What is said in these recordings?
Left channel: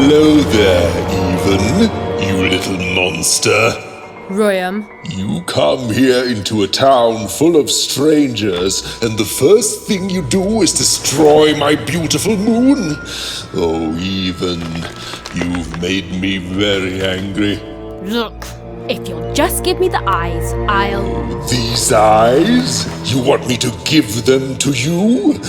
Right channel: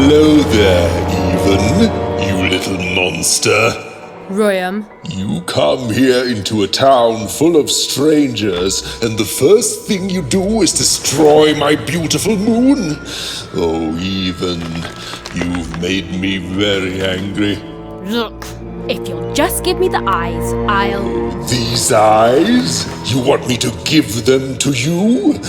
Hello there, Even, you little monster. Royam. You come here into a town full of strangers, and the first thing you do is destroy my beautiful moon. Oh, Even, you've made me very angry. Look, if you'll just give me the eyes, These eyes? You want me to give them to you?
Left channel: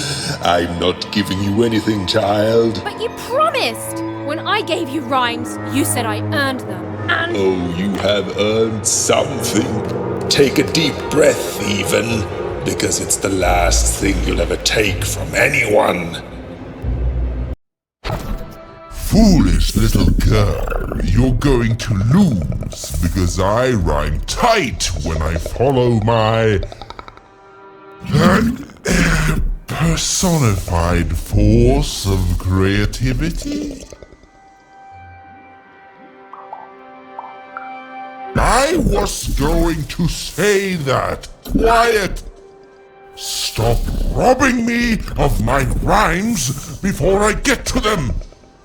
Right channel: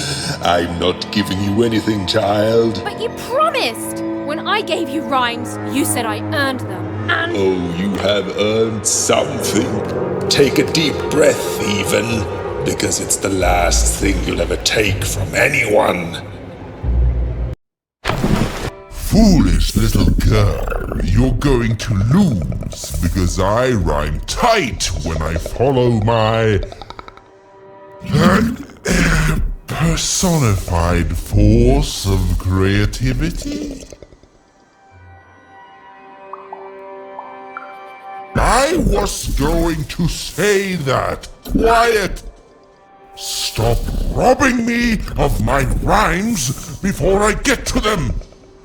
I'm not giving you anything, child. But you promised! When I gave you rhymes, you said I earned them, and... Oh, you have earned something. Take a deep breath, Even, because it's the last thing you'll ever take from anyone. Foolish little girl, you're going to lose because I rhyme tight when I follow my personified force of creativity. I was going to say that. Quiet! Stop robbing me of my rhymes before I get to them!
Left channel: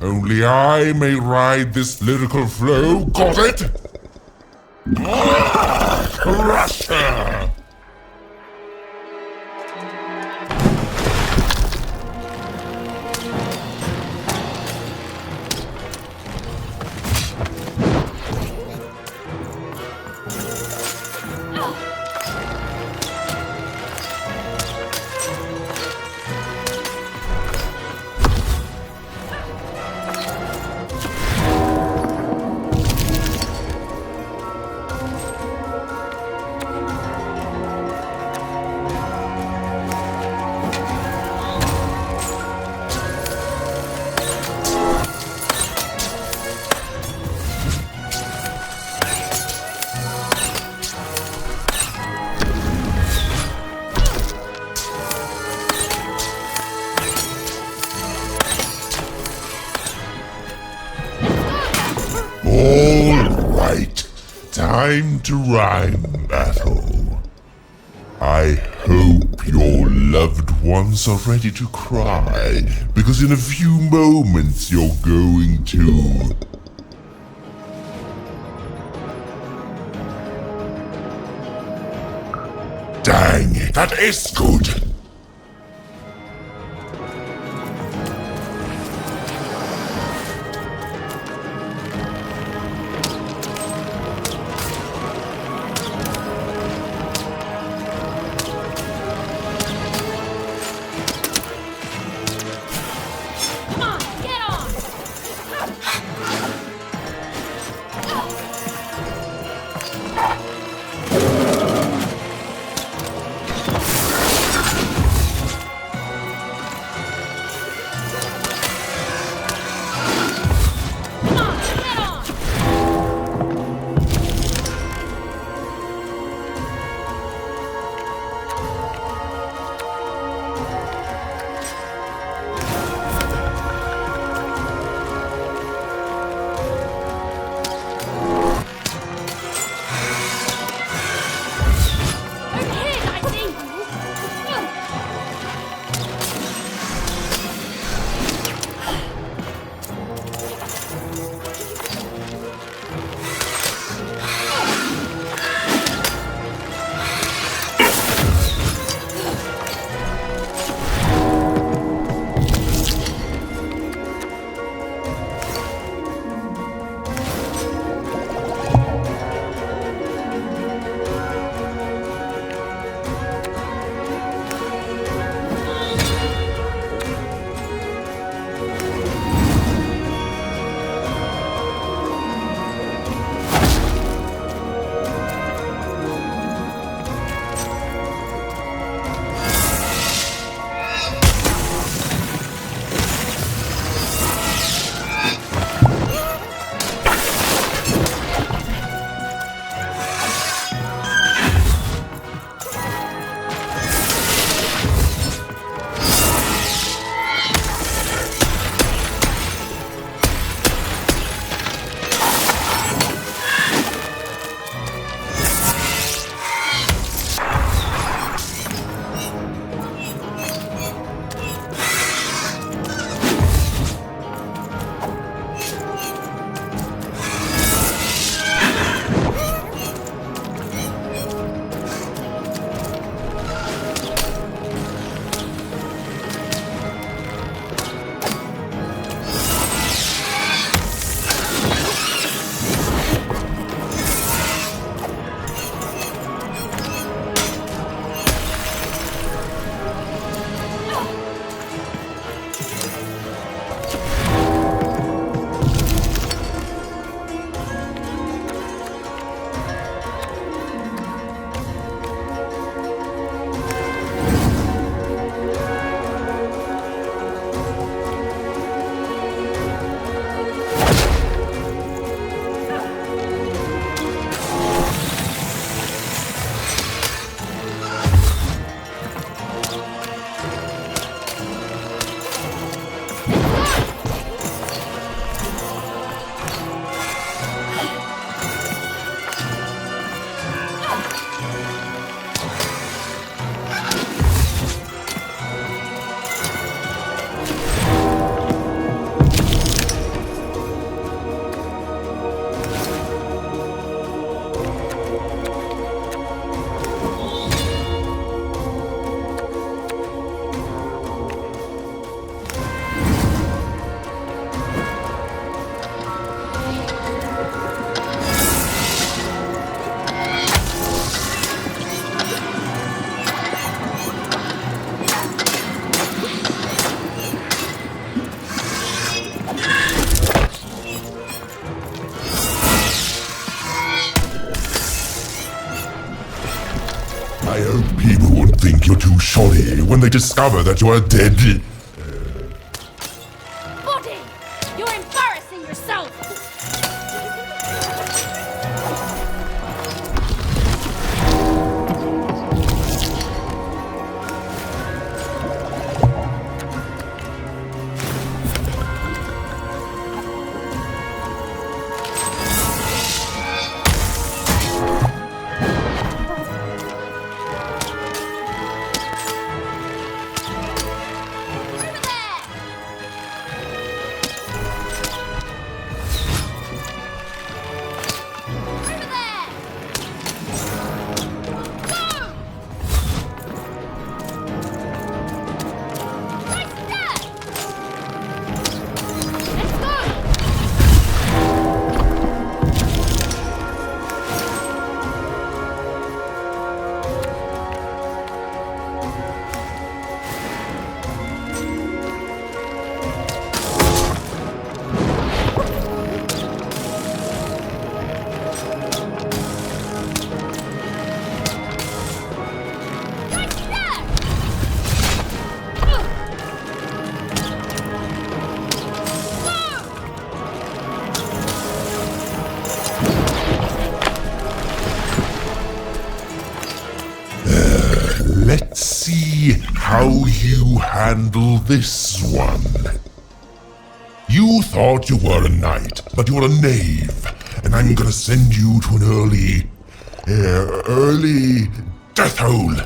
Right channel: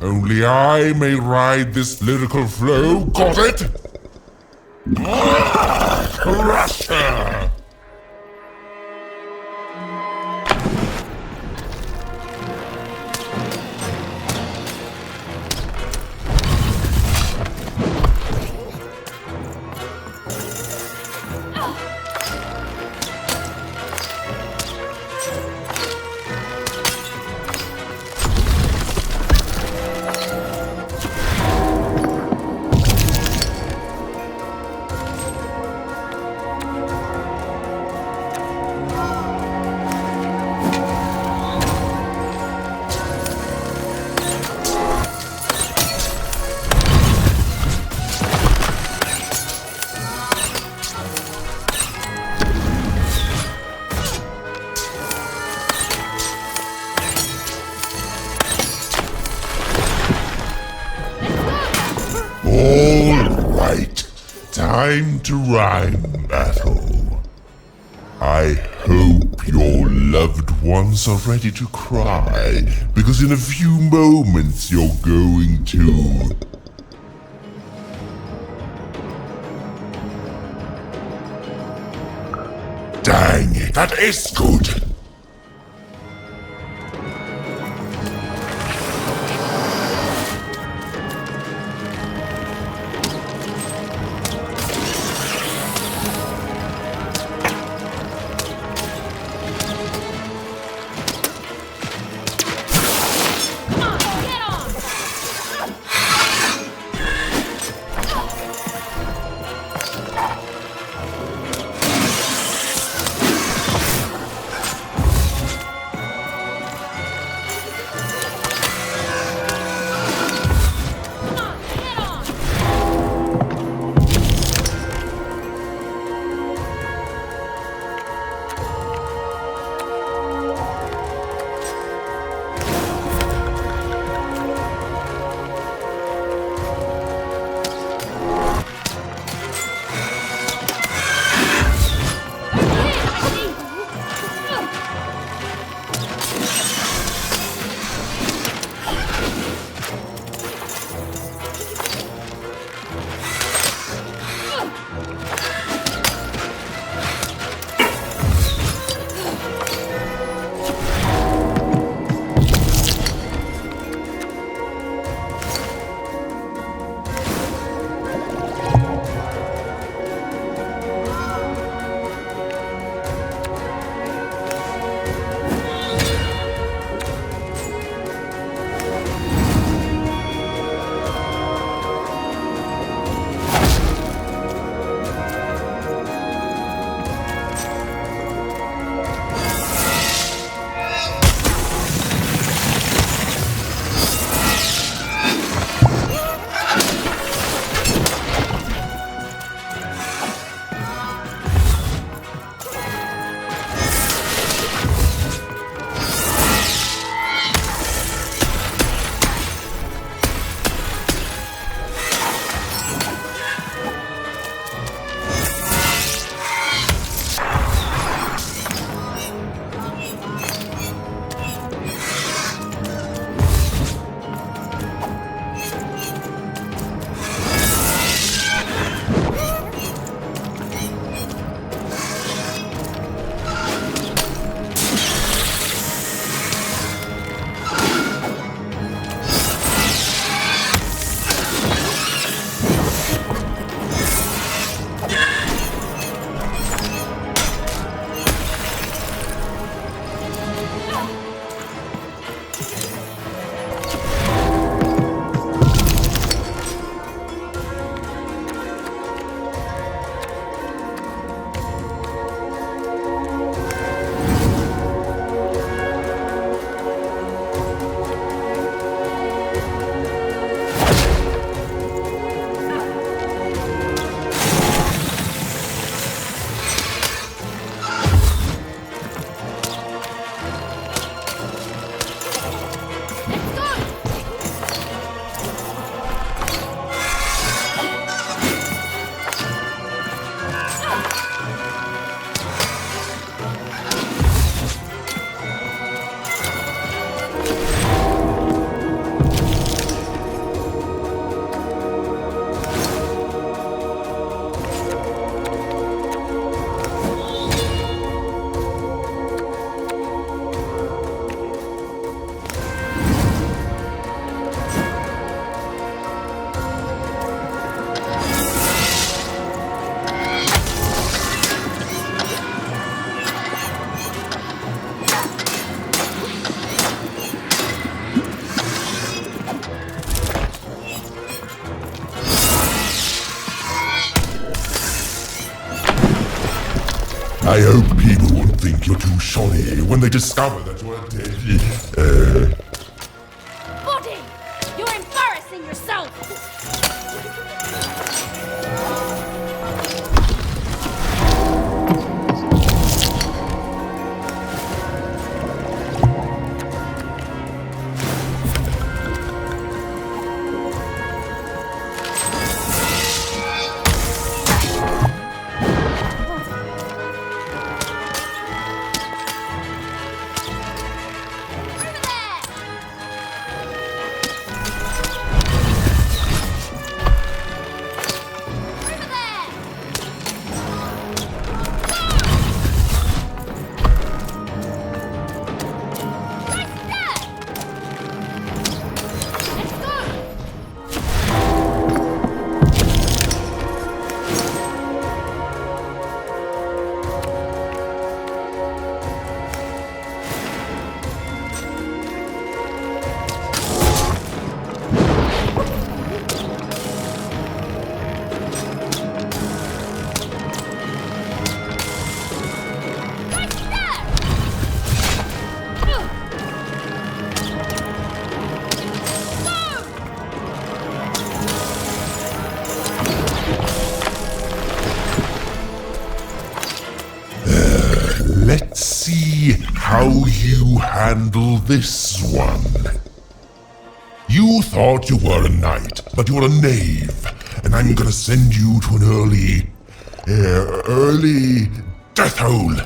Only I may ride this lyrical flow, got it? Russia! Time to rhyme battle. I hope your loved ones are ready to cry, because in a few moments you're going to... Dang it, that is good! I hope people won't think you're too shoddy when they discover that you are dead. Body! You're embarrassing yourself! Let's see how you handle this one. You thought you were a knight, but you're a knave, and I'm gonna send you to an early death hole.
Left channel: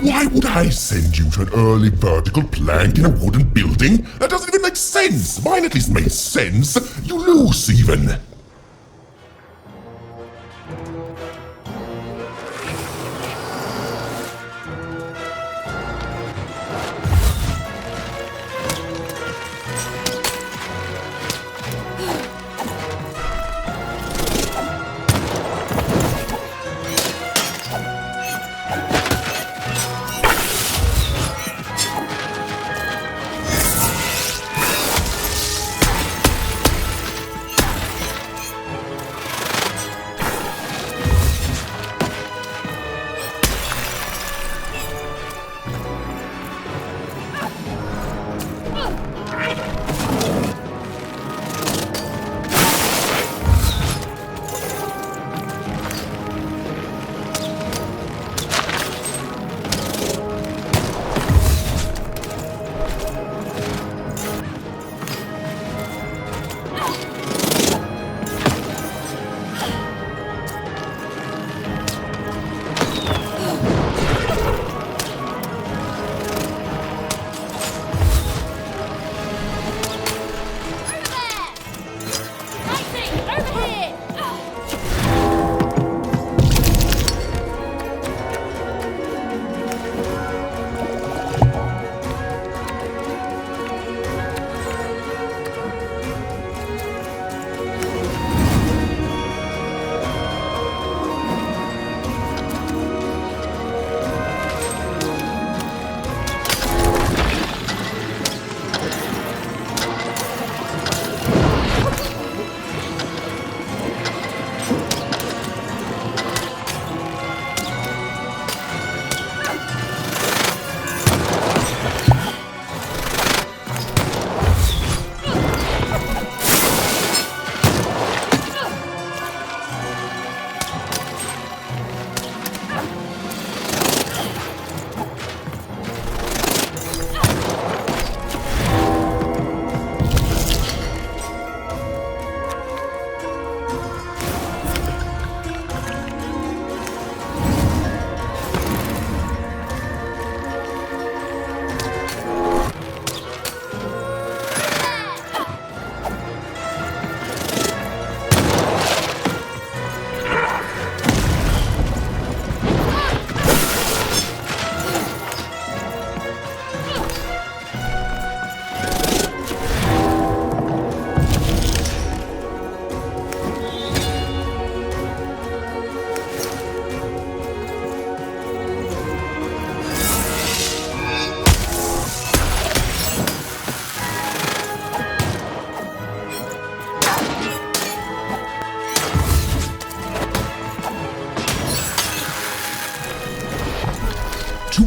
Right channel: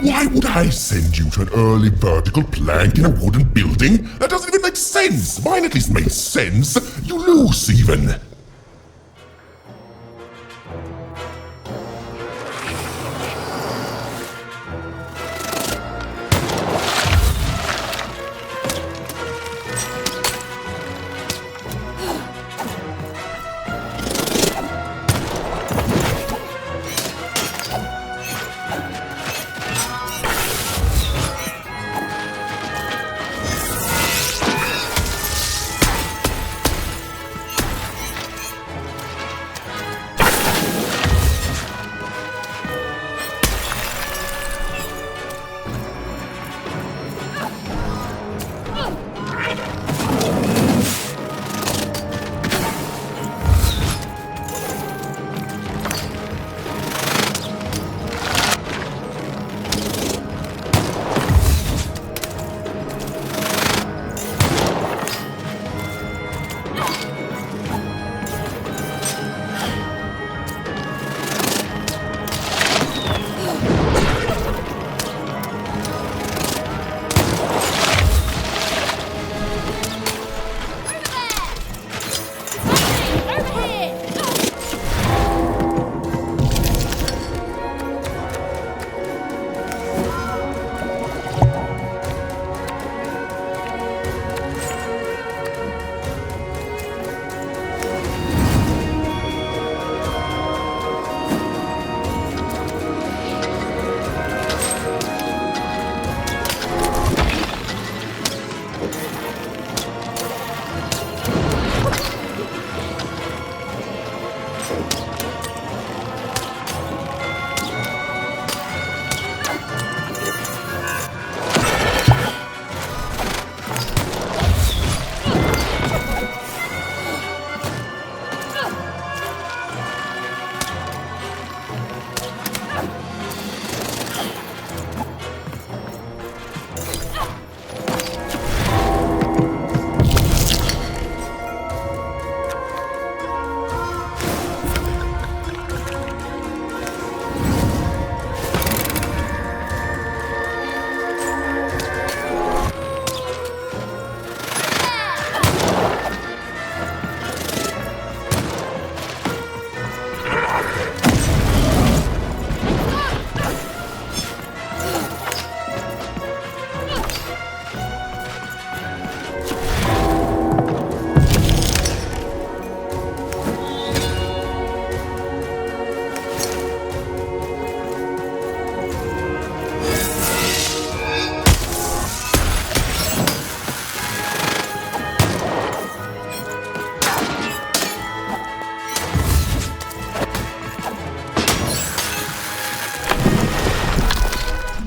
Why would I send you to an early vertical plank in a wooden building? That doesn't even make sense! Mine at least makes sense! You lose, even!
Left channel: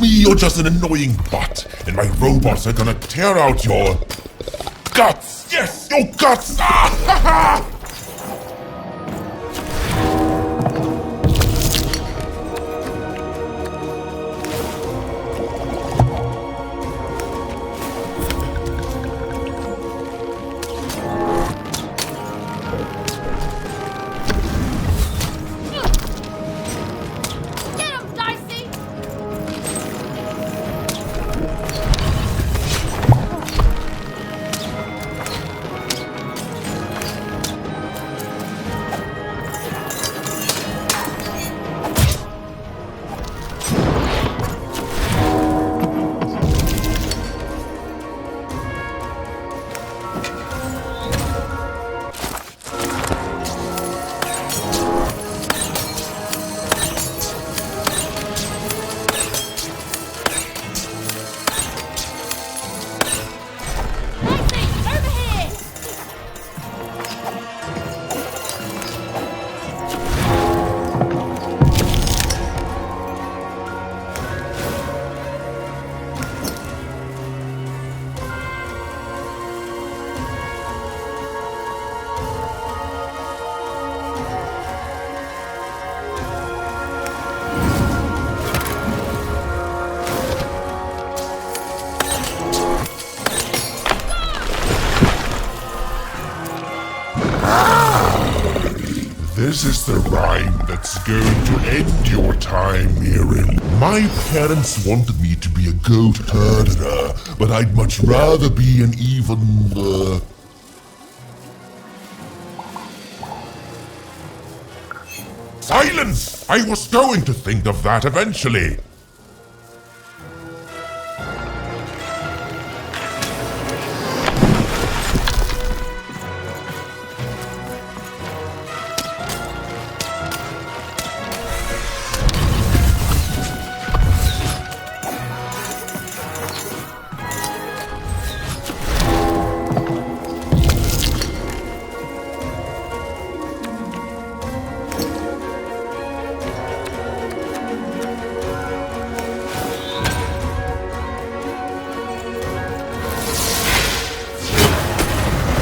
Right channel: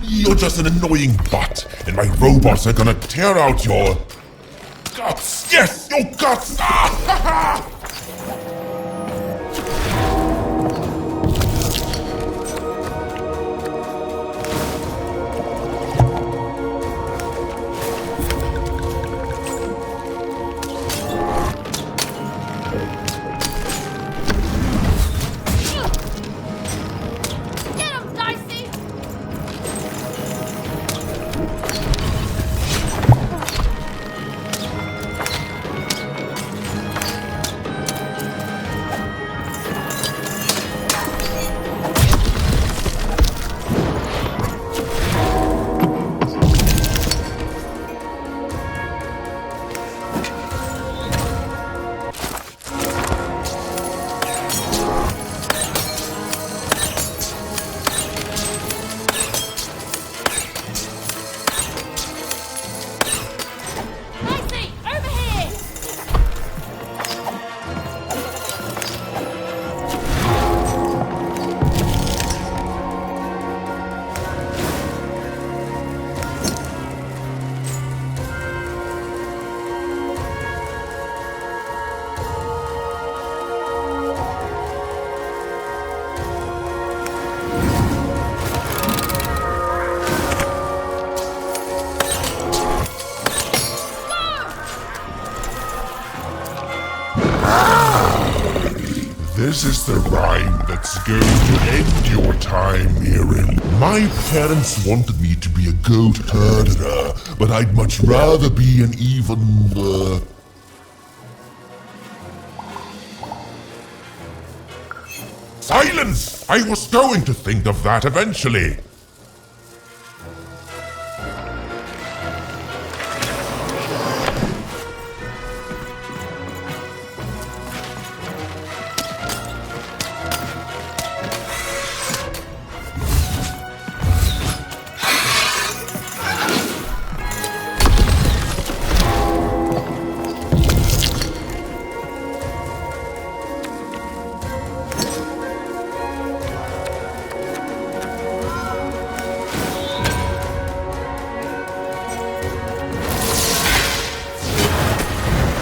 me you're just an annoying butt, and my robots are gonna tear out your guts. Yes, your guts. Ah, ha, ha. Get him, Dicey! Dicey, over here! This is the rhyme that's going to end your time here in. My parents wanted me to be a goat herder, but I'd much rather be an even, Silence! I was going to think of that eventually.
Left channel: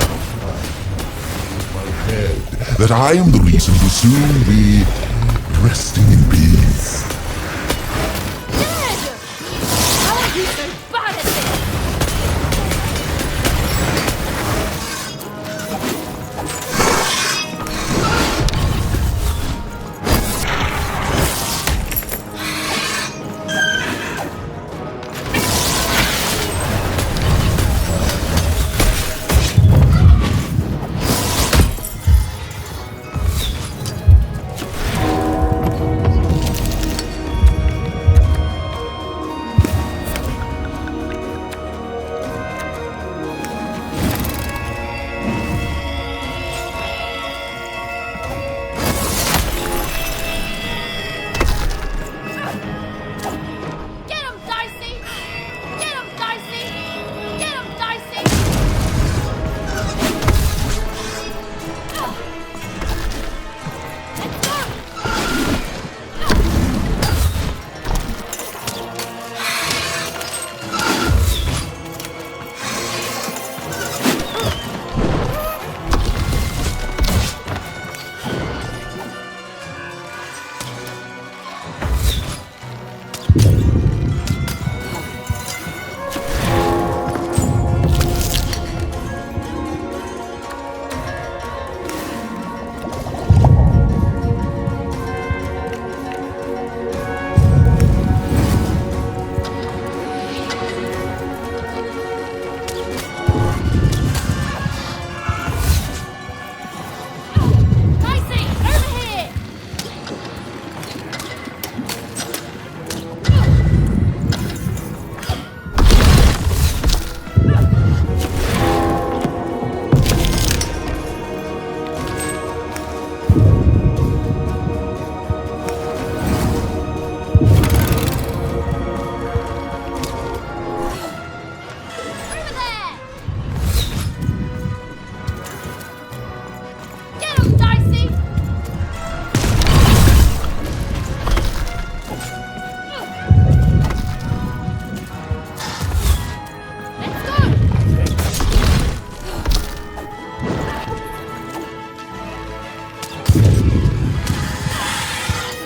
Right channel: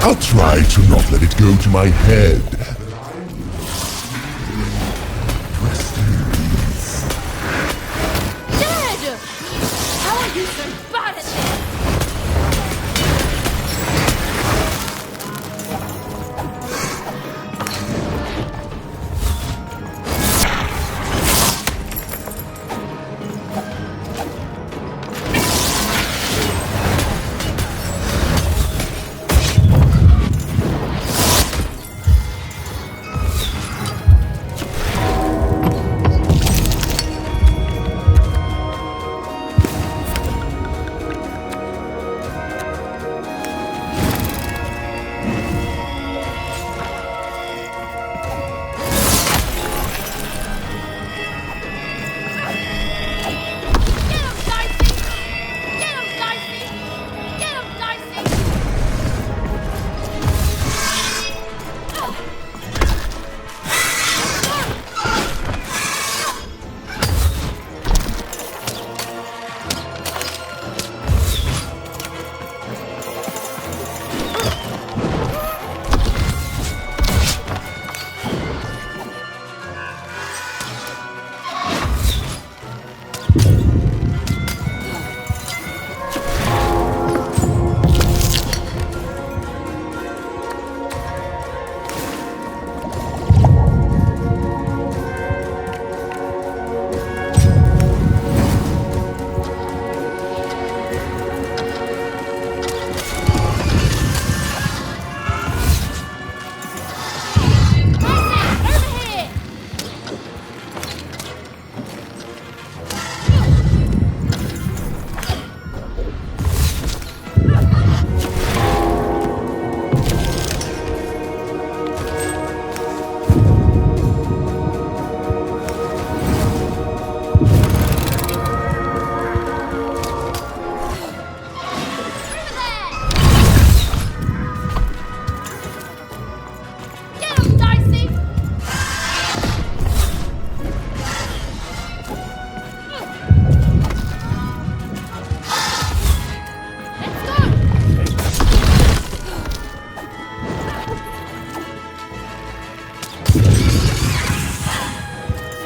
I'll try to not let it go to my head that I am the reason to soon be resting in peace. Dead! How are you so bad at this?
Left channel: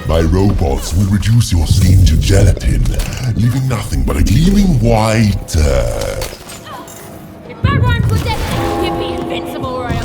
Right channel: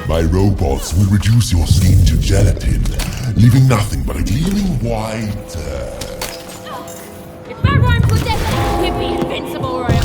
My robots will reduce your skin to gelatin, leaving nothing but a gleaming white, If that rhymes with death, we'd be invincible, Royal.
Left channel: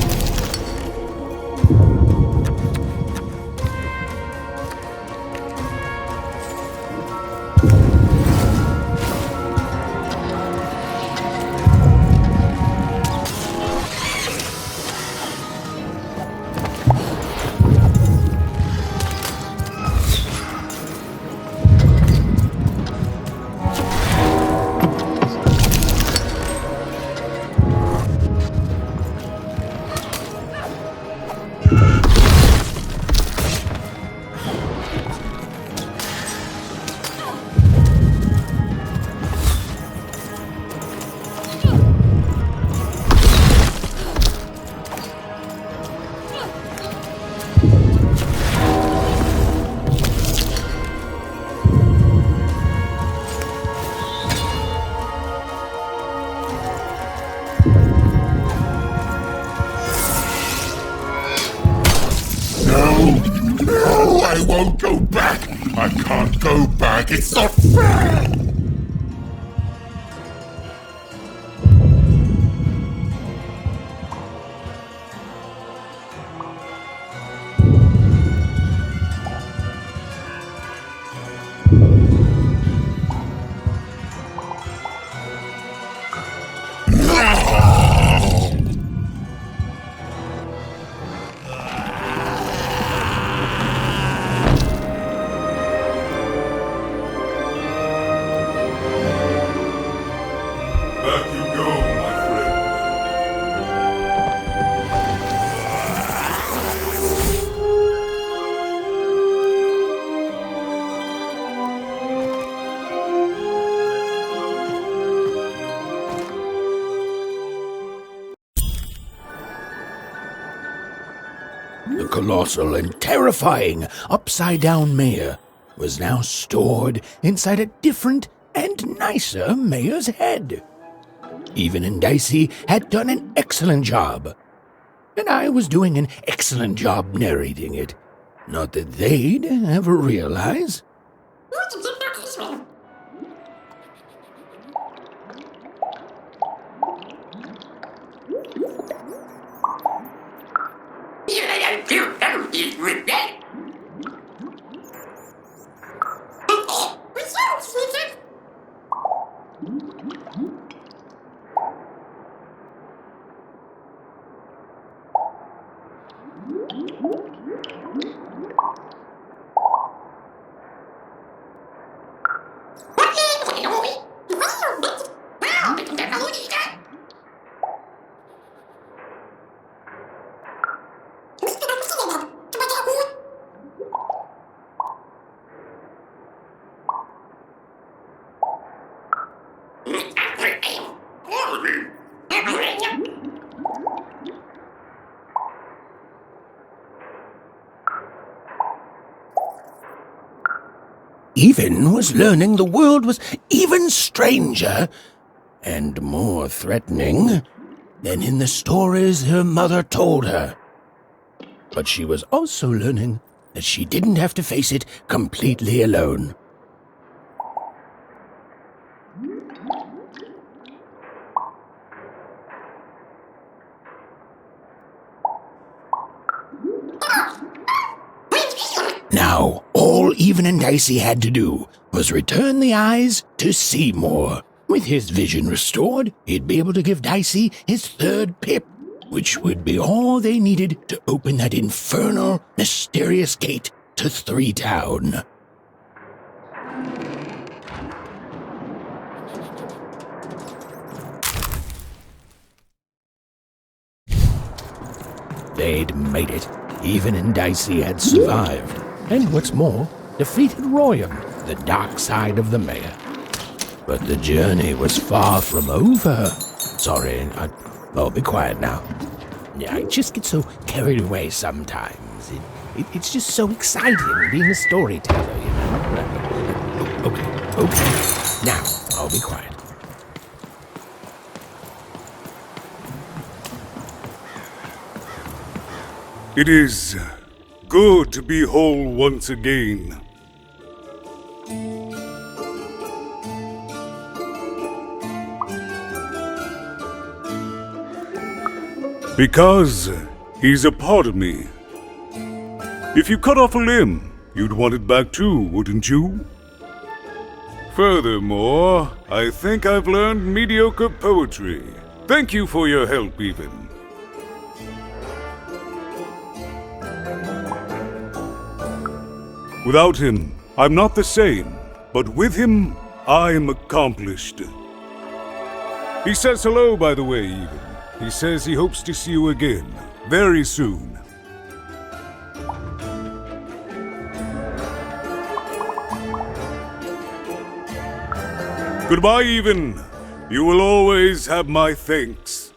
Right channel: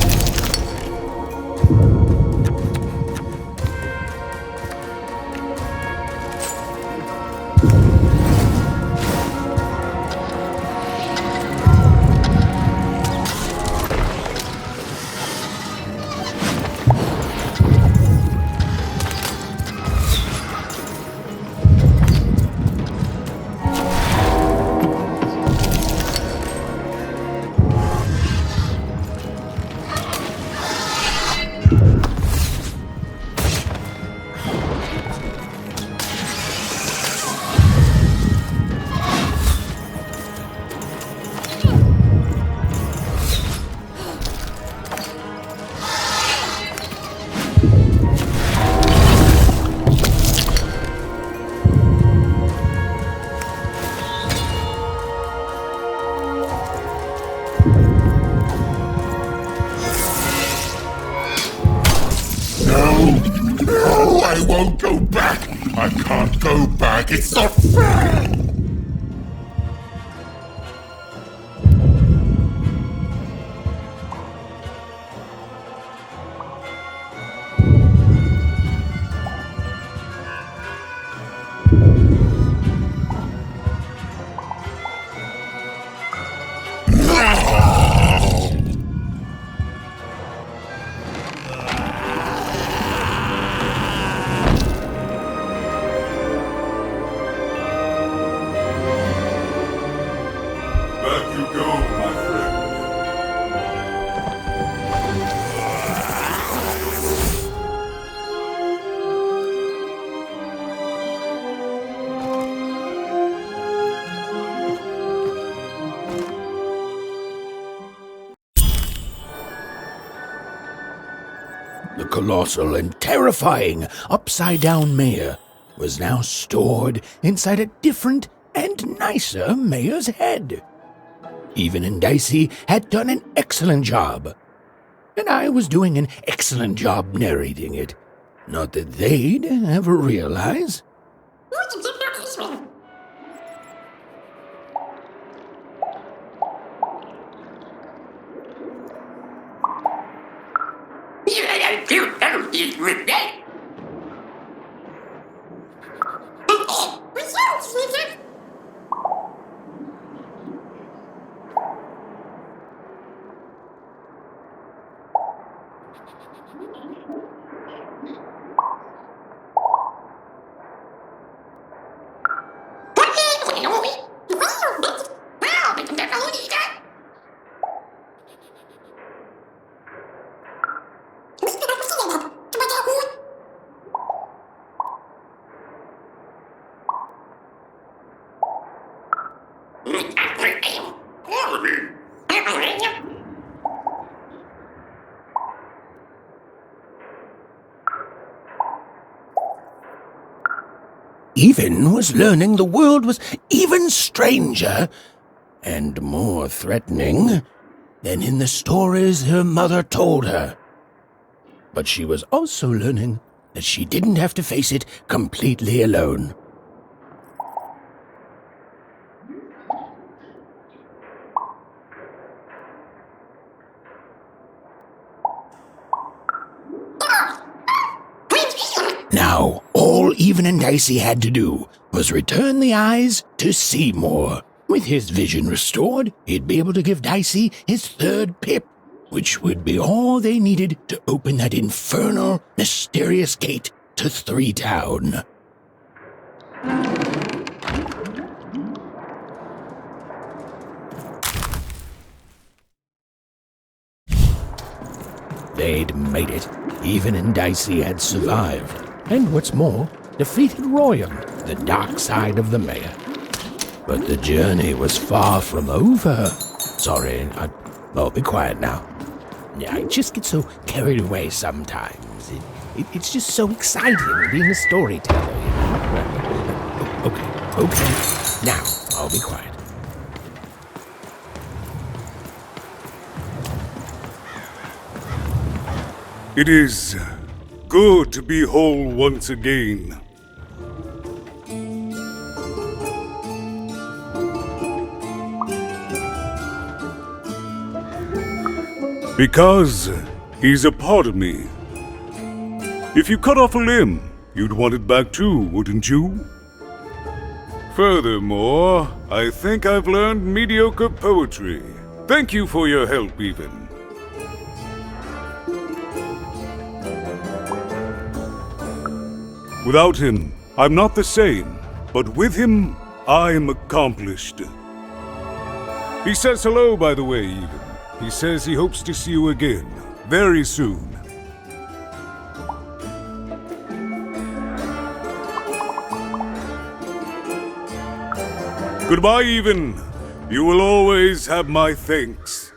No, I won't go back. I can't go back. It's not fair. Back you go, my friend. The colossal and terrifying upside-down mayor was now stored inside a different and nicer mayor's head. Even and Dicey had done an excellent job, and I was doing an excellent job narrating it. Not that they'd ever realize. Even was learning the world was even stranger and more threatening than in the stories her mother told her. But she was also learning that she didn't have to face it completely alone. Now, all Even and Dicey had to do was return the eyes to Seymour. With his vision restored, he'd be able to give Dicey his third pip, which would be all they needed to open that infernal, mysterious gate to Three Town. They'd made it. Even and Dicey had survived. And what's more, defeated Royan, the dark side of the mayor. But the journey was far from over. Sorry, I'll be quiet now. Yeah, I just get so carried away sometimes. It's just so exciting being a storyteller, you know? Okay. Now, I'll be quiet. It is Good to be whole once again. Because he's a part of me. If you cut off a limb, you'd want it back too, wouldn't you? Furthermore, I think I've learned mediocre poetry. Thank you for your help, even. Without him, I'm not the same, but with him, I'm accomplished. He says hello, by the way, even. He says he hopes to see you again, very soon. Goodbye, even. You will always have my thanks.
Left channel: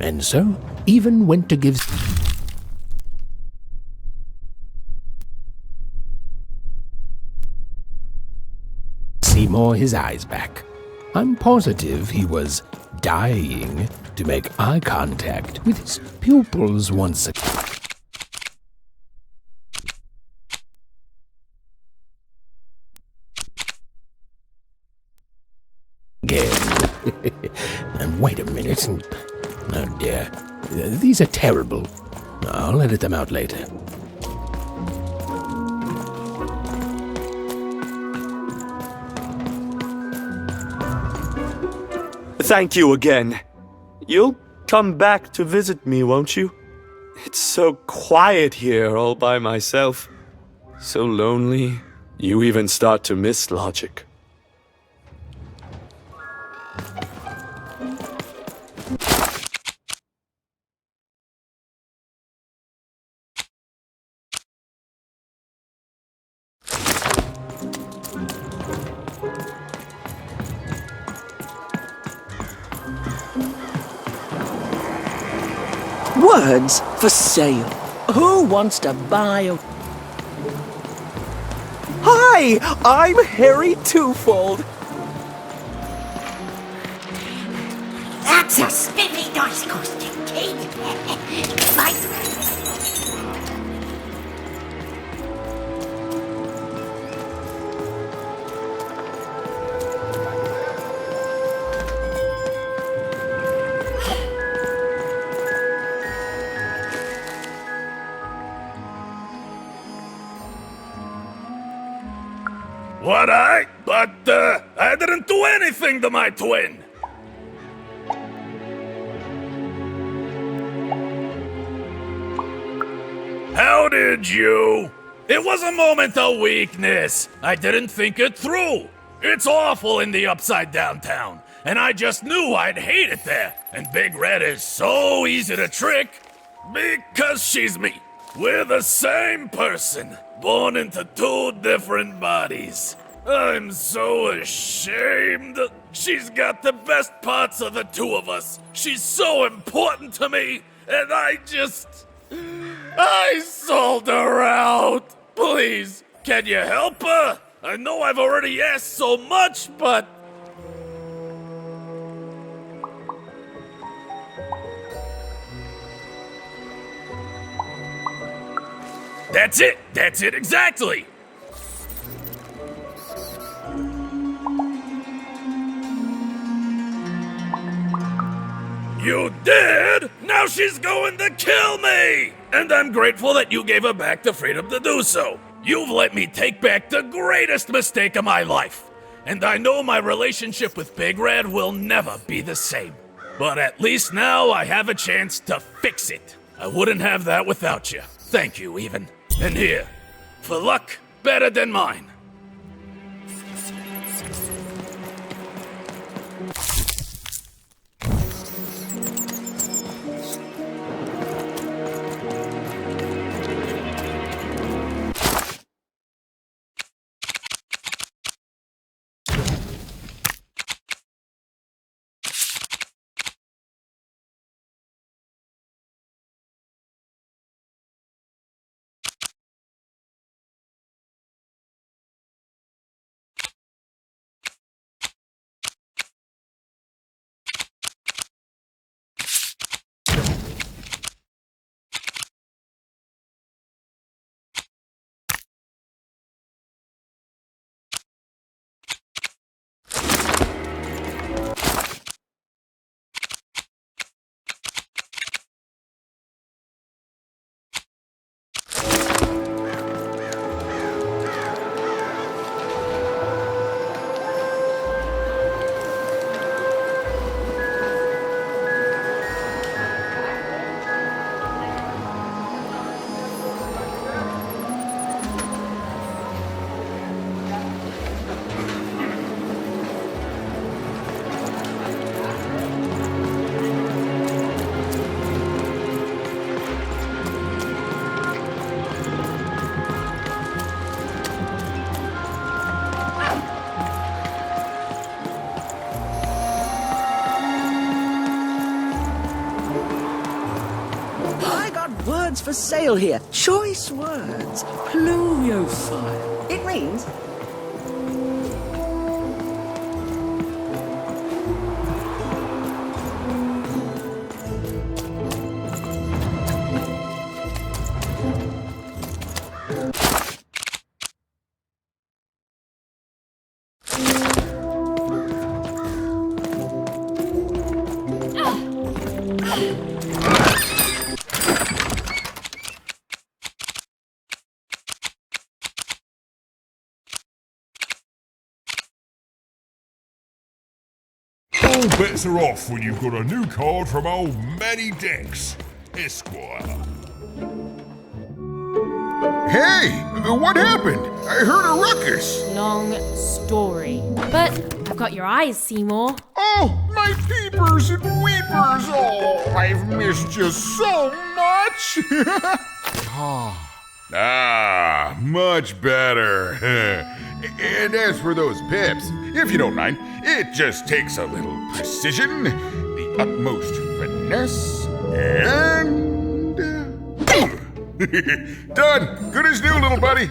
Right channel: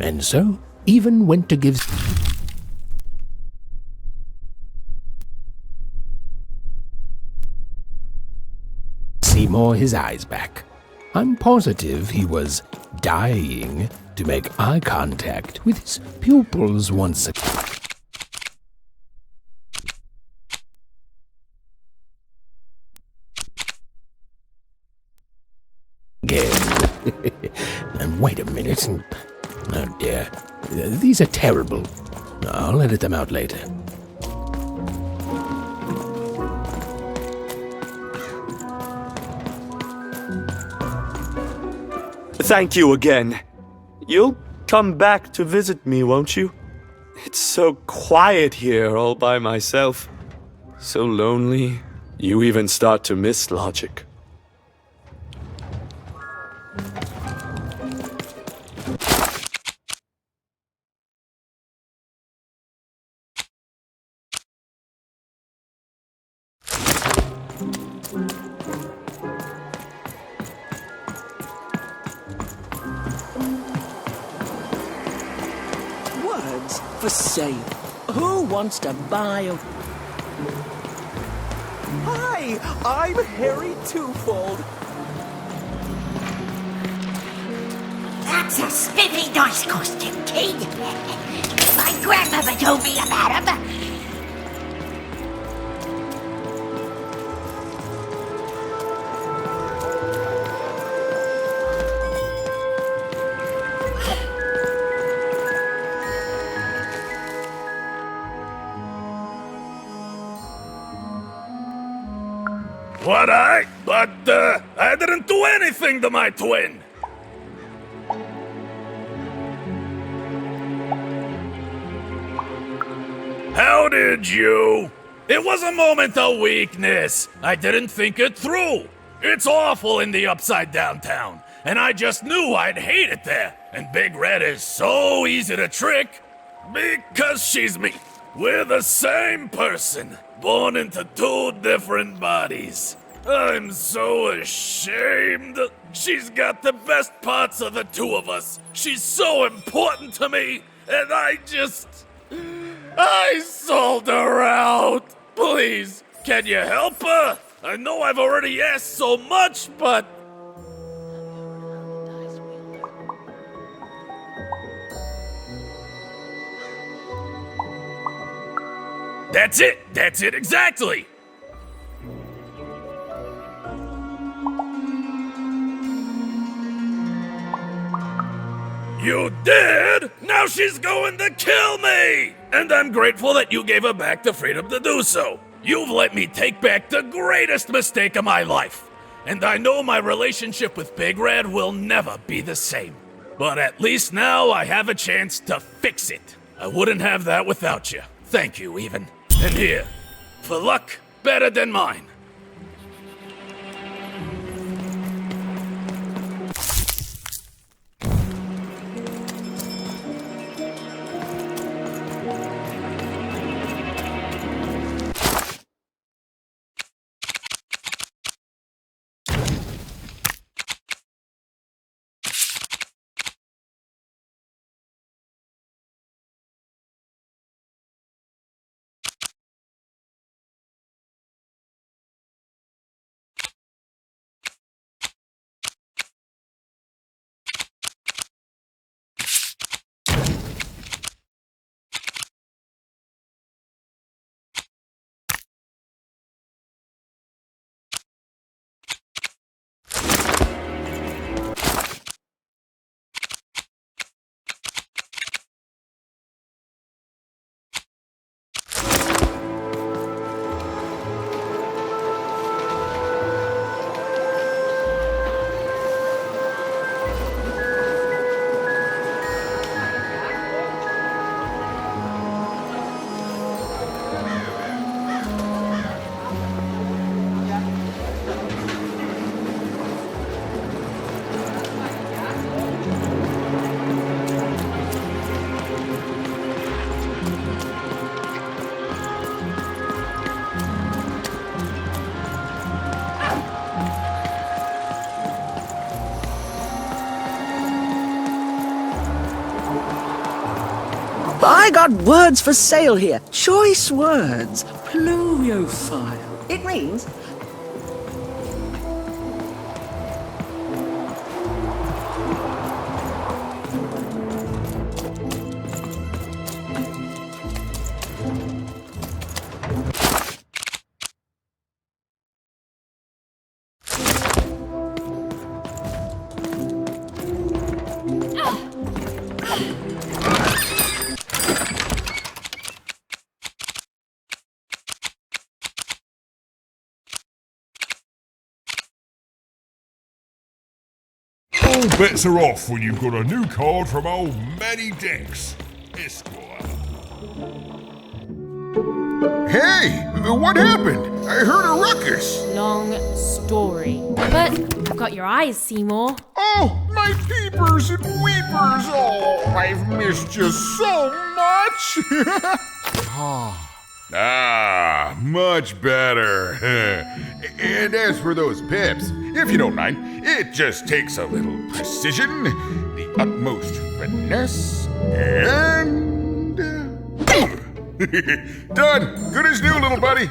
And so, even went to give Seymour his eyes back. I'm positive he was dying to make eye contact with his pupils once again. And wait a minute. Oh dear. These are terrible. I'll edit them out later. Thank you again. You'll come back to visit me, won't you? It's so quiet here all by myself. So lonely. You even start to miss logic. Words for sale. Who wants to buy a... Hi, I'm Harry Twofold. That's a spiffy nice costume, King. My grandmother told me about him. But I didn't do anything to my twin. How did you? It was a moment of weakness. I didn't think it through. It's awful in the upside down town, and I just knew I'd hate it there. And Big Red is so easy to trick. Because she's me. We're the same person, born into two different bodies. I'm so ashamed. She's got the best parts of the two of us. She's so important to me, and I sold her out. Please, can you help her? I know I've already asked so much, but... That's it exactly! You did? Now she's going to kill me! And I'm grateful that you gave her back the freedom to do so. You've let me take back the greatest mistake of my life. And I know my relationship with Big Red will never be the same. But at least now I have a chance to fix it. I wouldn't have that without you. Thank you, even. And here, for luck better than mine. I got words for sale here. Choice words. Pluviophile. It means... All bets are off when you've got a new card from old Manny Dex, Esquire. Hey, what happened? I heard a ruckus. Long story. But I've got your eyes, Seymour. Oh, my peepers and weepers. Oh, I've missed you so much. Much better. And as for those pips, if you don't mind, it just takes a little precision, the utmost finesse, and... done! Good as new, little buddy!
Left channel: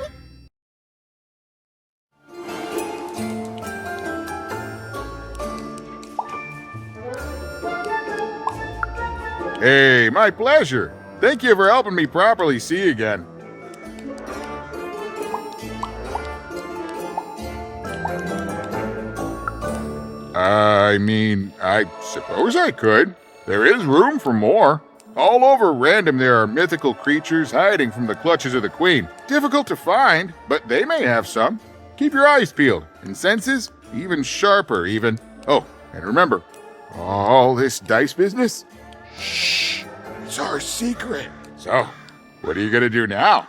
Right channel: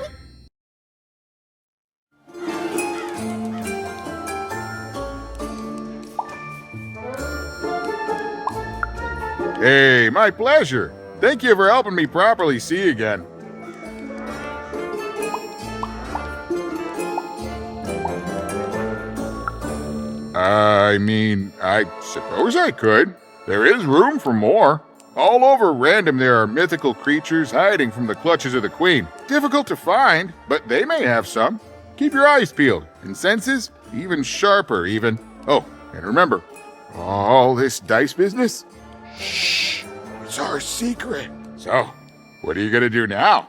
Hey, my pleasure. Thank you for helping me properly see again. I suppose I could. There is room for more. All over Random there are mythical creatures hiding from the clutches of the Queen. Difficult to find, but they may have some. Keep your eyes peeled, and senses even sharper even. Oh, and remember, all this dice business? Shh, it's our secret. So, what are you gonna do now?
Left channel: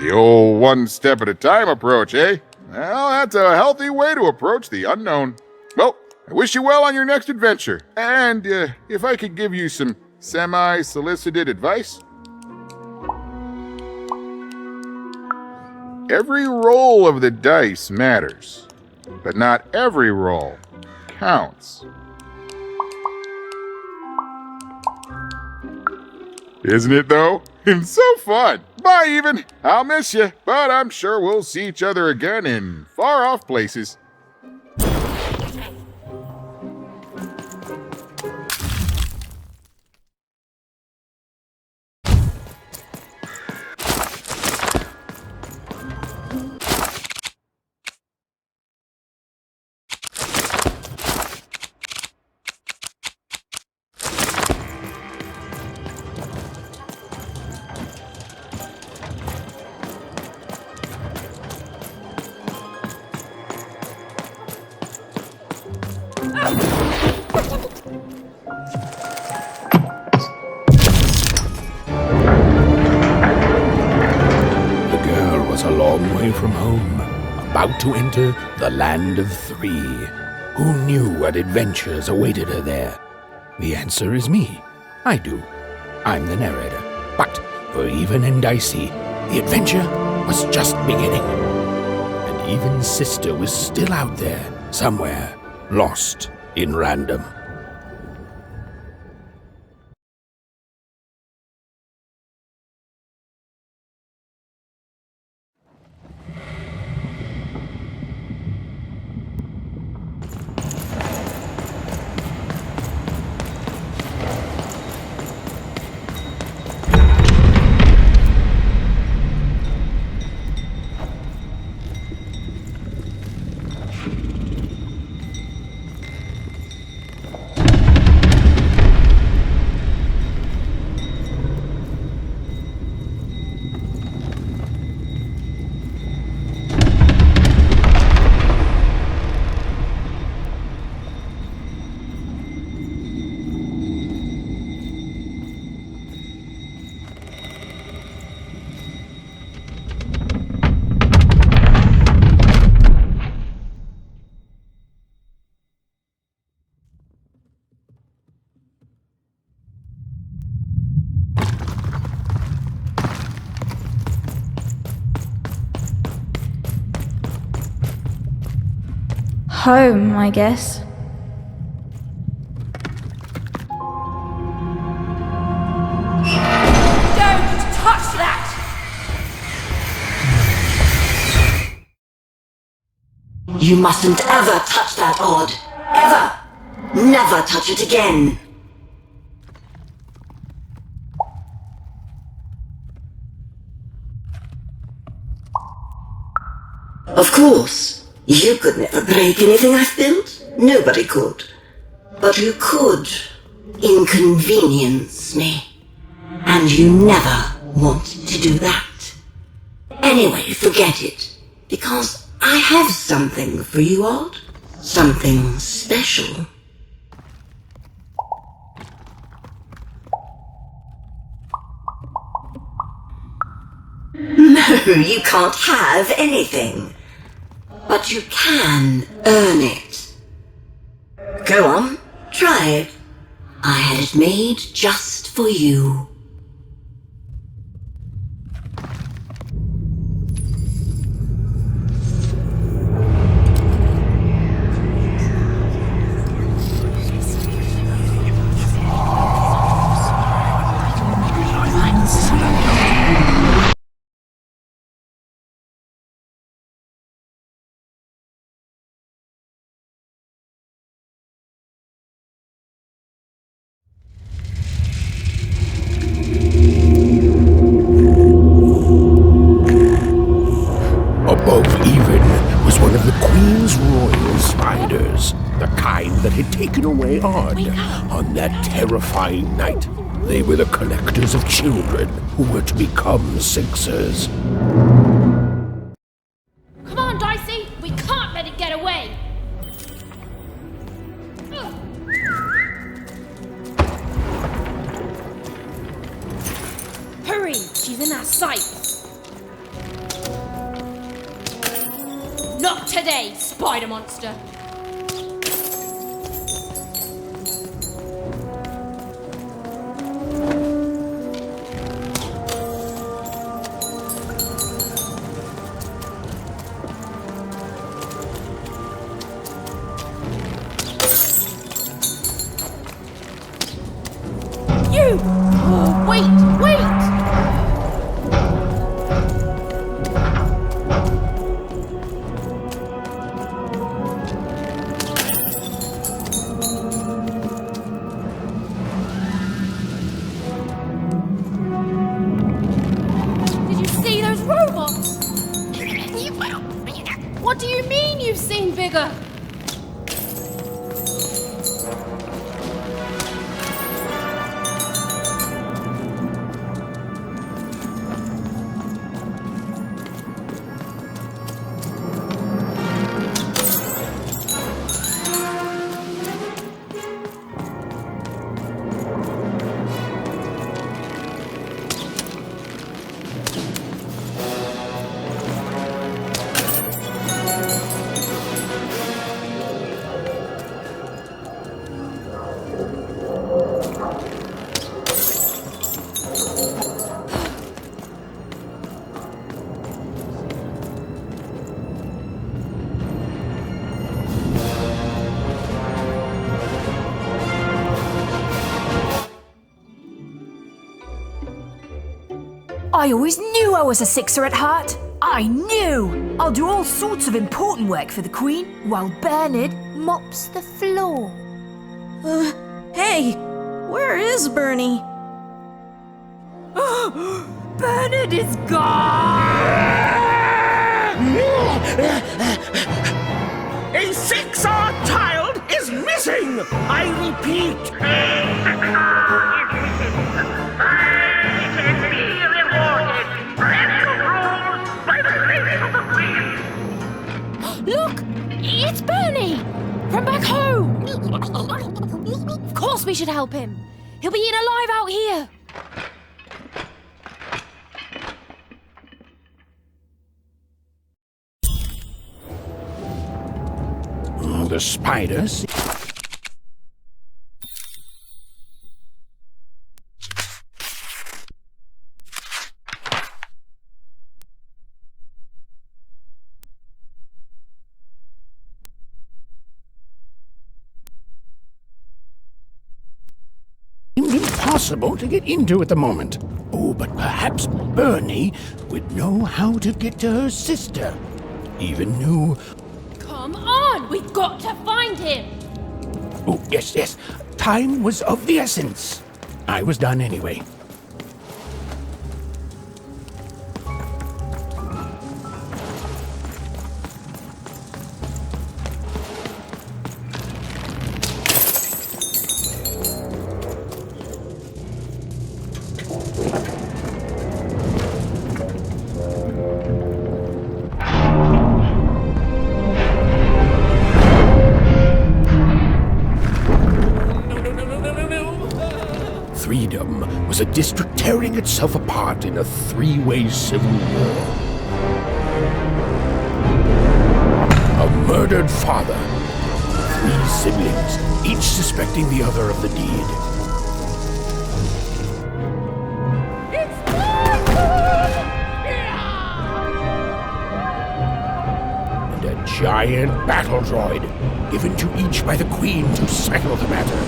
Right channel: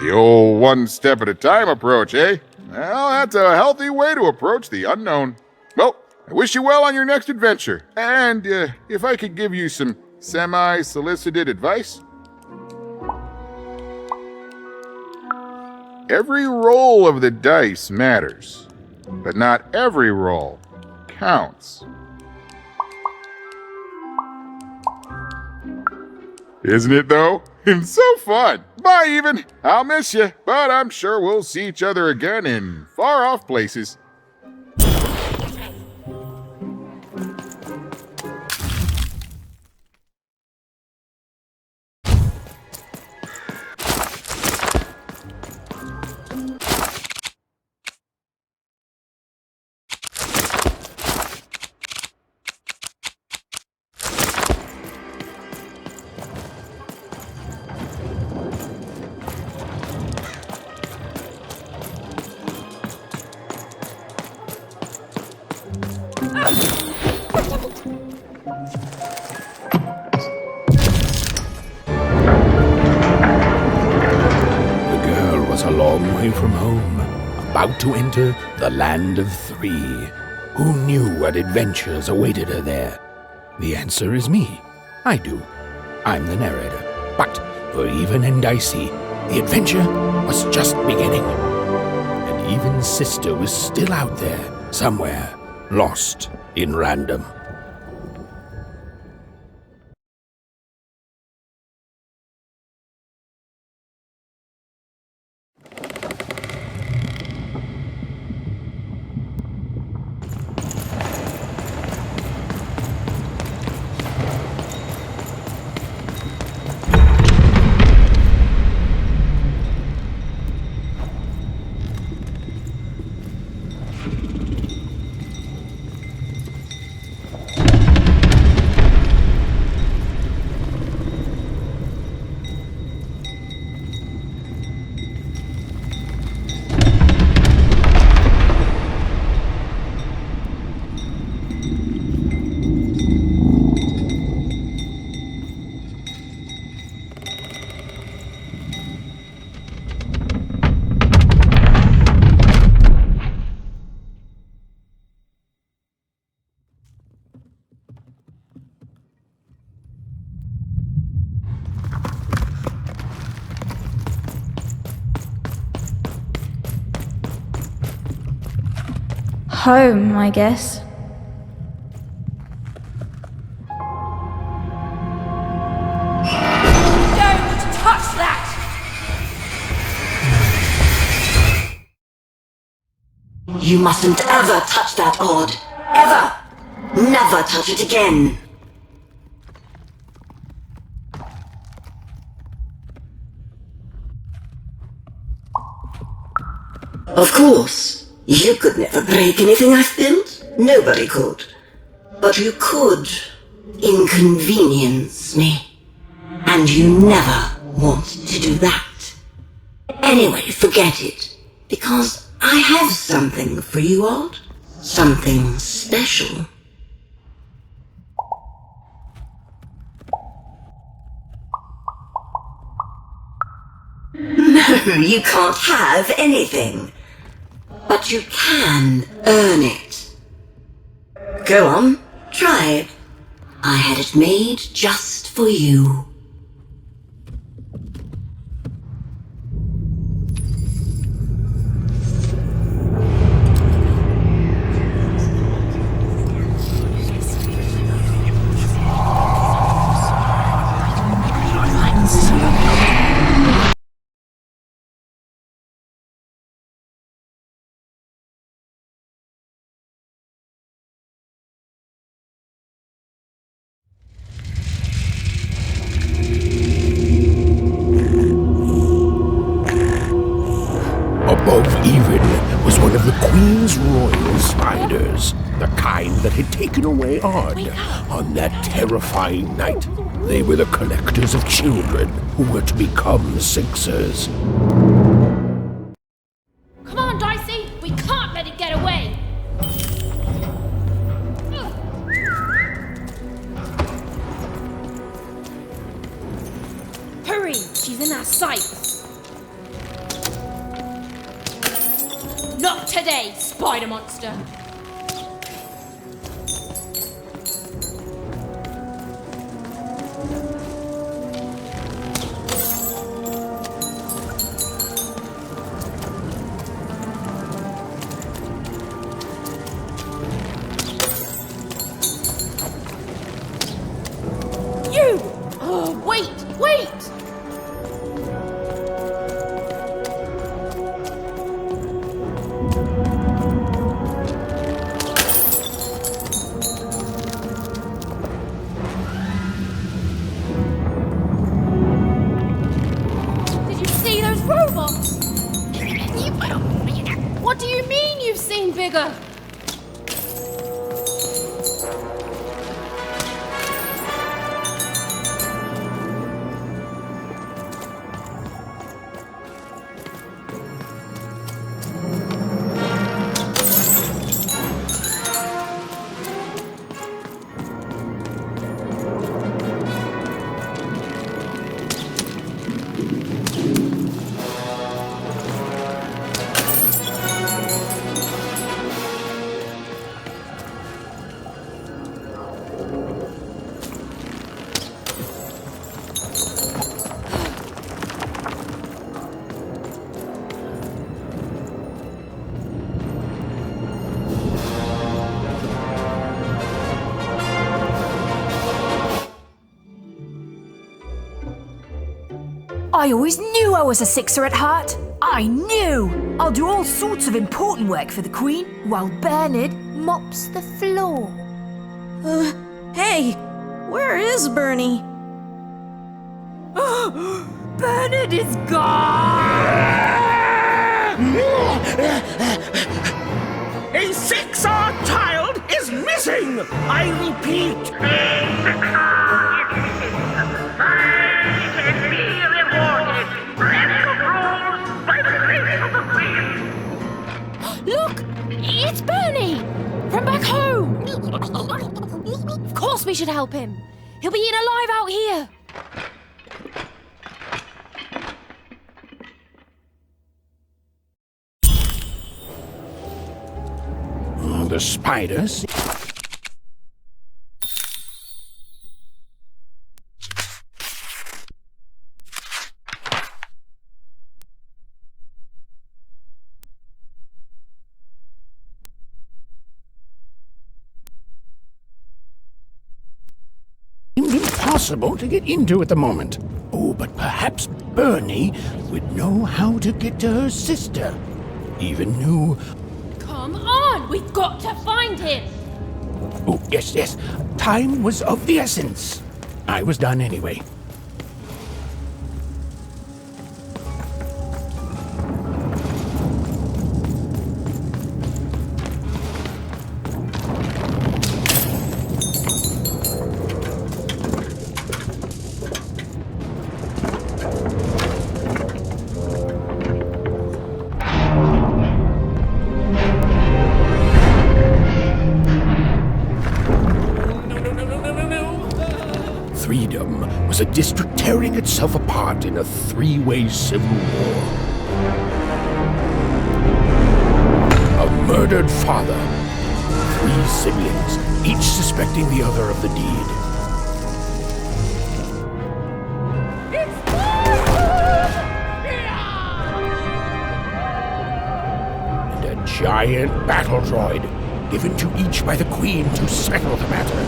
The old one step at a time approach, eh? Well, that's a healthy way to approach the unknown. Well, I wish you well on your next adventure. And if I could give you some semi-solicited advice. Every roll of the dice matters, but not every roll counts. Isn't it, though? It's so fun. Bye, even. I'll miss you, but I'm sure we'll see each other again in far-off places. A long way from home, about to enter the land of three. Who knew what adventures awaited her there? The answer is me. I do. I'm the narrator. But for Even and Dicey, the adventure was just beginning. And Even's sister was still out there, somewhere, lost in Random. Home, I guess. Don't touch that! You mustn't ever touch that odd. Ever! Never touch it again. Of course, you could never break anything I've built. Nobody could. But you could inconvenience me. And you never want to do that. Anyway, forget it. Because I have something for you, Odd. Something special. No, you can't have anything. But you can earn it. Go on, try it. I had it made just for you. Above even was one of the Queen's royal spiders, the kind that had taken away Odd on that terrifying night. They were the collectors of children who were to become Sixers. Come on, Dicey! We can't let it get away! Hurry! She's in our sights! Not today, spider monster! You! Oh, wait! Did you see those robots? What do you mean you've seen bigger? I always knew I was a Sixer at heart. I knew! I'll do all sorts of important work for the Queen, while Bernard mops the floor. Hey! Where is Bernie? Bernard is gone! A Sixer child is missing! I repeat! Look! It's Bernie! From back home! Of course we should help him! He'll be eaten alive out here! The spiders. impossible to get into at the moment. Oh, but perhaps Bernie would know how to get to her sister. Even knew... Come on! We've got to find him! Oh, yes. Time was of the essence. I was done anyway. Freedom was a district tearing itself apart in a three-way civil war. A murdered father, 3 siblings, each suspecting the other of the deed. And a giant battle droid, given to each by the Queen to settle the matter.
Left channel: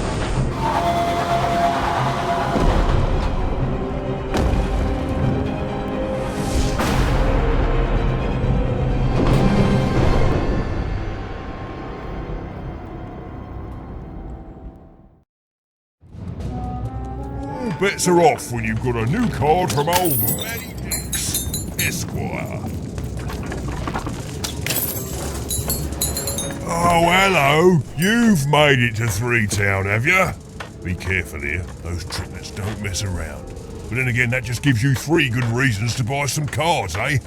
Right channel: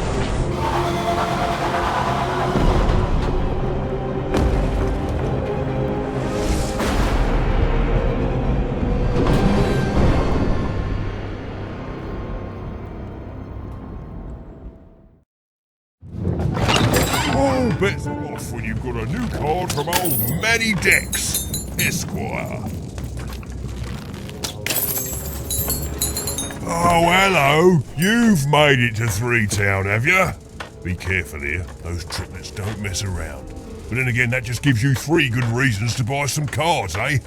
Bets are off when you've got a new card from old Matty Dex, Esquire. Oh, hello. You've made it to Three Town, have you? Be careful here. Those triplets don't mess around. But then again, that just gives you 3 good reasons to buy some cards, eh?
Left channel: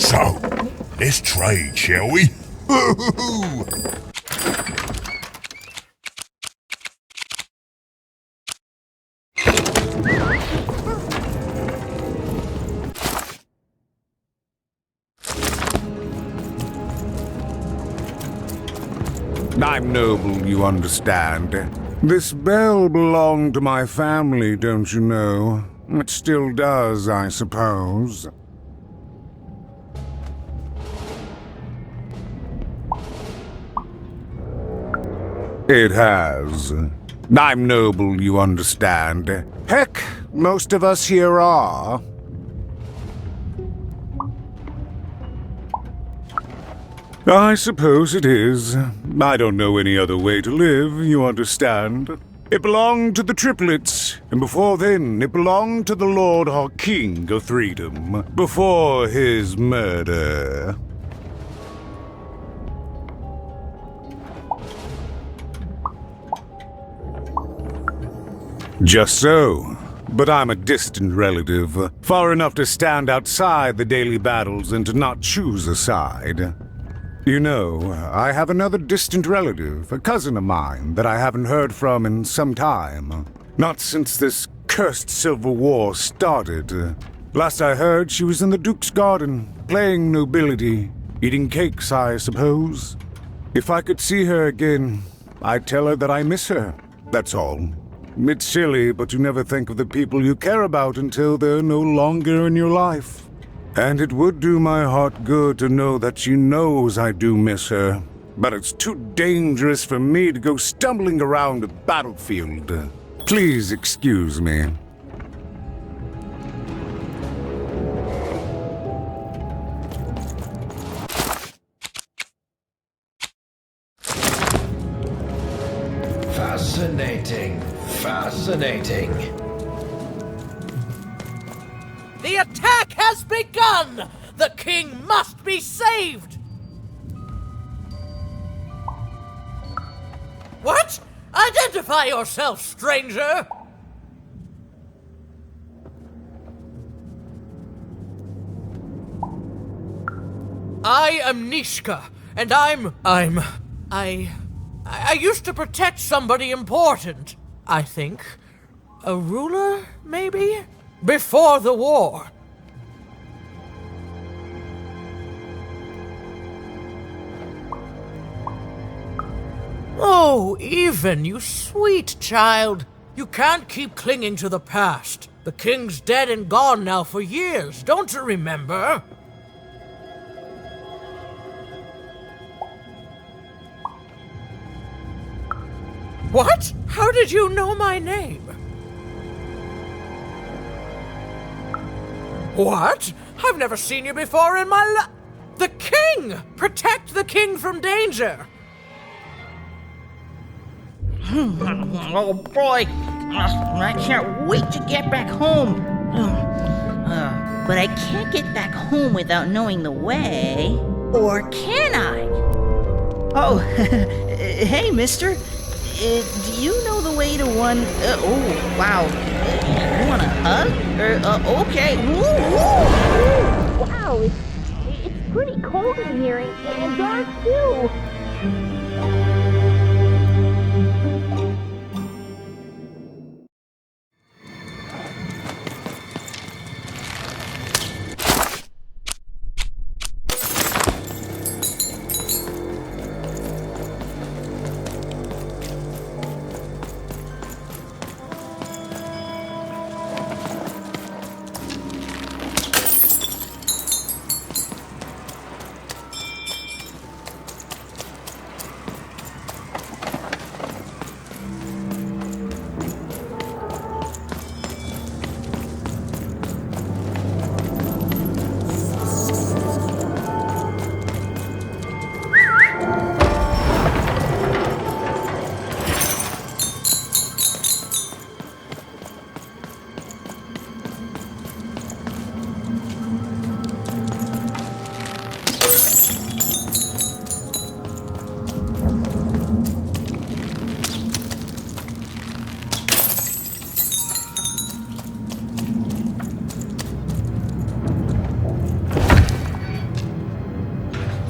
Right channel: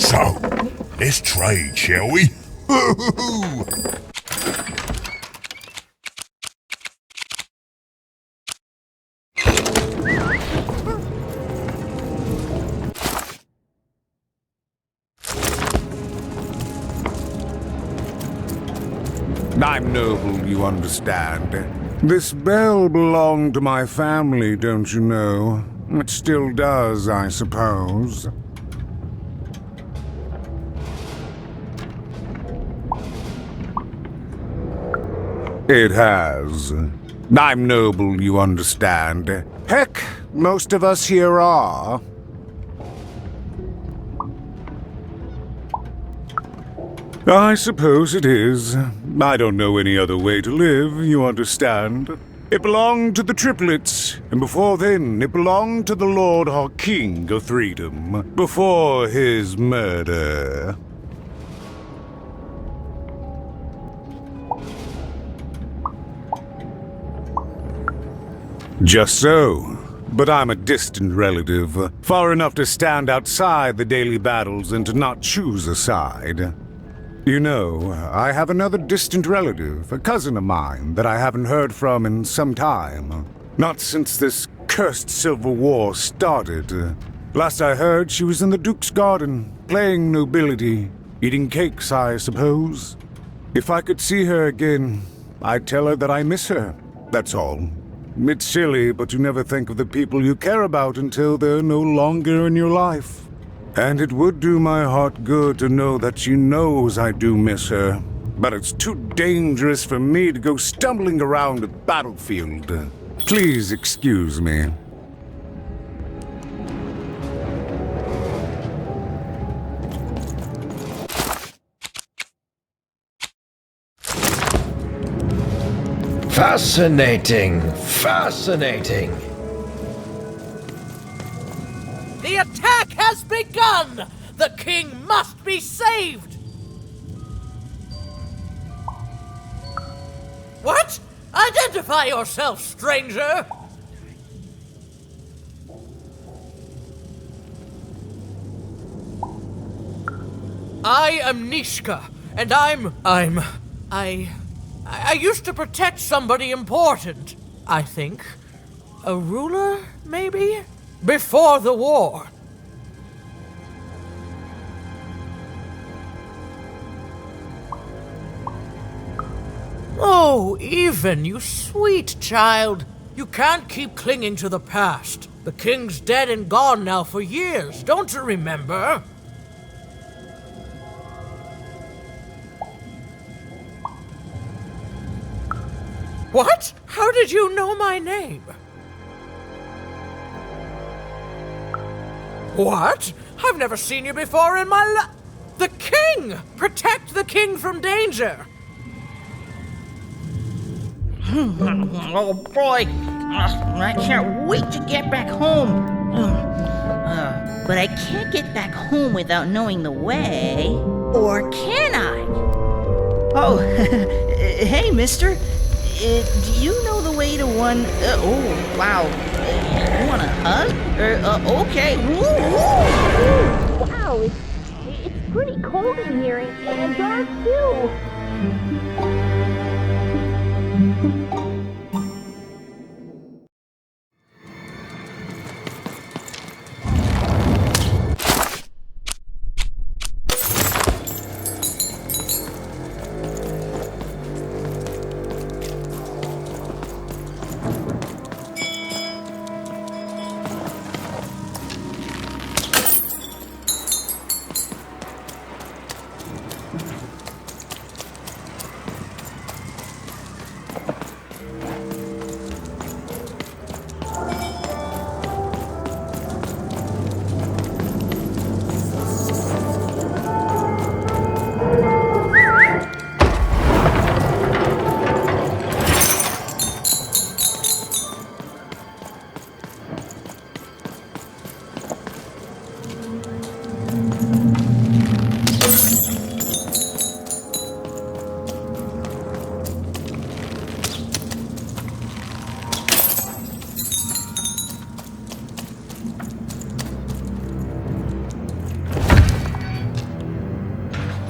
So, let's trade, shall we? I'm noble, you understand. This bell belonged to my family, don't you know? It still does, I suppose. It has. I'm noble, you understand. Heck, most of us here are. I suppose it is. I don't know any other way to live, you understand. It belonged to the triplets, and before then it belonged to the Lord or King of Freedom, before his murder. Just so. But I'm a distant relative, far enough to stand outside the daily battles and to not choose a side. You know, I have another distant relative, a cousin of mine, that I haven't heard from in some time. Not since this cursed Civil War started. Last I heard, she was in the Duke's garden, playing nobility, eating cakes, I suppose. If I could see her again, I'd tell her that I miss her, that's all. It's silly, but you never think of the people you care about until they're no longer in your life. And it would do my heart good to know that she knows I do miss her. But it's too dangerous for me to go stumbling around a battlefield. Please excuse me. Fascinating. Fascinating. The attack has begun! The king must be saved! What? Identify yourself, stranger! I am Nishka, and I used to protect somebody important, I think. A ruler, maybe? Before the war. Oh, Even, you sweet child. You can't keep clinging to the past. The king's dead and gone now for years, don't you remember? What? How did you know my name? What? I've never seen you before in my life. The king! Protect the king from danger! Oh boy, I can't wait to get back home. But I can't get back home without knowing the way. Or can I? Oh, hey, mister. Do you know the way to one... oh, wow. You want a hug? Okay. Wow, it's pretty cold in here and dark too.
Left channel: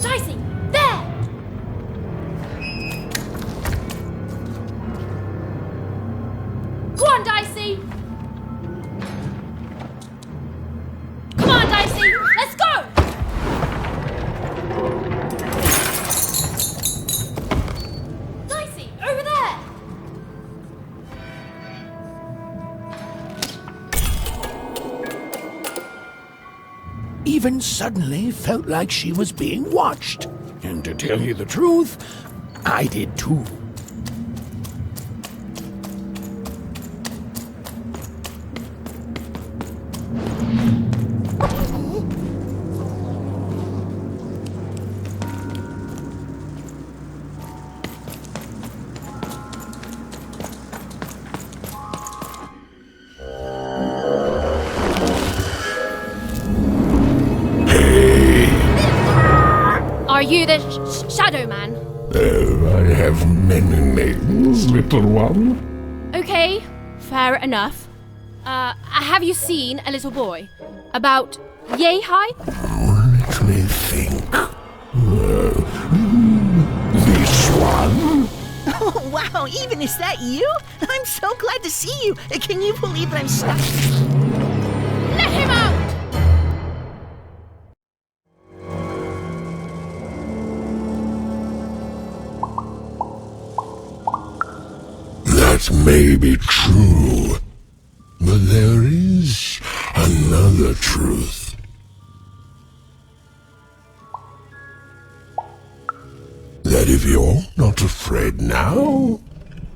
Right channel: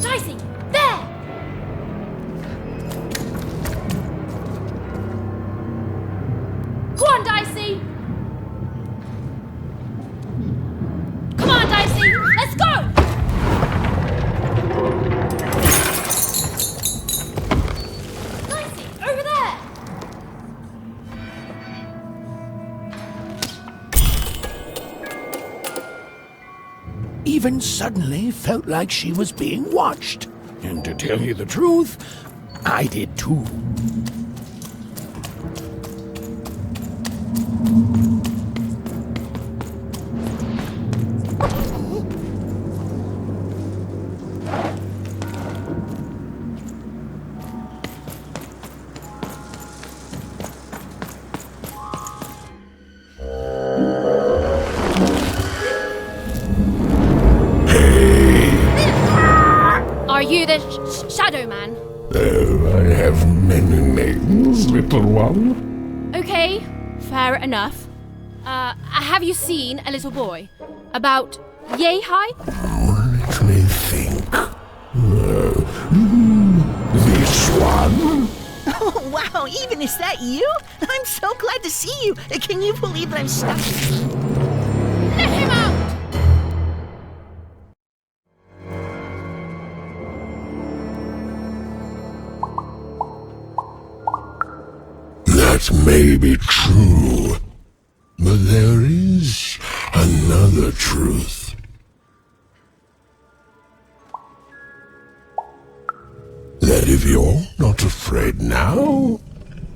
Dicey, there! Go on, Dicey! Come on, Dicey! Let's go! Dicey, over there! Even suddenly felt like she was being watched. And to tell you the truth, I did too. Are you the Shadow Man? Oh, I have many names, little one. Okay, fair enough. Have you seen a little boy? About yay high? Let me think. This one? Oh, wow, even is that you? I'm so glad to see you. Can you believe that I'm stuck? Let him out! That may be true, but there is another truth. That if you're not afraid now,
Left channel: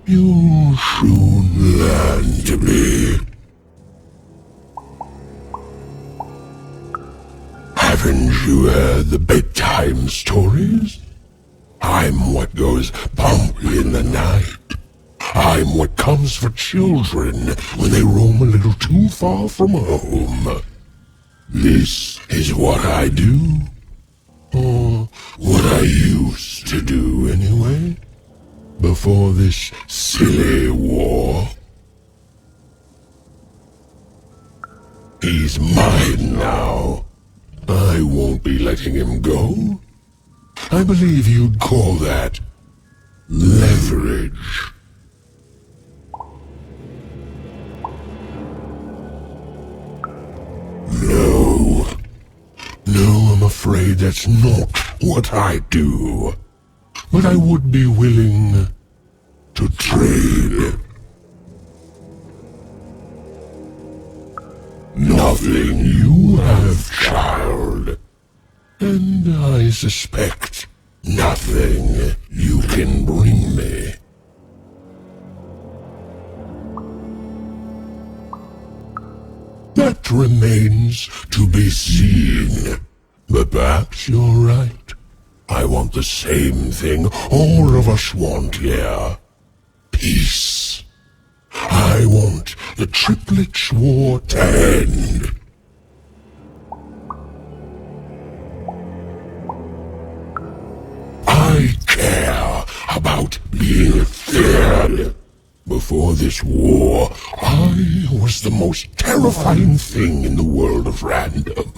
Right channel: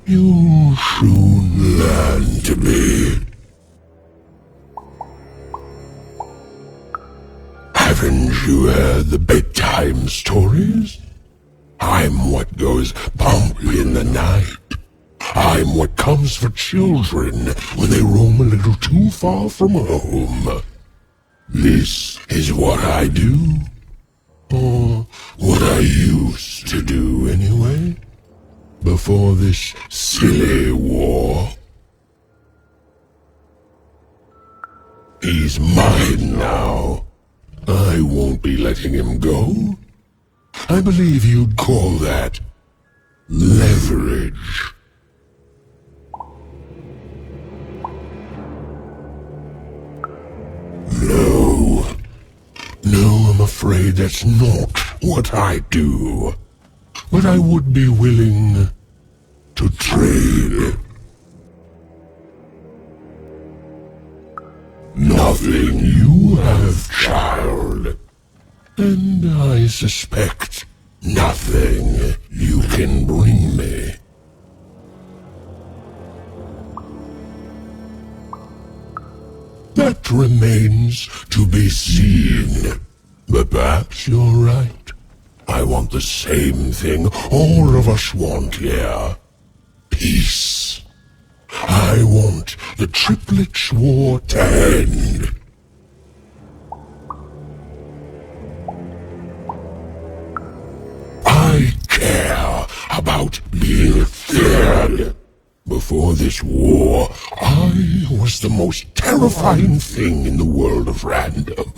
you'll soon learn to be. Haven't you heard the bedtime stories? I'm what goes bump in the night. I'm what comes for children when they roam a little too far from home. This is what I do. Or what I used to do anyway. Before this silly war. He's mine now. I won't be letting him go. I believe you'd call that leverage. No, I'm afraid that's not what I do. But I would be willing to trade. Nothing you have, child. And I suspect nothing you can bring me. That remains to be seen. But perhaps you're right. I want the same thing all of us want here. Peace. I want the triplets' war to end. I care about being feared. Before this war, I was the most terrifying thing in the world of random.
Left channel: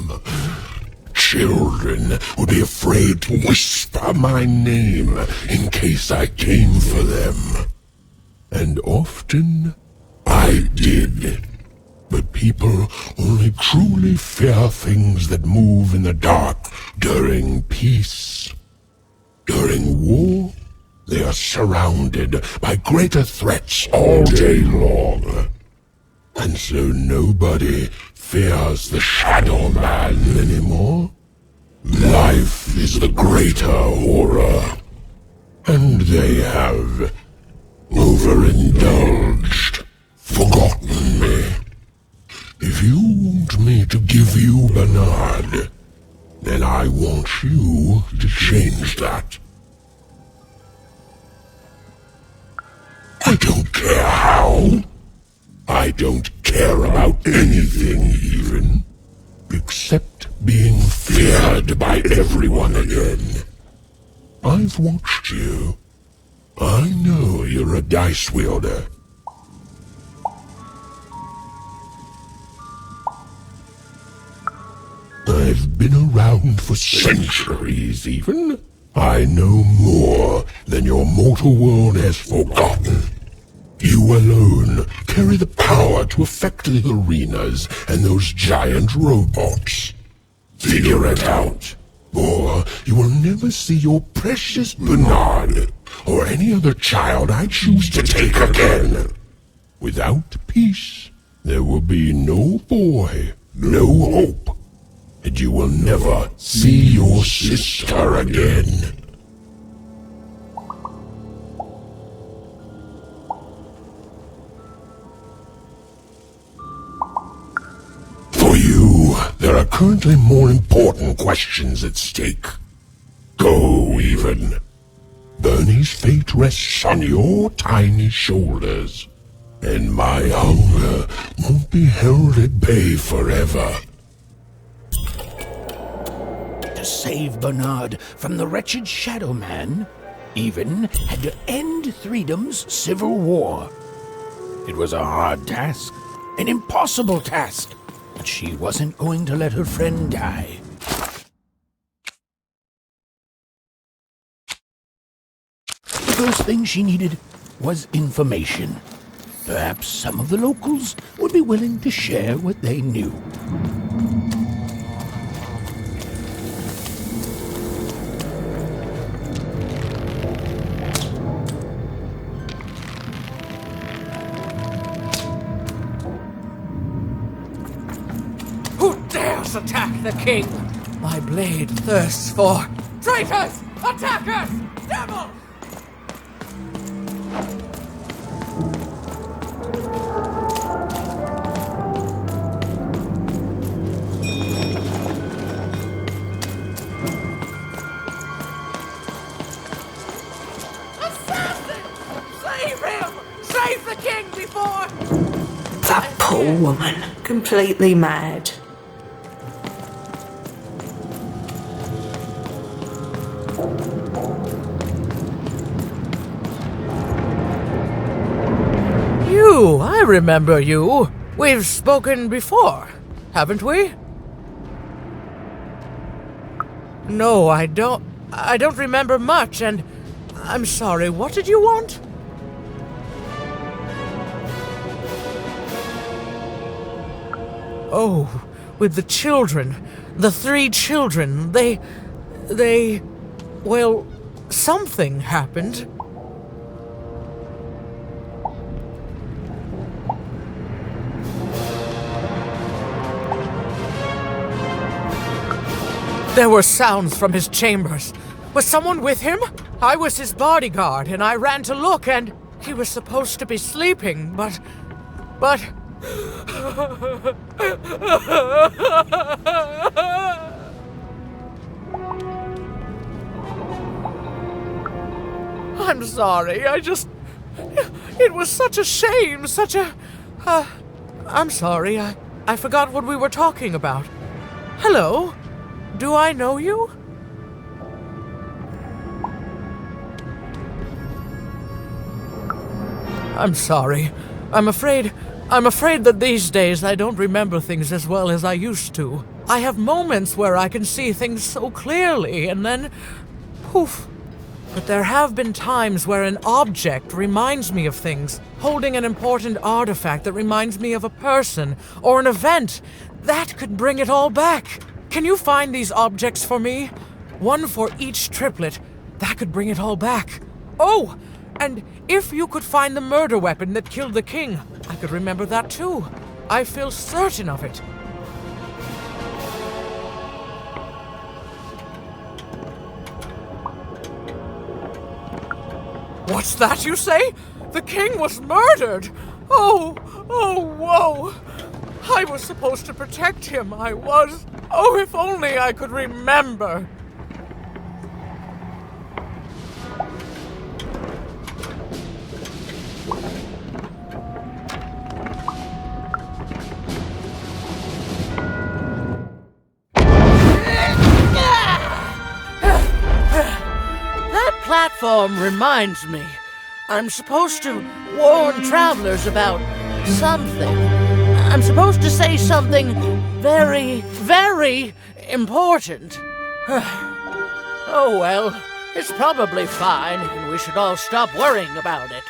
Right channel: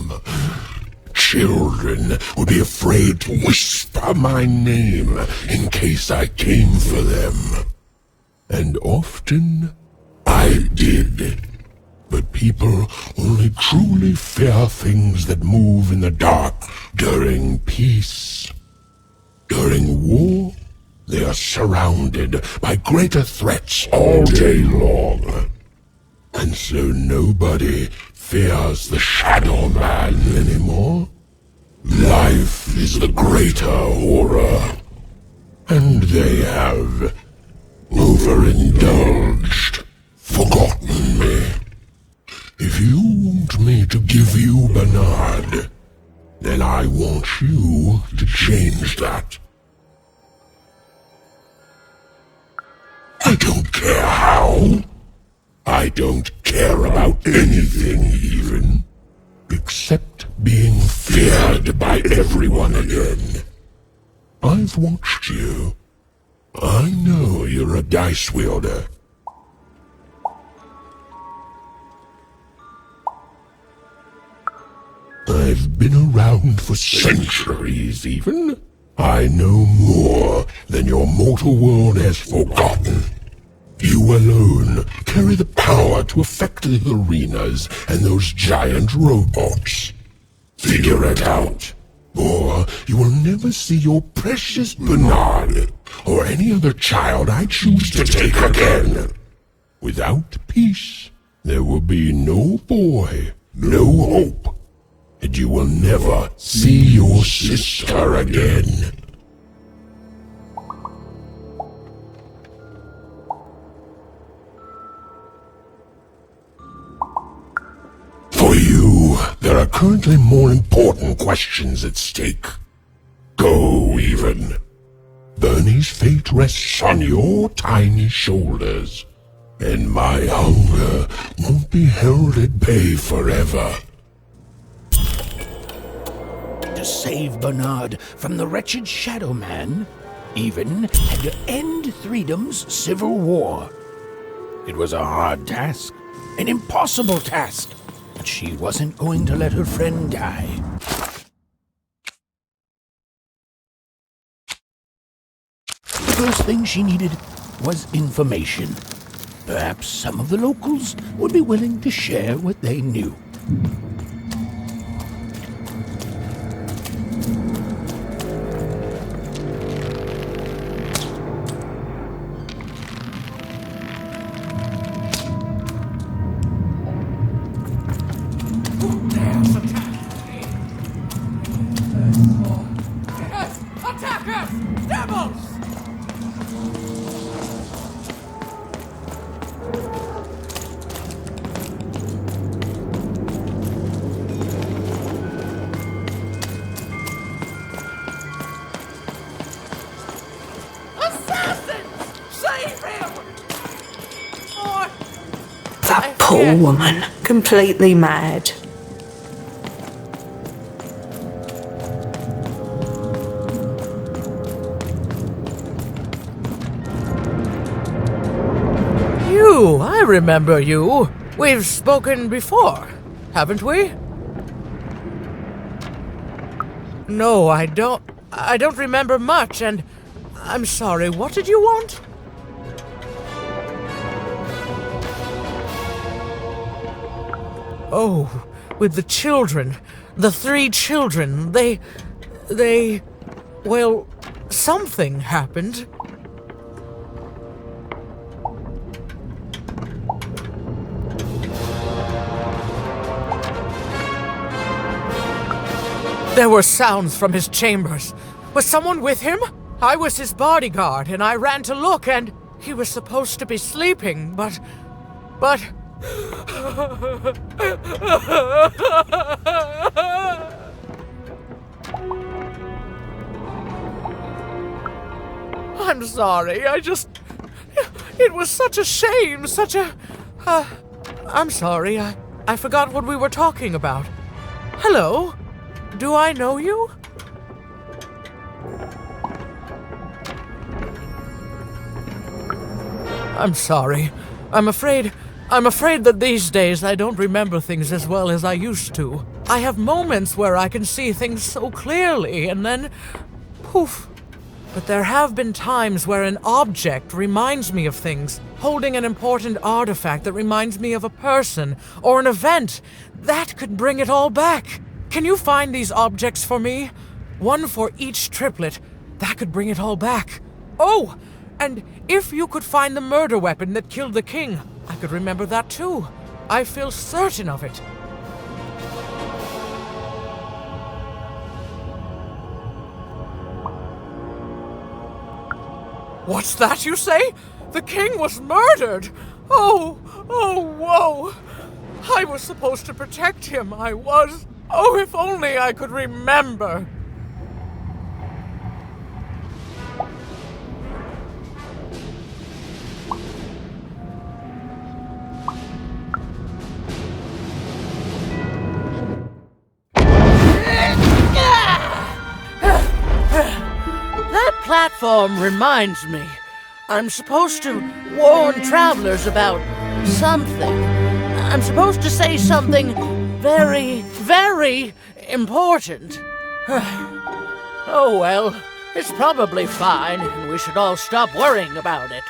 Children would be afraid to whisper my name in case I came for them. And often I did. But people only truly fear things that move in the dark during peace. During war, they are surrounded by greater threats all day long. And so nobody fears the Shadow Man anymore. Life is the greater horror. And they have overindulged, forgotten me. If you want me to give you Bernard, then I want you to change that. I don't care how. I don't care about anything even, except being feared by everyone again. I've watched you. I know you're a dice wielder. I've been around for centuries even. I know more than your mortal world has forgotten. You alone carry the power to affect the arenas and those giant robots. Figure it out, or you will never see your precious Bernard or any other child I choose to take again. Without peace, there will be no boy, no hope, and you will never see your sister again. For you, there are currently more important questions at stake. Go, even. Bernie's fate rests on your tiny shoulders, and my hunger won't be held at bay forever. To save Bernard from the wretched Shadow Man, Even had to end Threedom's civil war. It was a hard task, an impossible task, but she wasn't going to let her friend die. The first thing she needed was information. Perhaps some of the locals would be willing to share what they knew. Who dares attack the king? My blade thirsts for traitors, attackers, devils! Save him! Save the king before... That poor woman, completely mad. You, I remember you. We've spoken before, haven't we? No, I don't remember much, and I'm sorry, what did you want? Oh, with the children, the 3 children, well, something happened. There were sounds from his chambers. Was someone with him? I was his bodyguard, and I ran to look, and he was supposed to be sleeping, but... I'm sorry, it was such a shame, I'm sorry, I forgot what we were talking about. Hello? Do I know you? I'm sorry. I'm afraid that these days I don't remember things as well as I used to. I have moments where I can see things so clearly, and then poof. But there have been times where an object reminds me of things, holding an important artifact that reminds me of a person or an event. That could bring it all back. Can you find these objects for me? One for each triplet. That could bring it all back. Oh, and if you could find the murder weapon that killed the king, I could remember that too. I feel certain of it. What's that you say? The king was murdered! Oh, whoa! I was supposed to protect him, I was. Oh, if only I could remember. That platform reminds me. I'm supposed to warn travelers about something. I'm supposed to say something very, very important. Oh well, it's probably fine, and we should all stop worrying about it.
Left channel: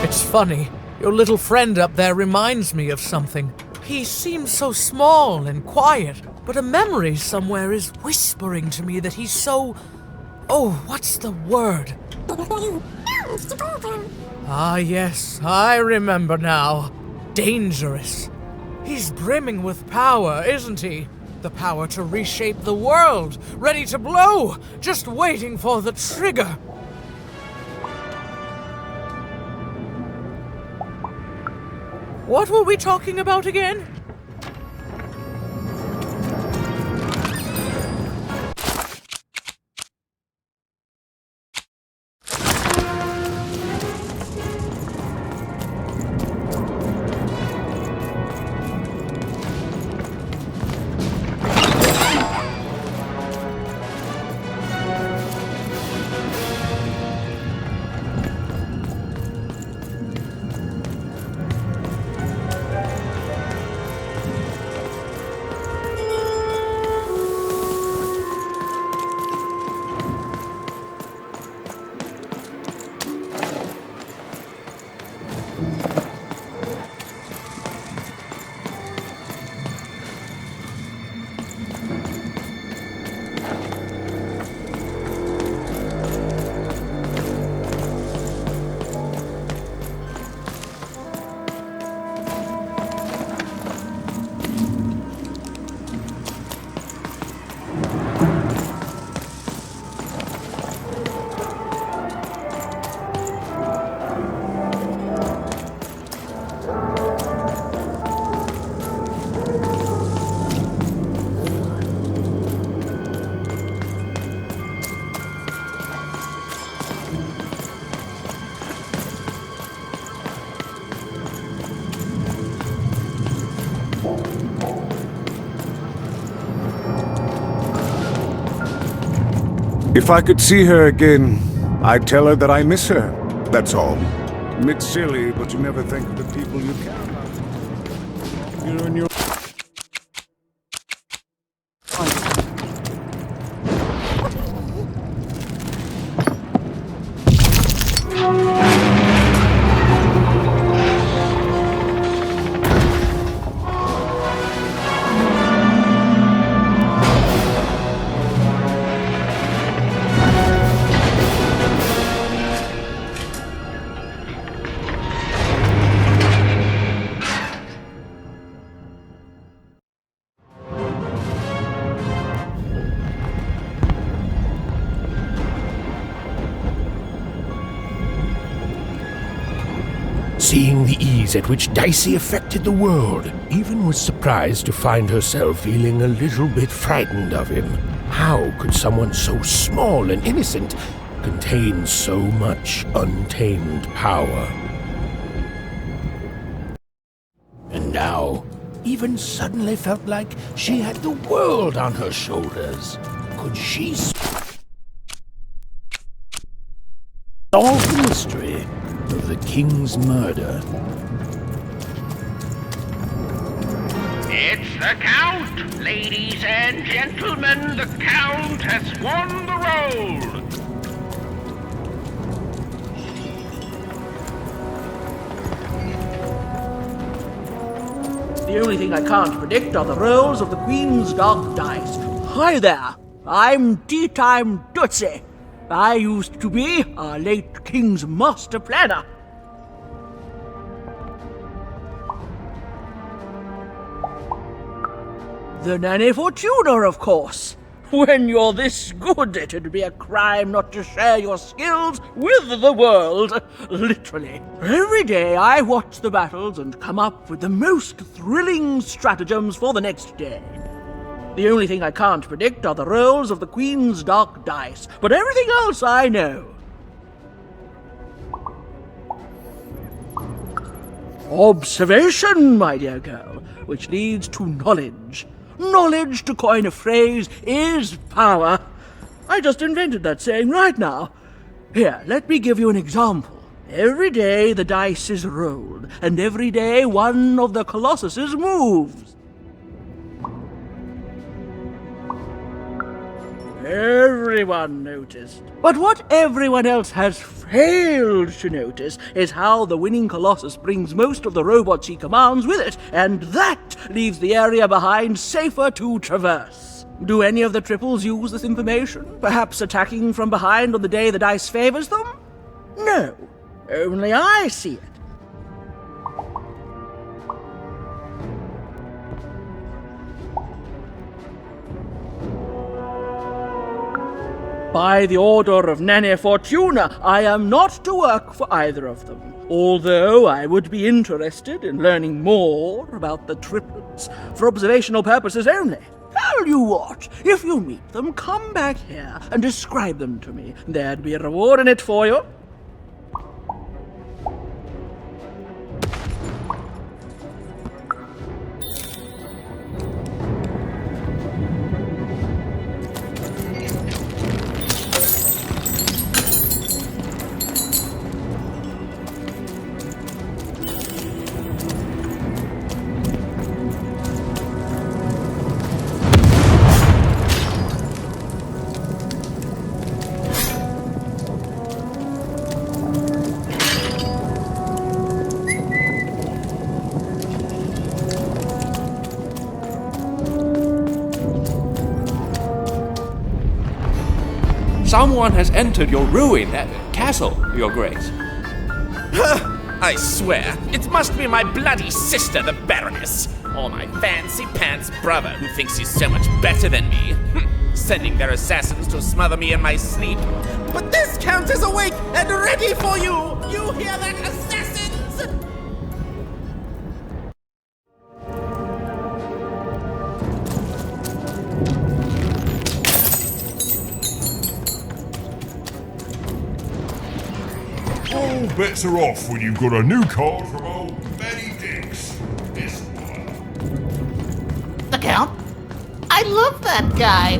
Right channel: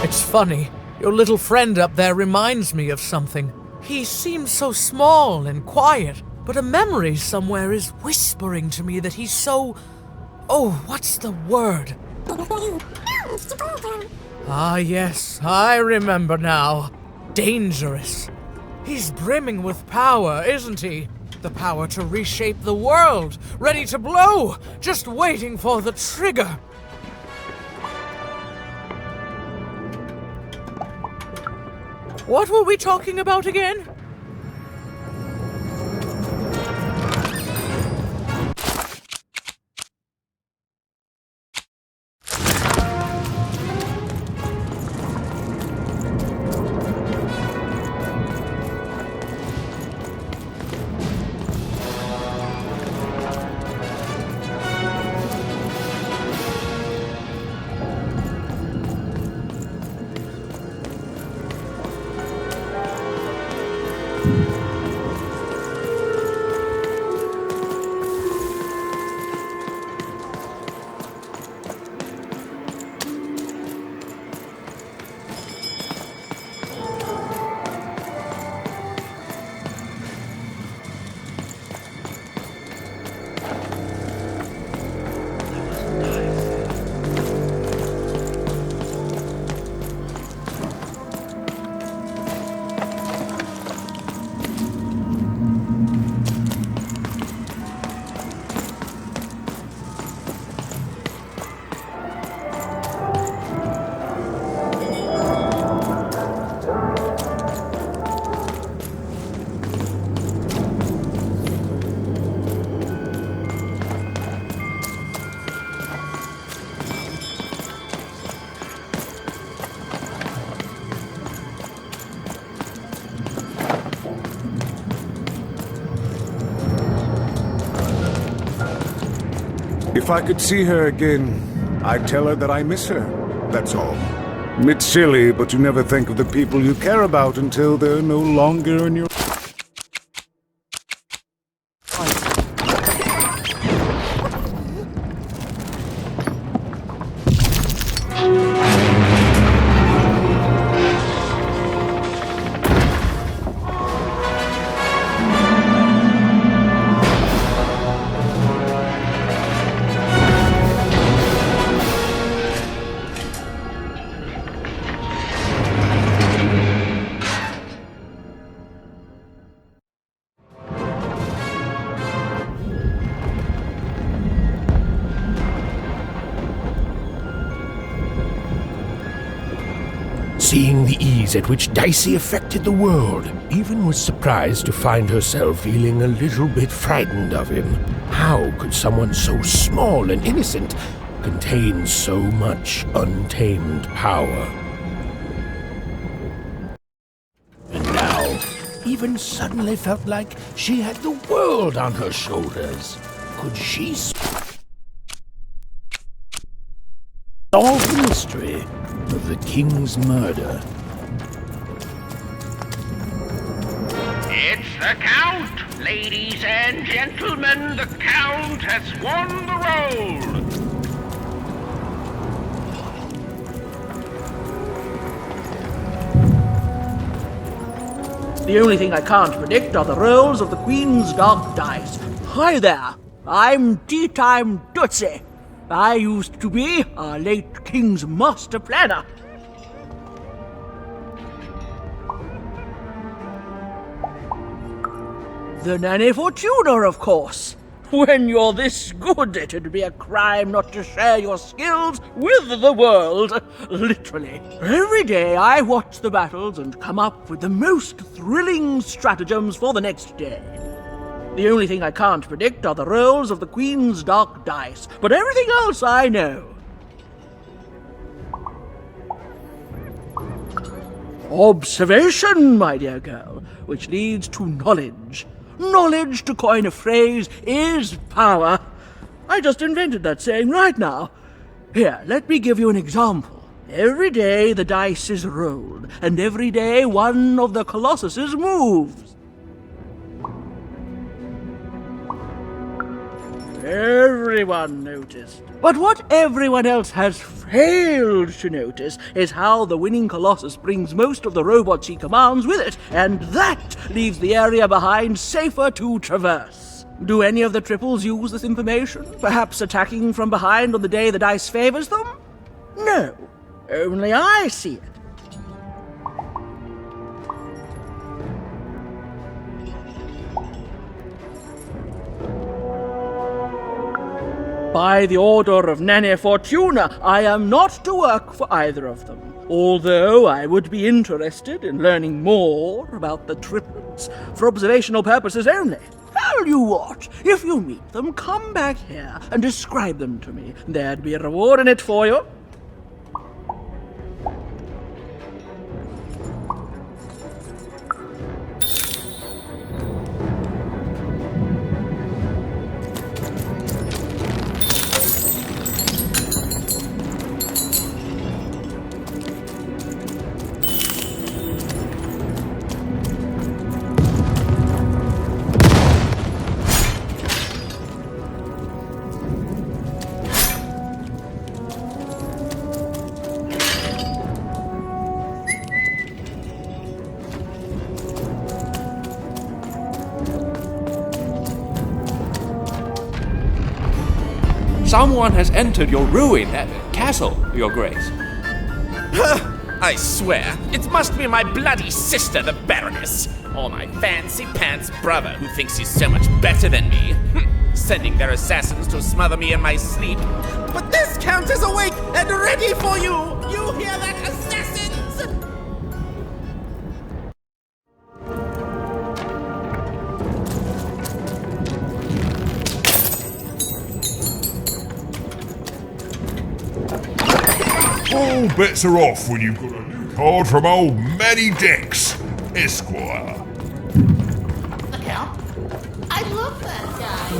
It's funny, your little friend up there reminds me of something. He seems so small and quiet, but a memory somewhere is whispering to me that he's so... Oh, what's the word? Ah, yes, I remember now. Dangerous. He's brimming with power, isn't he? The power to reshape the world, ready to blow, just waiting for the trigger. What were we talking about again? If I could see her again, I'd tell her that I miss her. That's all. It's silly, but you never think of the people you care about until they're no longer in your... Seeing the ease at which Dicey affected the world, Even was surprised to find herself feeling a little bit frightened of him. How could someone so small and innocent contain so much untamed power? And now, Even suddenly felt like she had the world on her shoulders. Could she solve the mystery of the king's murder? It's the Count! Ladies and gentlemen, the Count has won the role! The only thing I can't predict are the rolls of the Queen's dark dice. Hi there, I'm Tea-Time Dicey. I used to be our late King's master planner. The Nanny Fortuna, of course. When you're this good, it'd be a crime not to share your skills with the world. Literally. Every day I watch the battles and come up with the most thrilling stratagems for the next day. The only thing I can't predict are the rolls of the Queen's dark dice, but everything else I know. Observation, my dear girl, which leads to knowledge. Knowledge, to coin a phrase, is power. I just invented that saying right now. Here, let me give you an example. Every day the dice is rolled, and every day one of the colossuses moves. Everyone noticed. But what everyone else has failed to notice is how the winning Colossus brings most of the robots he commands with it, and that leaves the area behind safer to traverse. Do any of the triples use this information? Perhaps attacking from behind on the day the dice favors them? No, only I see it. By the order of Nanny Fortuna, I am not to work for either of them, although I would be interested in learning more about the triplets for observational purposes only. Tell you what, if you meet them, come back here and describe them to me. There'd be a reward in it for you. Someone has entered your ruin, castle, Your Grace. I swear, it must be my bloody sister, the Baroness, or my fancy-pants brother who thinks he's so much better than me, sending their assassins to smother me in my sleep. But this Count is awake and ready for you! You hear that, assassins? All bets are off when you've got a new card from old Manny Dex, Esquire. The Count? I love that guy.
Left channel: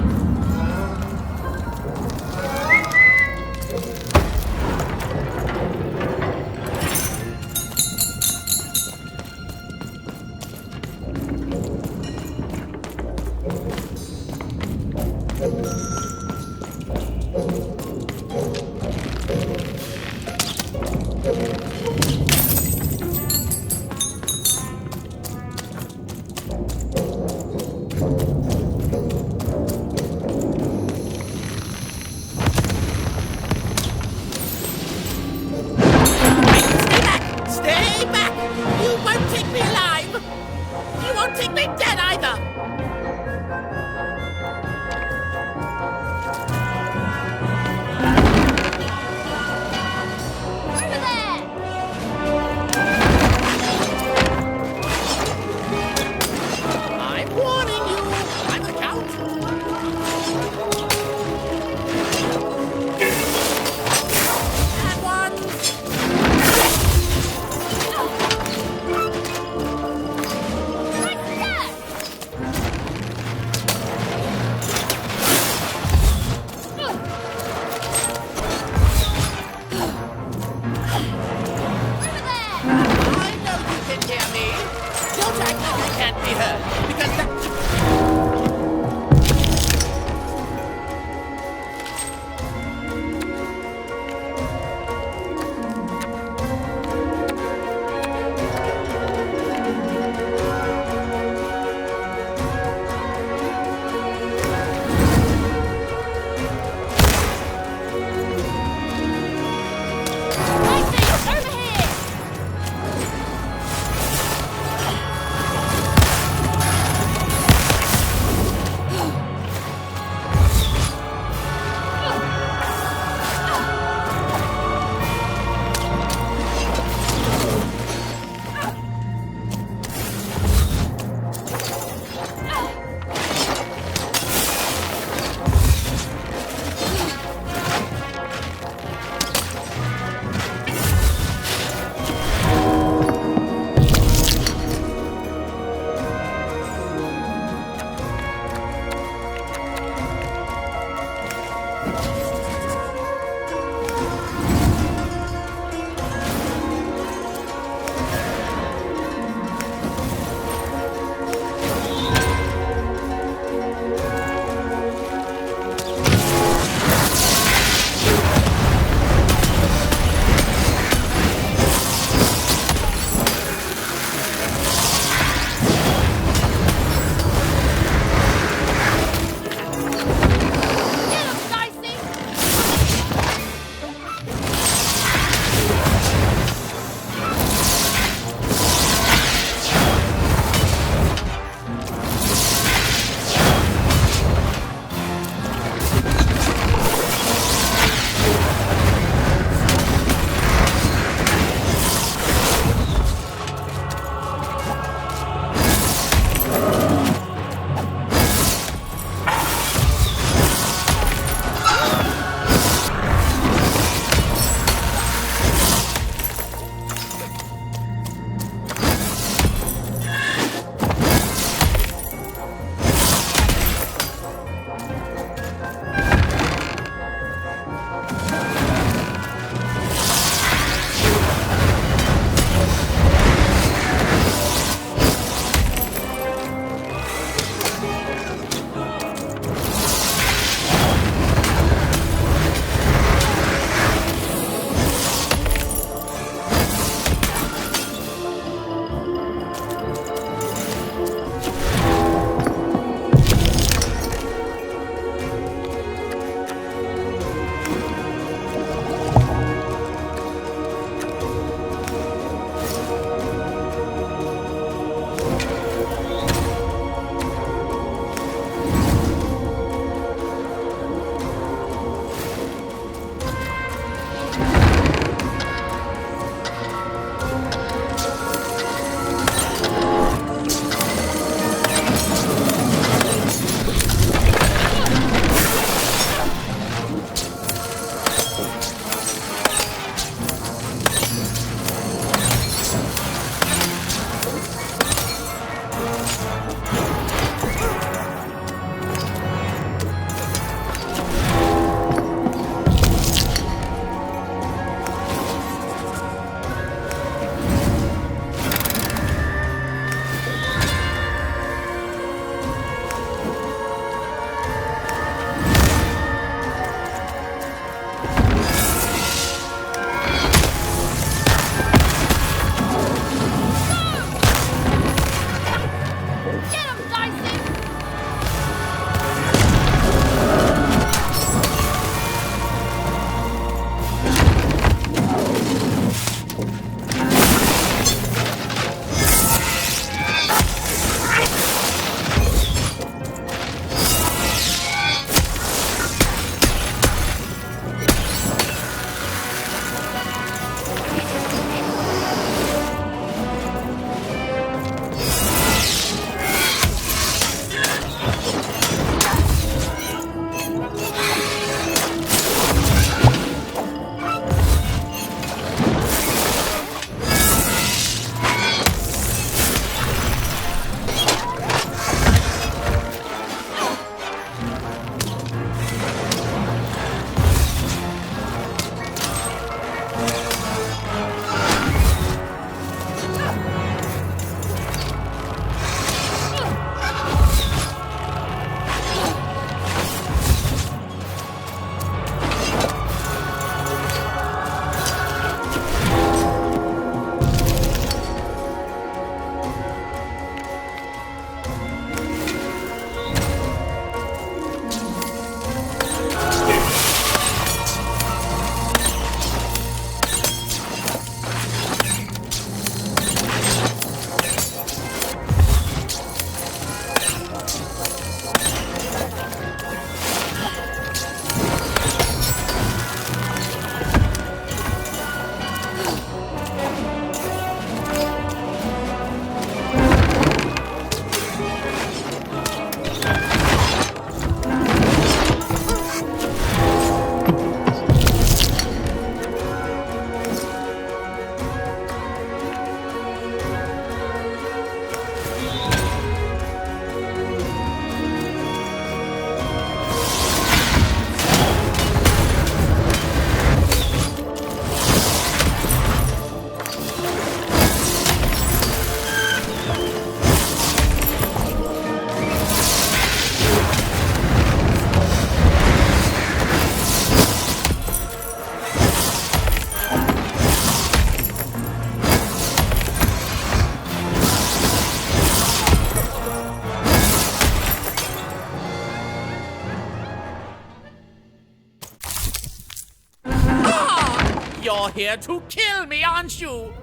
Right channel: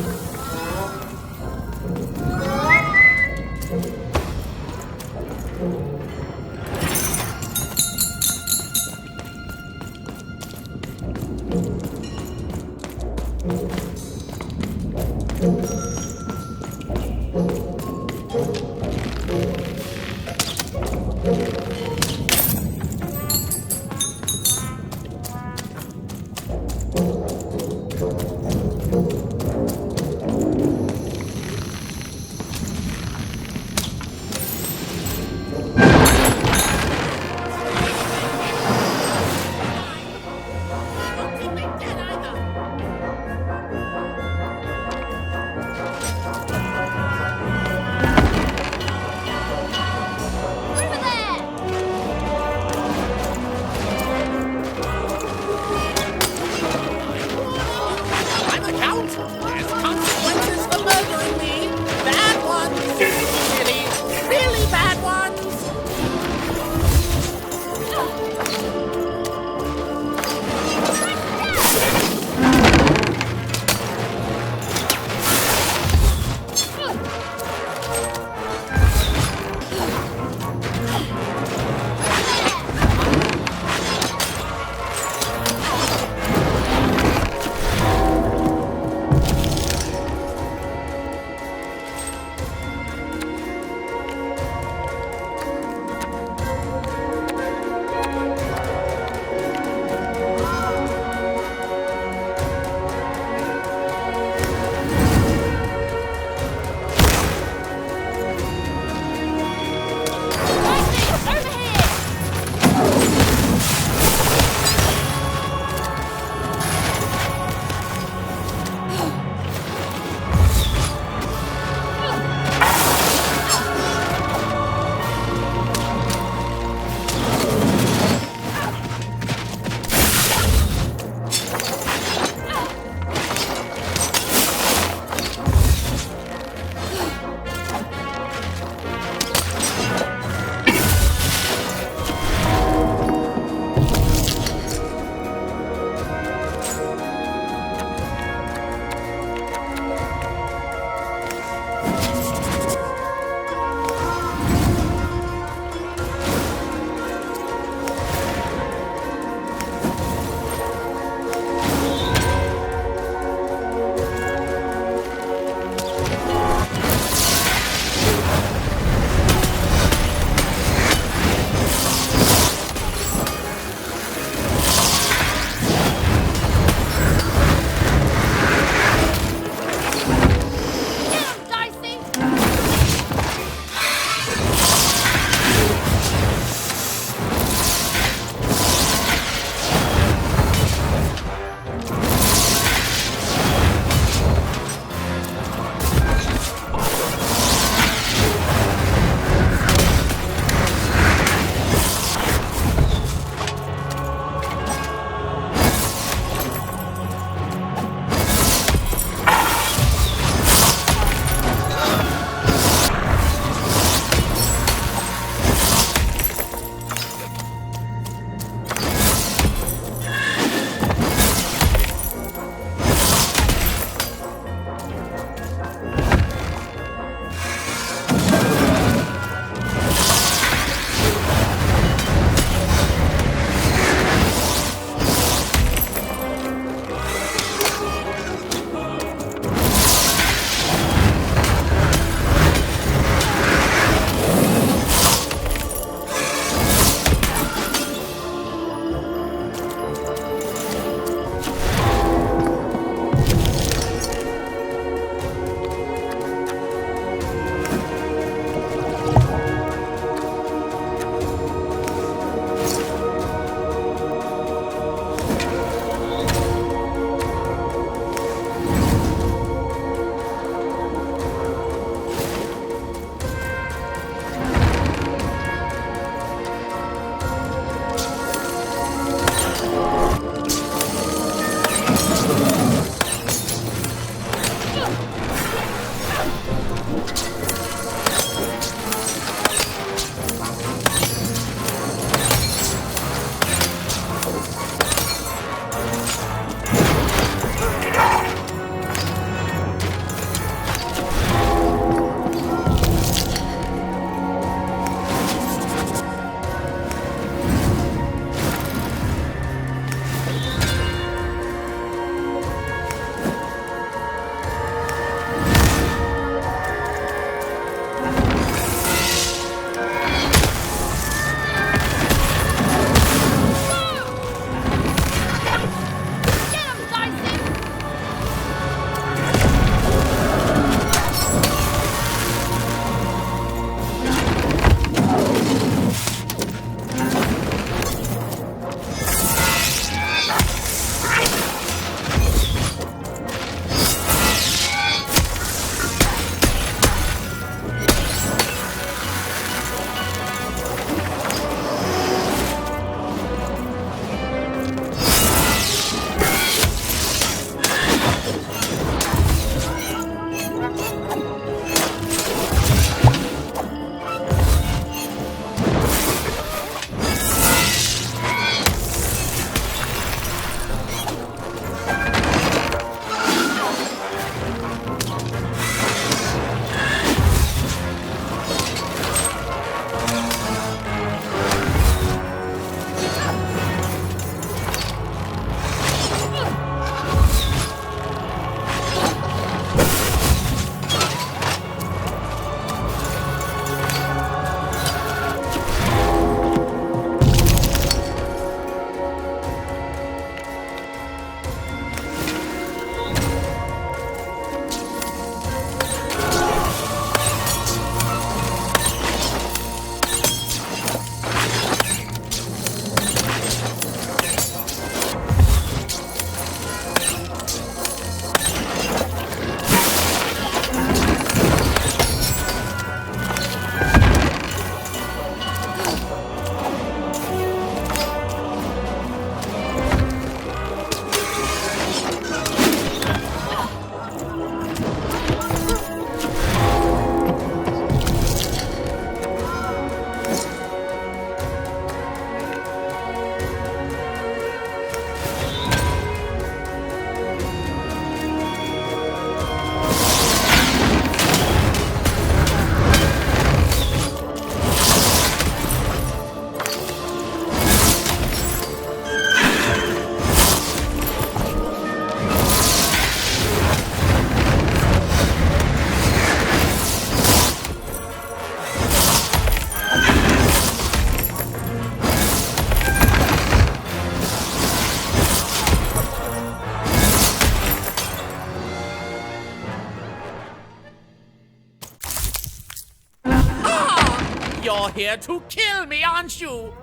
here to kill me, aren't you?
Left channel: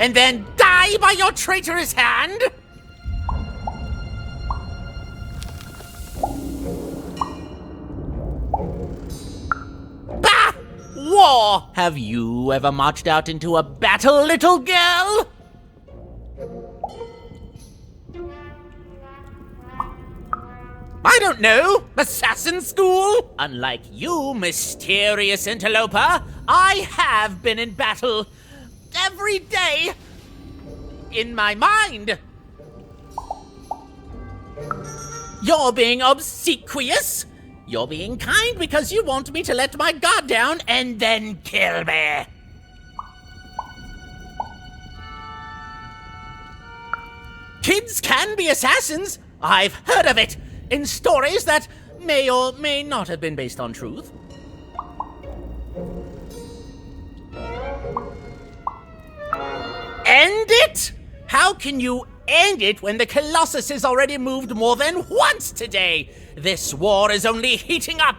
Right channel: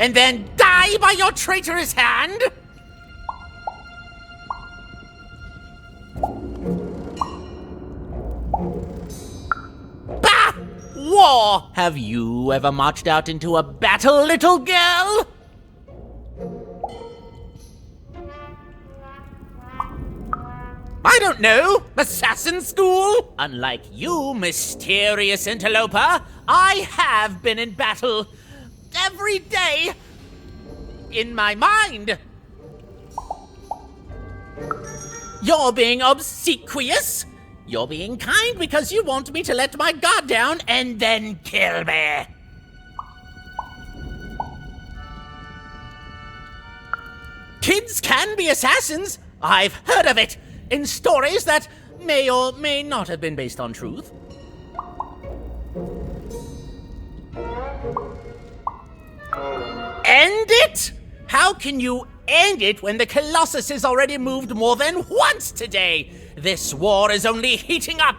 And then die by your traitorous hand? Bah! War! Have you ever marched out into a battle, little girl? I don't know. Assassin school? Unlike you, mysterious interloper, I have been in battle. Every day. In my mind. You're being obsequious. You're being kind because you want me to let my guard down and then kill me. Kids can be assassins. I've heard of it in stories that may or may not have been based on truth. End it? How can you end it when the Colossus has already moved more than once today? This war is only heating up.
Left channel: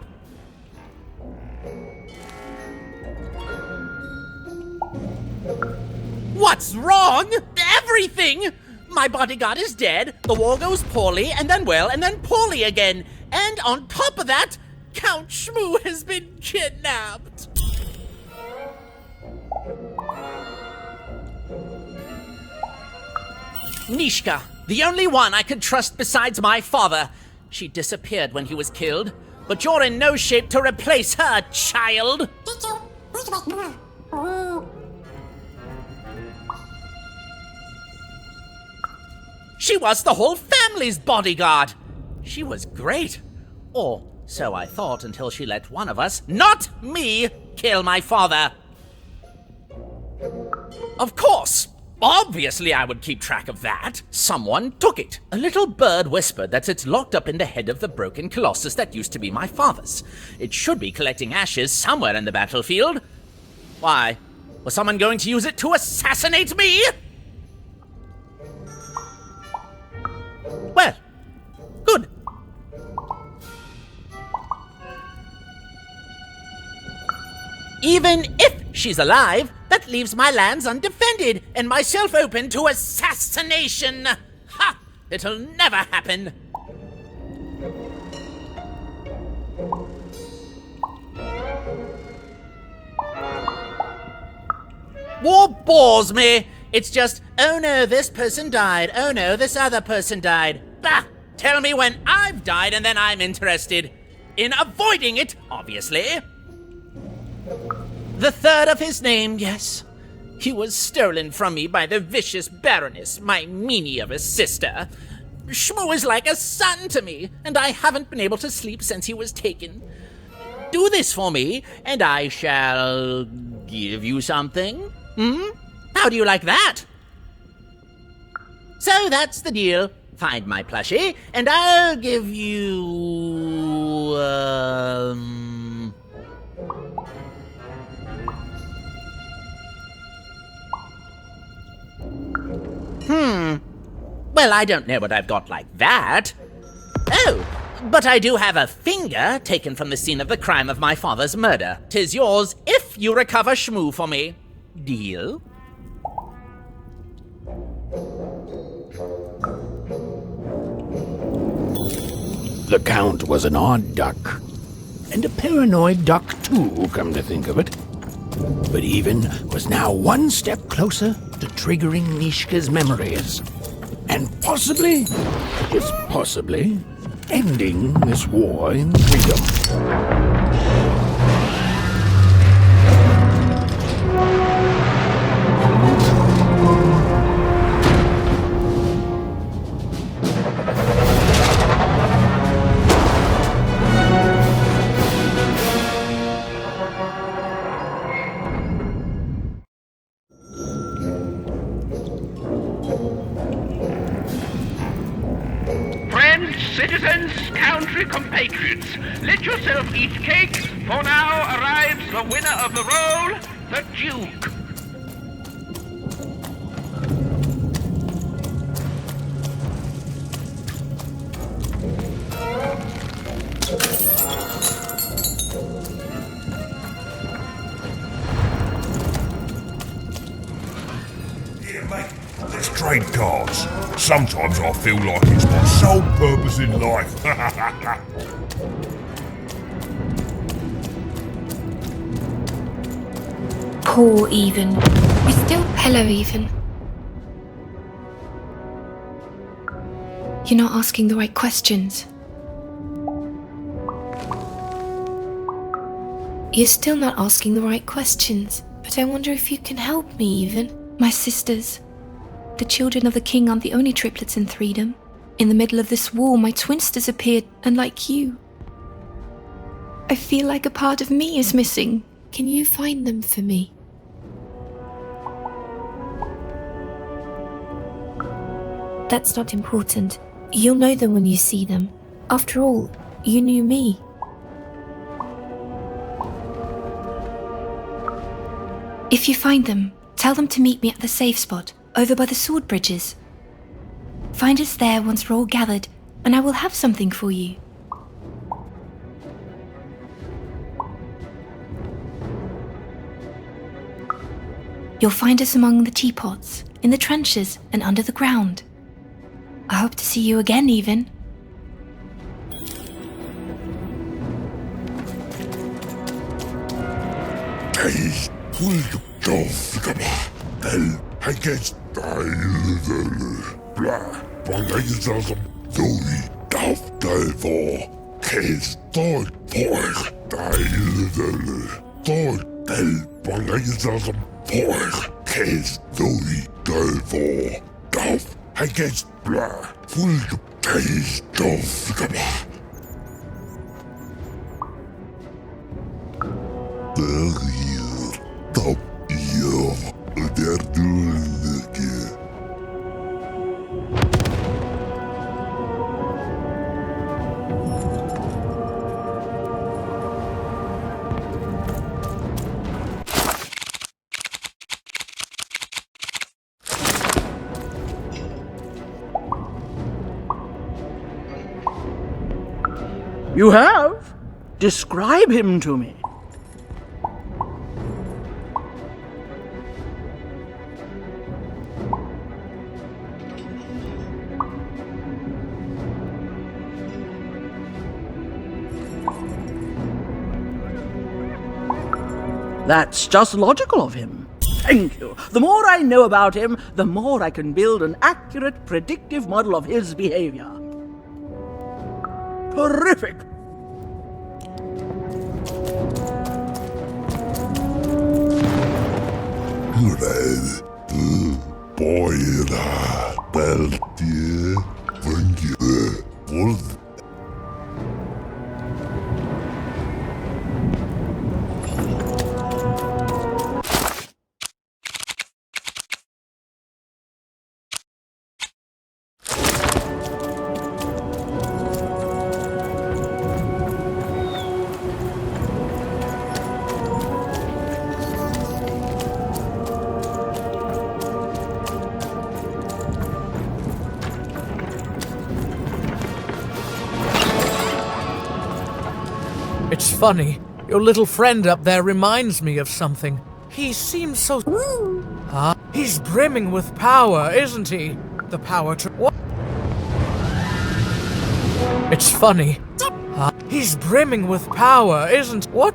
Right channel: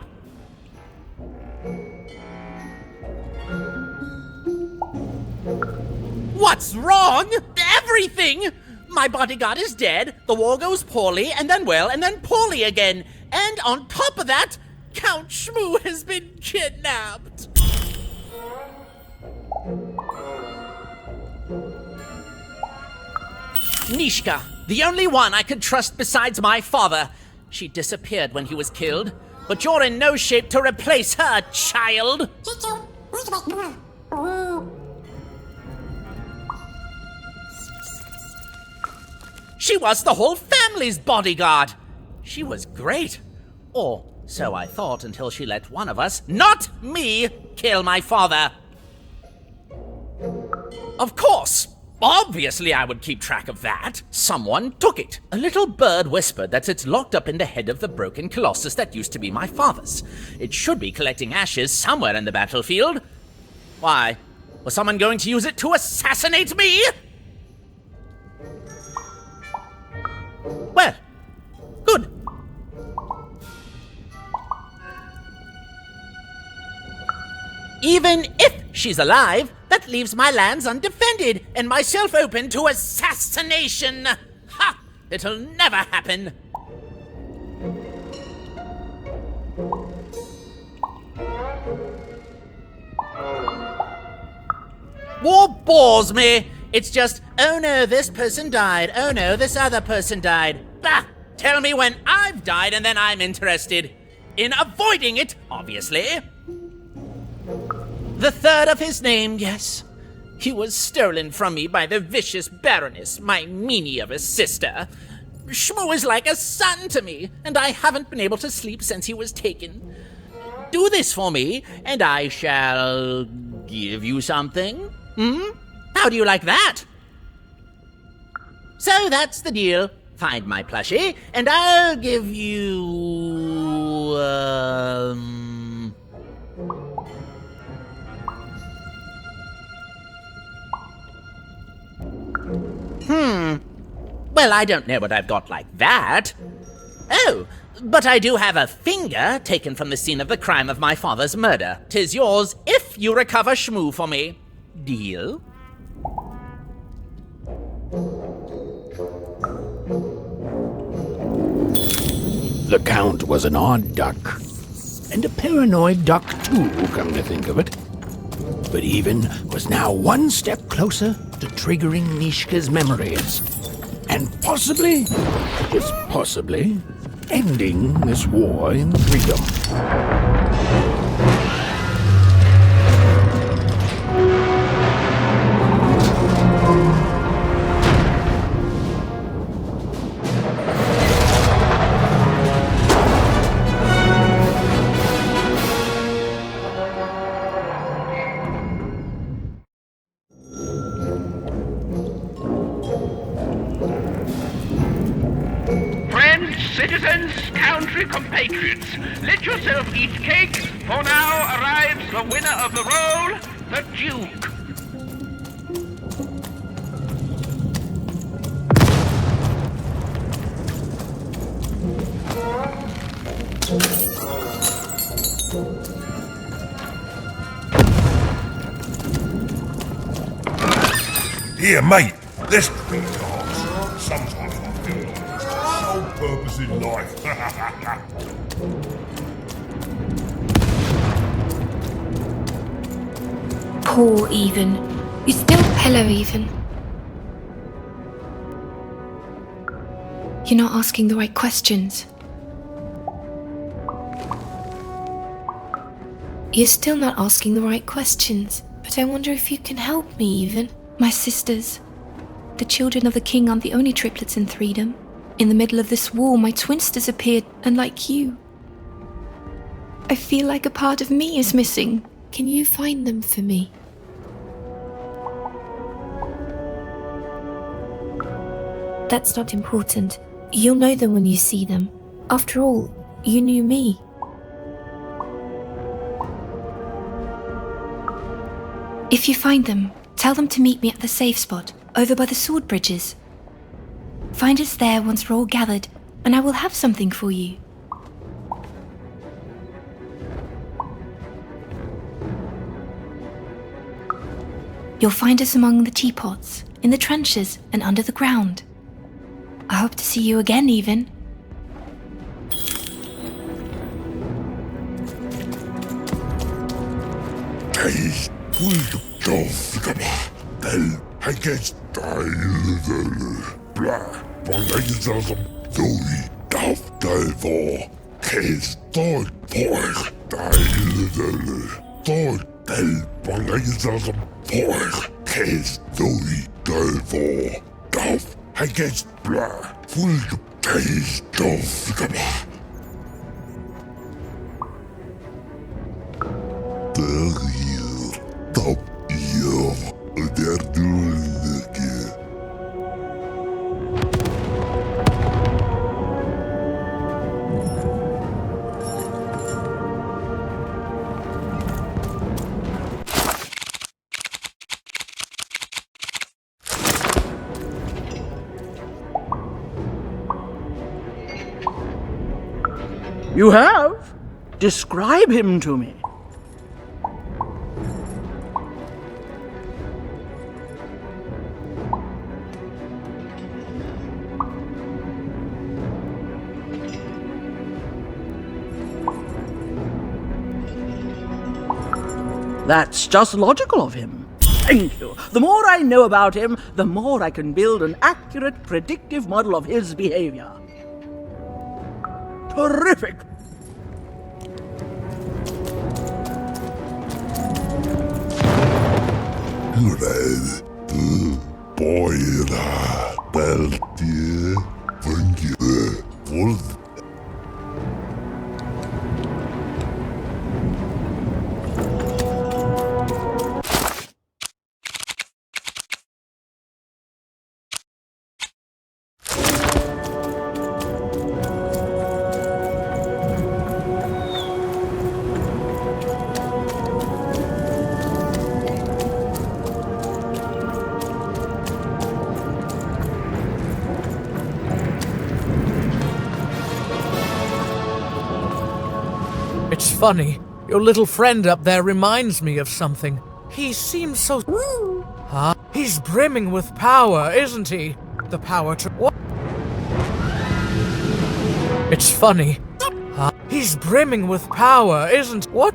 What's wrong? Everything! My bodyguard is dead, the war goes poorly, and then well, and then poorly again. And on top of that, Count Shmoo has been kidnapped. Nishka, the only one I could trust besides my father. She disappeared when he was killed, but you're in no shape to replace her, child. She was the whole family's bodyguard. She was great. Or so I thought until she let one of us, not me, kill my father. Of course. Obviously I would keep track of that. Someone took it. A little bird whispered that it's locked up in the head of the broken colossus that used to be my father's. It should be collecting ashes somewhere in the battlefield. Why? Was someone going to use it to assassinate me? Well, good. Even if she's alive, that leaves my lands undefended and myself open to assassination. Ha! It'll never happen. War bores me. It's just, oh no, this person died. Oh no, this other person died. Bah! Tell me when I've died and then I'm interested. In avoiding it, obviously. The third of his name, yes. He was stolen from me by the vicious Baroness, my meanie of a sister. Shmoo is like a son to me, and I haven't been able to sleep since he was taken. Do this for me, and I shall give you something. How do you like that? So that's the deal. Find my plushie, and I'll give you... Well, I don't know what I've got like that. Oh, but I do have a finger taken from the scene of the crime of my father's murder. 'Tis yours if you recover Shmoo for me. Deal? The Count was an odd duck. And a paranoid duck too, come to think of it. But Even was now one step closer to triggering Nishka's memories. And possibly, just possibly, ending this war in freedom. Citizens, country compatriots, let yourself eat cake, for now arrives the winner of the role, the Duke. Here, mate, let's trade cards. Sometimes I feel like it's my sole purpose in life. Poor Even. You still... Hello, Even. You're not asking the right questions. You're still not asking the right questions. But I wonder if you can help me, Even. My sisters. The children of the king aren't the only triplets in Freedom. In the middle of this war, my twins disappeared, unlike you. I feel like a part of me is missing. Can you find them for me? That's not important. You'll know them when you see them. After all, you knew me. If you find them, tell them to meet me at the safe spot, over by the sword bridges. Find us there once we're all gathered, and I will have something for you. You'll find us among the teapots, in the trenches, and under the ground. I hope to see you again, Even. You have? Describe him to me. That's just logical of him. Thank you. The more I know about him, the more I can build an accurate, predictive model of his behavior. Terrific! It's funny. Your little friend up there reminds me of something. He seems so... Huh? He's brimming with power, isn't he? The power to... What? It's funny. Huh? He's brimming with power, isn't... What?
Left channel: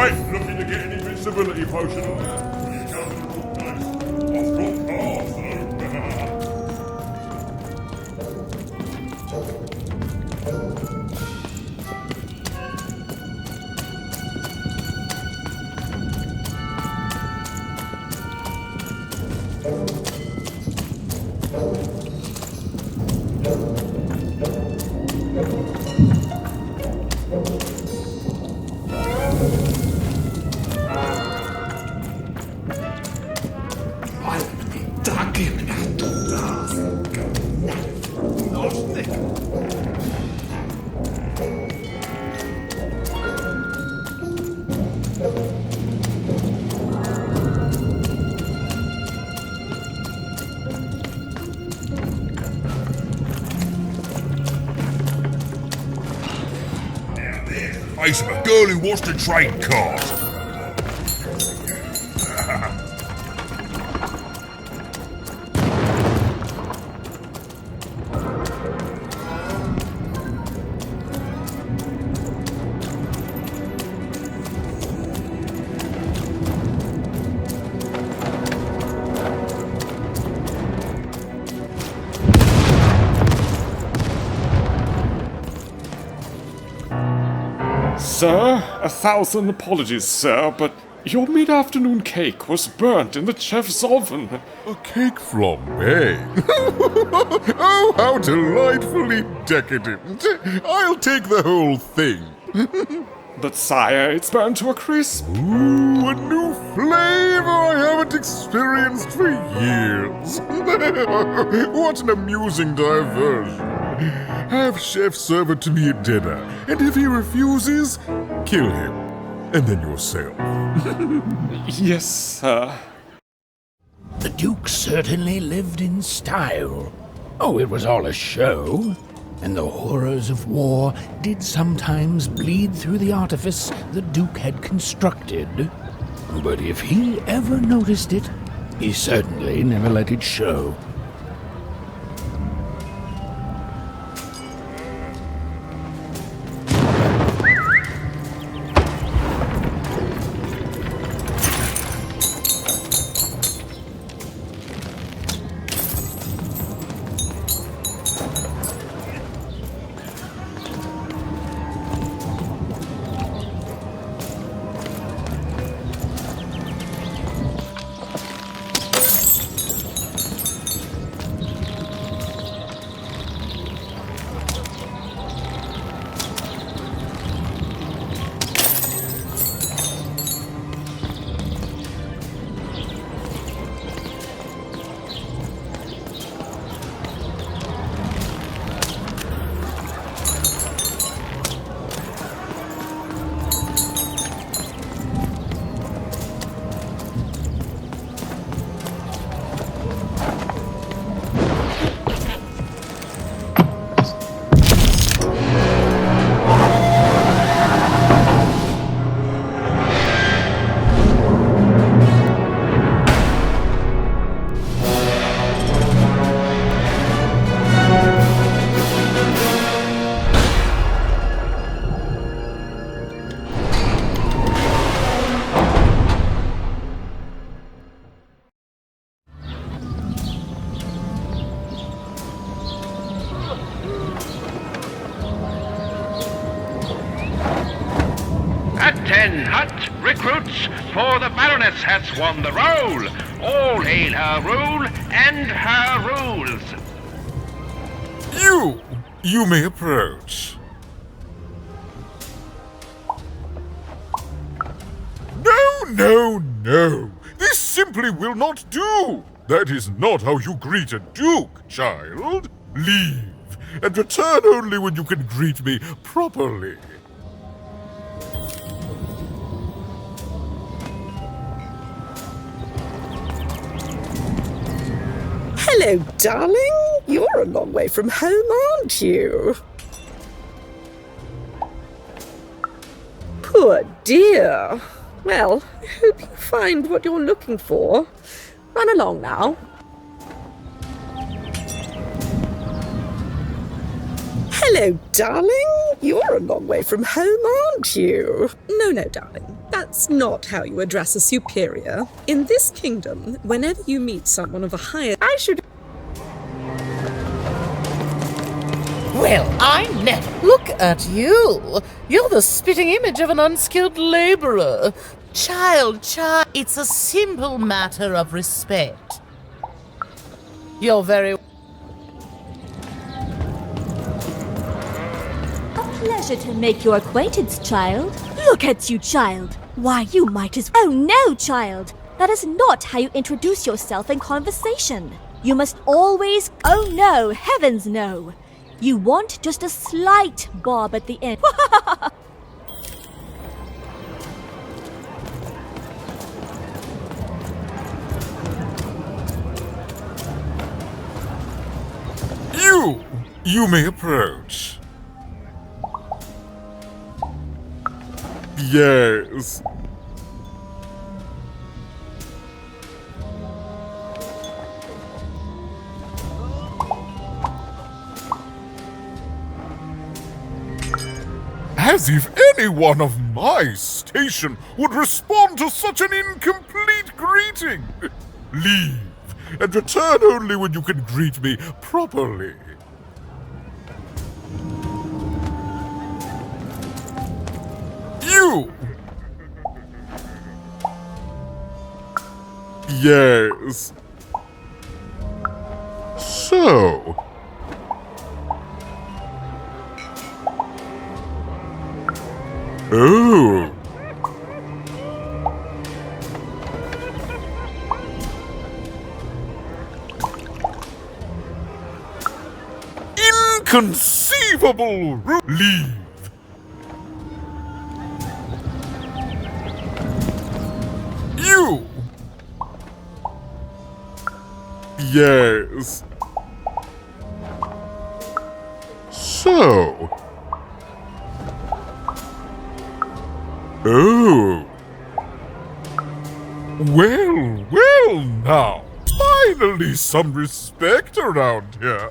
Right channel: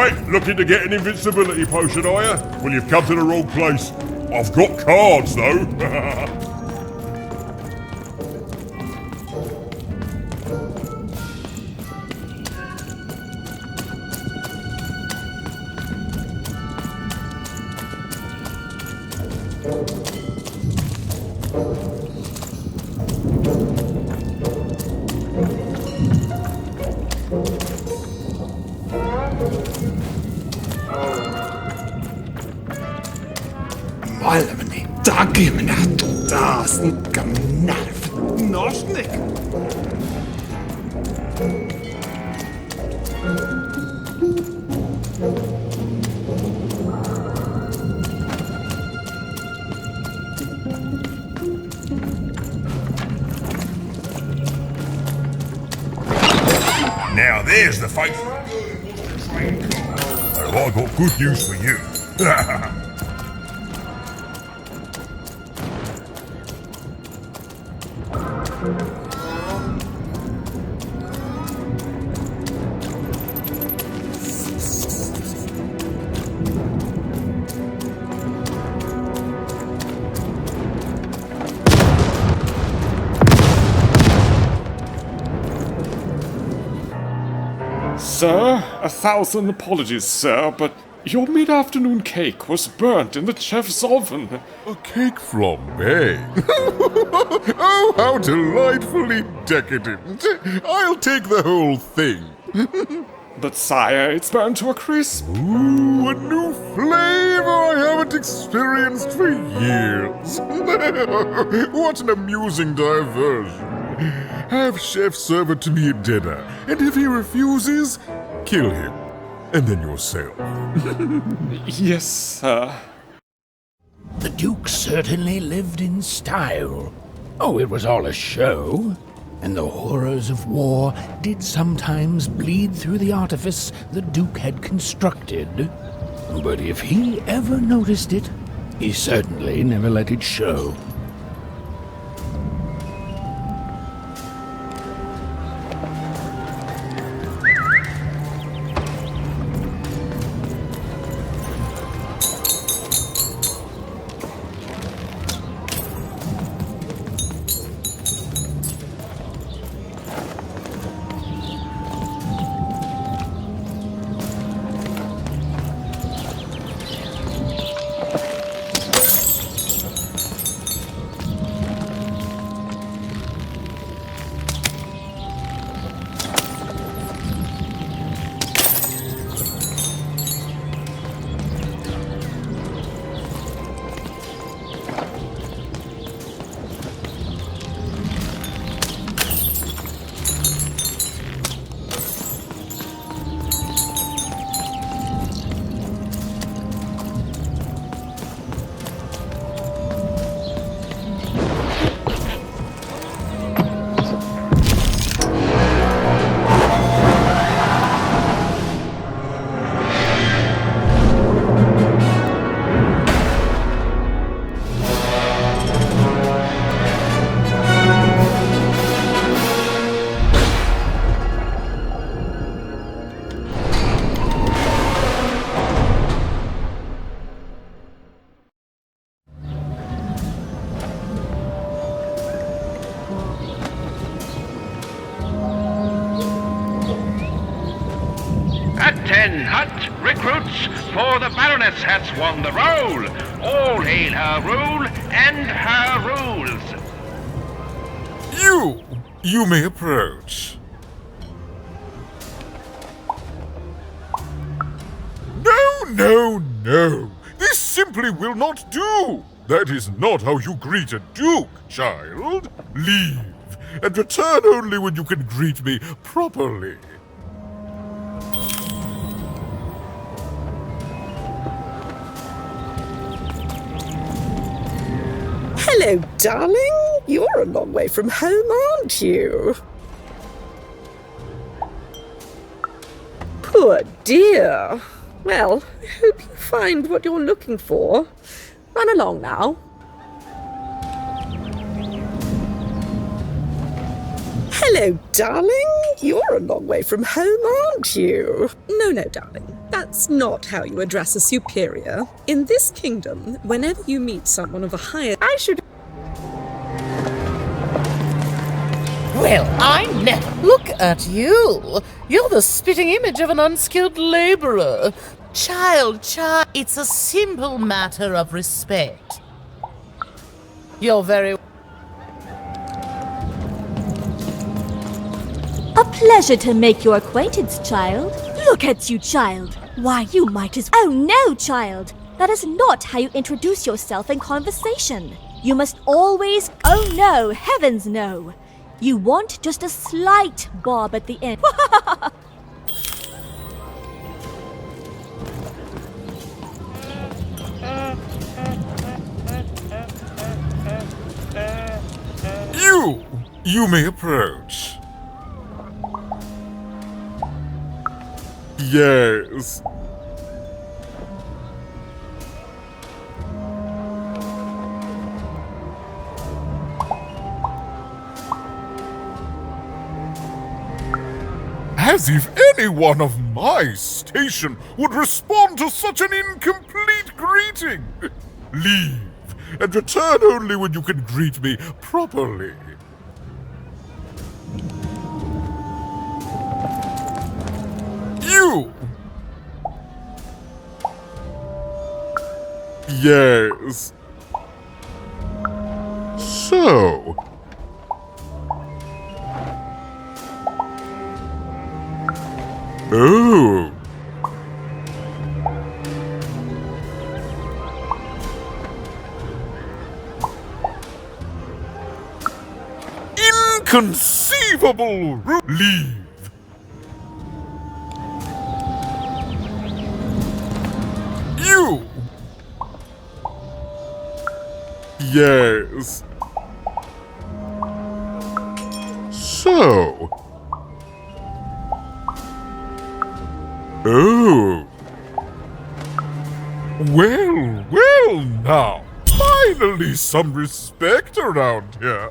Right, looking to get an invincibility potion, are you? Well, you've come to the wrong place. I've got cards, though. Malmeni, dagimnatu dasnikam narv nosnik. Now there's the face of a girl who wants to trade cards. Well, I got good news for you. Sir, 1,000 apologies, sir, but your mid-afternoon cake was burnt in the chef's oven. A cake flambe? Oh, how delightfully decadent. I'll take the whole thing. But sire, it's burnt to a crisp. Ooh, a new flavor I haven't experienced for years. What an amusing diversion. Have Chef serve it to me at dinner, and if he refuses, kill him. And then yourself. Yes, sir. The Duke certainly lived in style. Oh, it was all a show. And the horrors of war did sometimes bleed through the artifice the Duke had constructed. But if he ever noticed it, he certainly never let it show. Ten hut recruits, for the Baroness has won the roll. All hail her rule and her rules. You may approach. No. This simply will not do. That is not how you greet a duke, child. Leave, and return only when you can greet me properly. Hello, darling. You're a long way from home, aren't you? Poor dear. Well, I hope you find what you're looking for. Run along now. Hello, darling. You're a long way from home, aren't you? No, darling. That's not how you address a superior. In this kingdom, whenever you meet someone of a higher... I should... Well, I never. Look at you. You're the spitting image of an unskilled laborer. Child, it's a simple matter of respect. You're very... A pleasure to make your acquaintance, child. Look at you, child. Why, you might as... Oh, no, child. That is not how you introduce yourself in conversation. You must always... Oh, no, heavens, no. You want just a slight bob at the end. You may approach. Yes. As if anyone of my station would respond to such an incomplete greeting. Leave, and return only when you can greet me properly. You! Yes. So... Oh. Inconceivable! Leave. You. Yes. So... Oh. Well now. Finally some respect around here.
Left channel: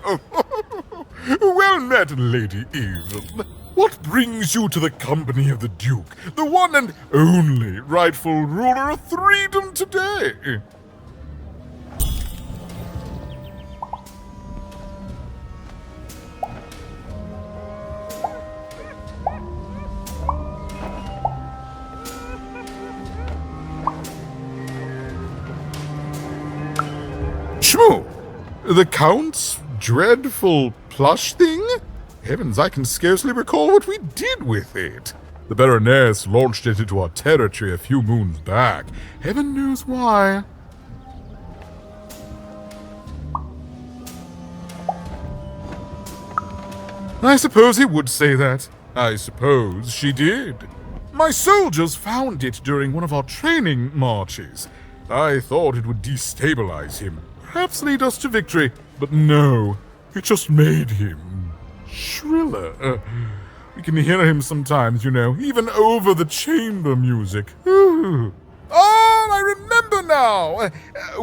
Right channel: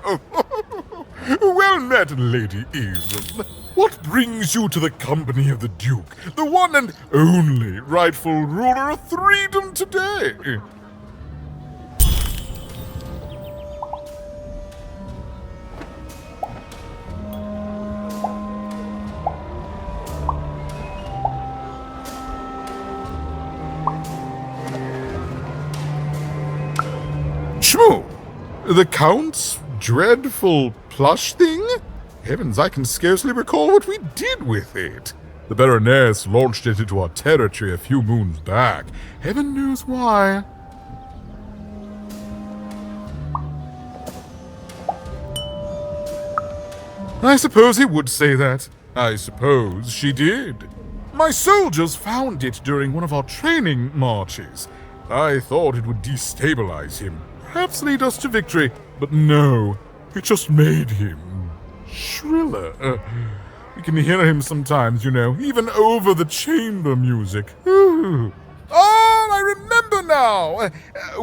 Well met, Lady Eden. What brings you to the company of the Duke, the one and only rightful ruler of Freedom today? Shmoo! The Count's dreadful plush thing? Heavens, I can scarcely recall what we did with it. The Baroness launched it into our territory a few moons back. Heaven knows why. I suppose he would say that. I suppose she did. My soldiers found it during one of our training marches. I thought it would destabilize him, perhaps lead us to victory, but no, it just made him shriller. We can hear him sometimes, you know, even over the chamber music. Ooh. Oh, I remember now!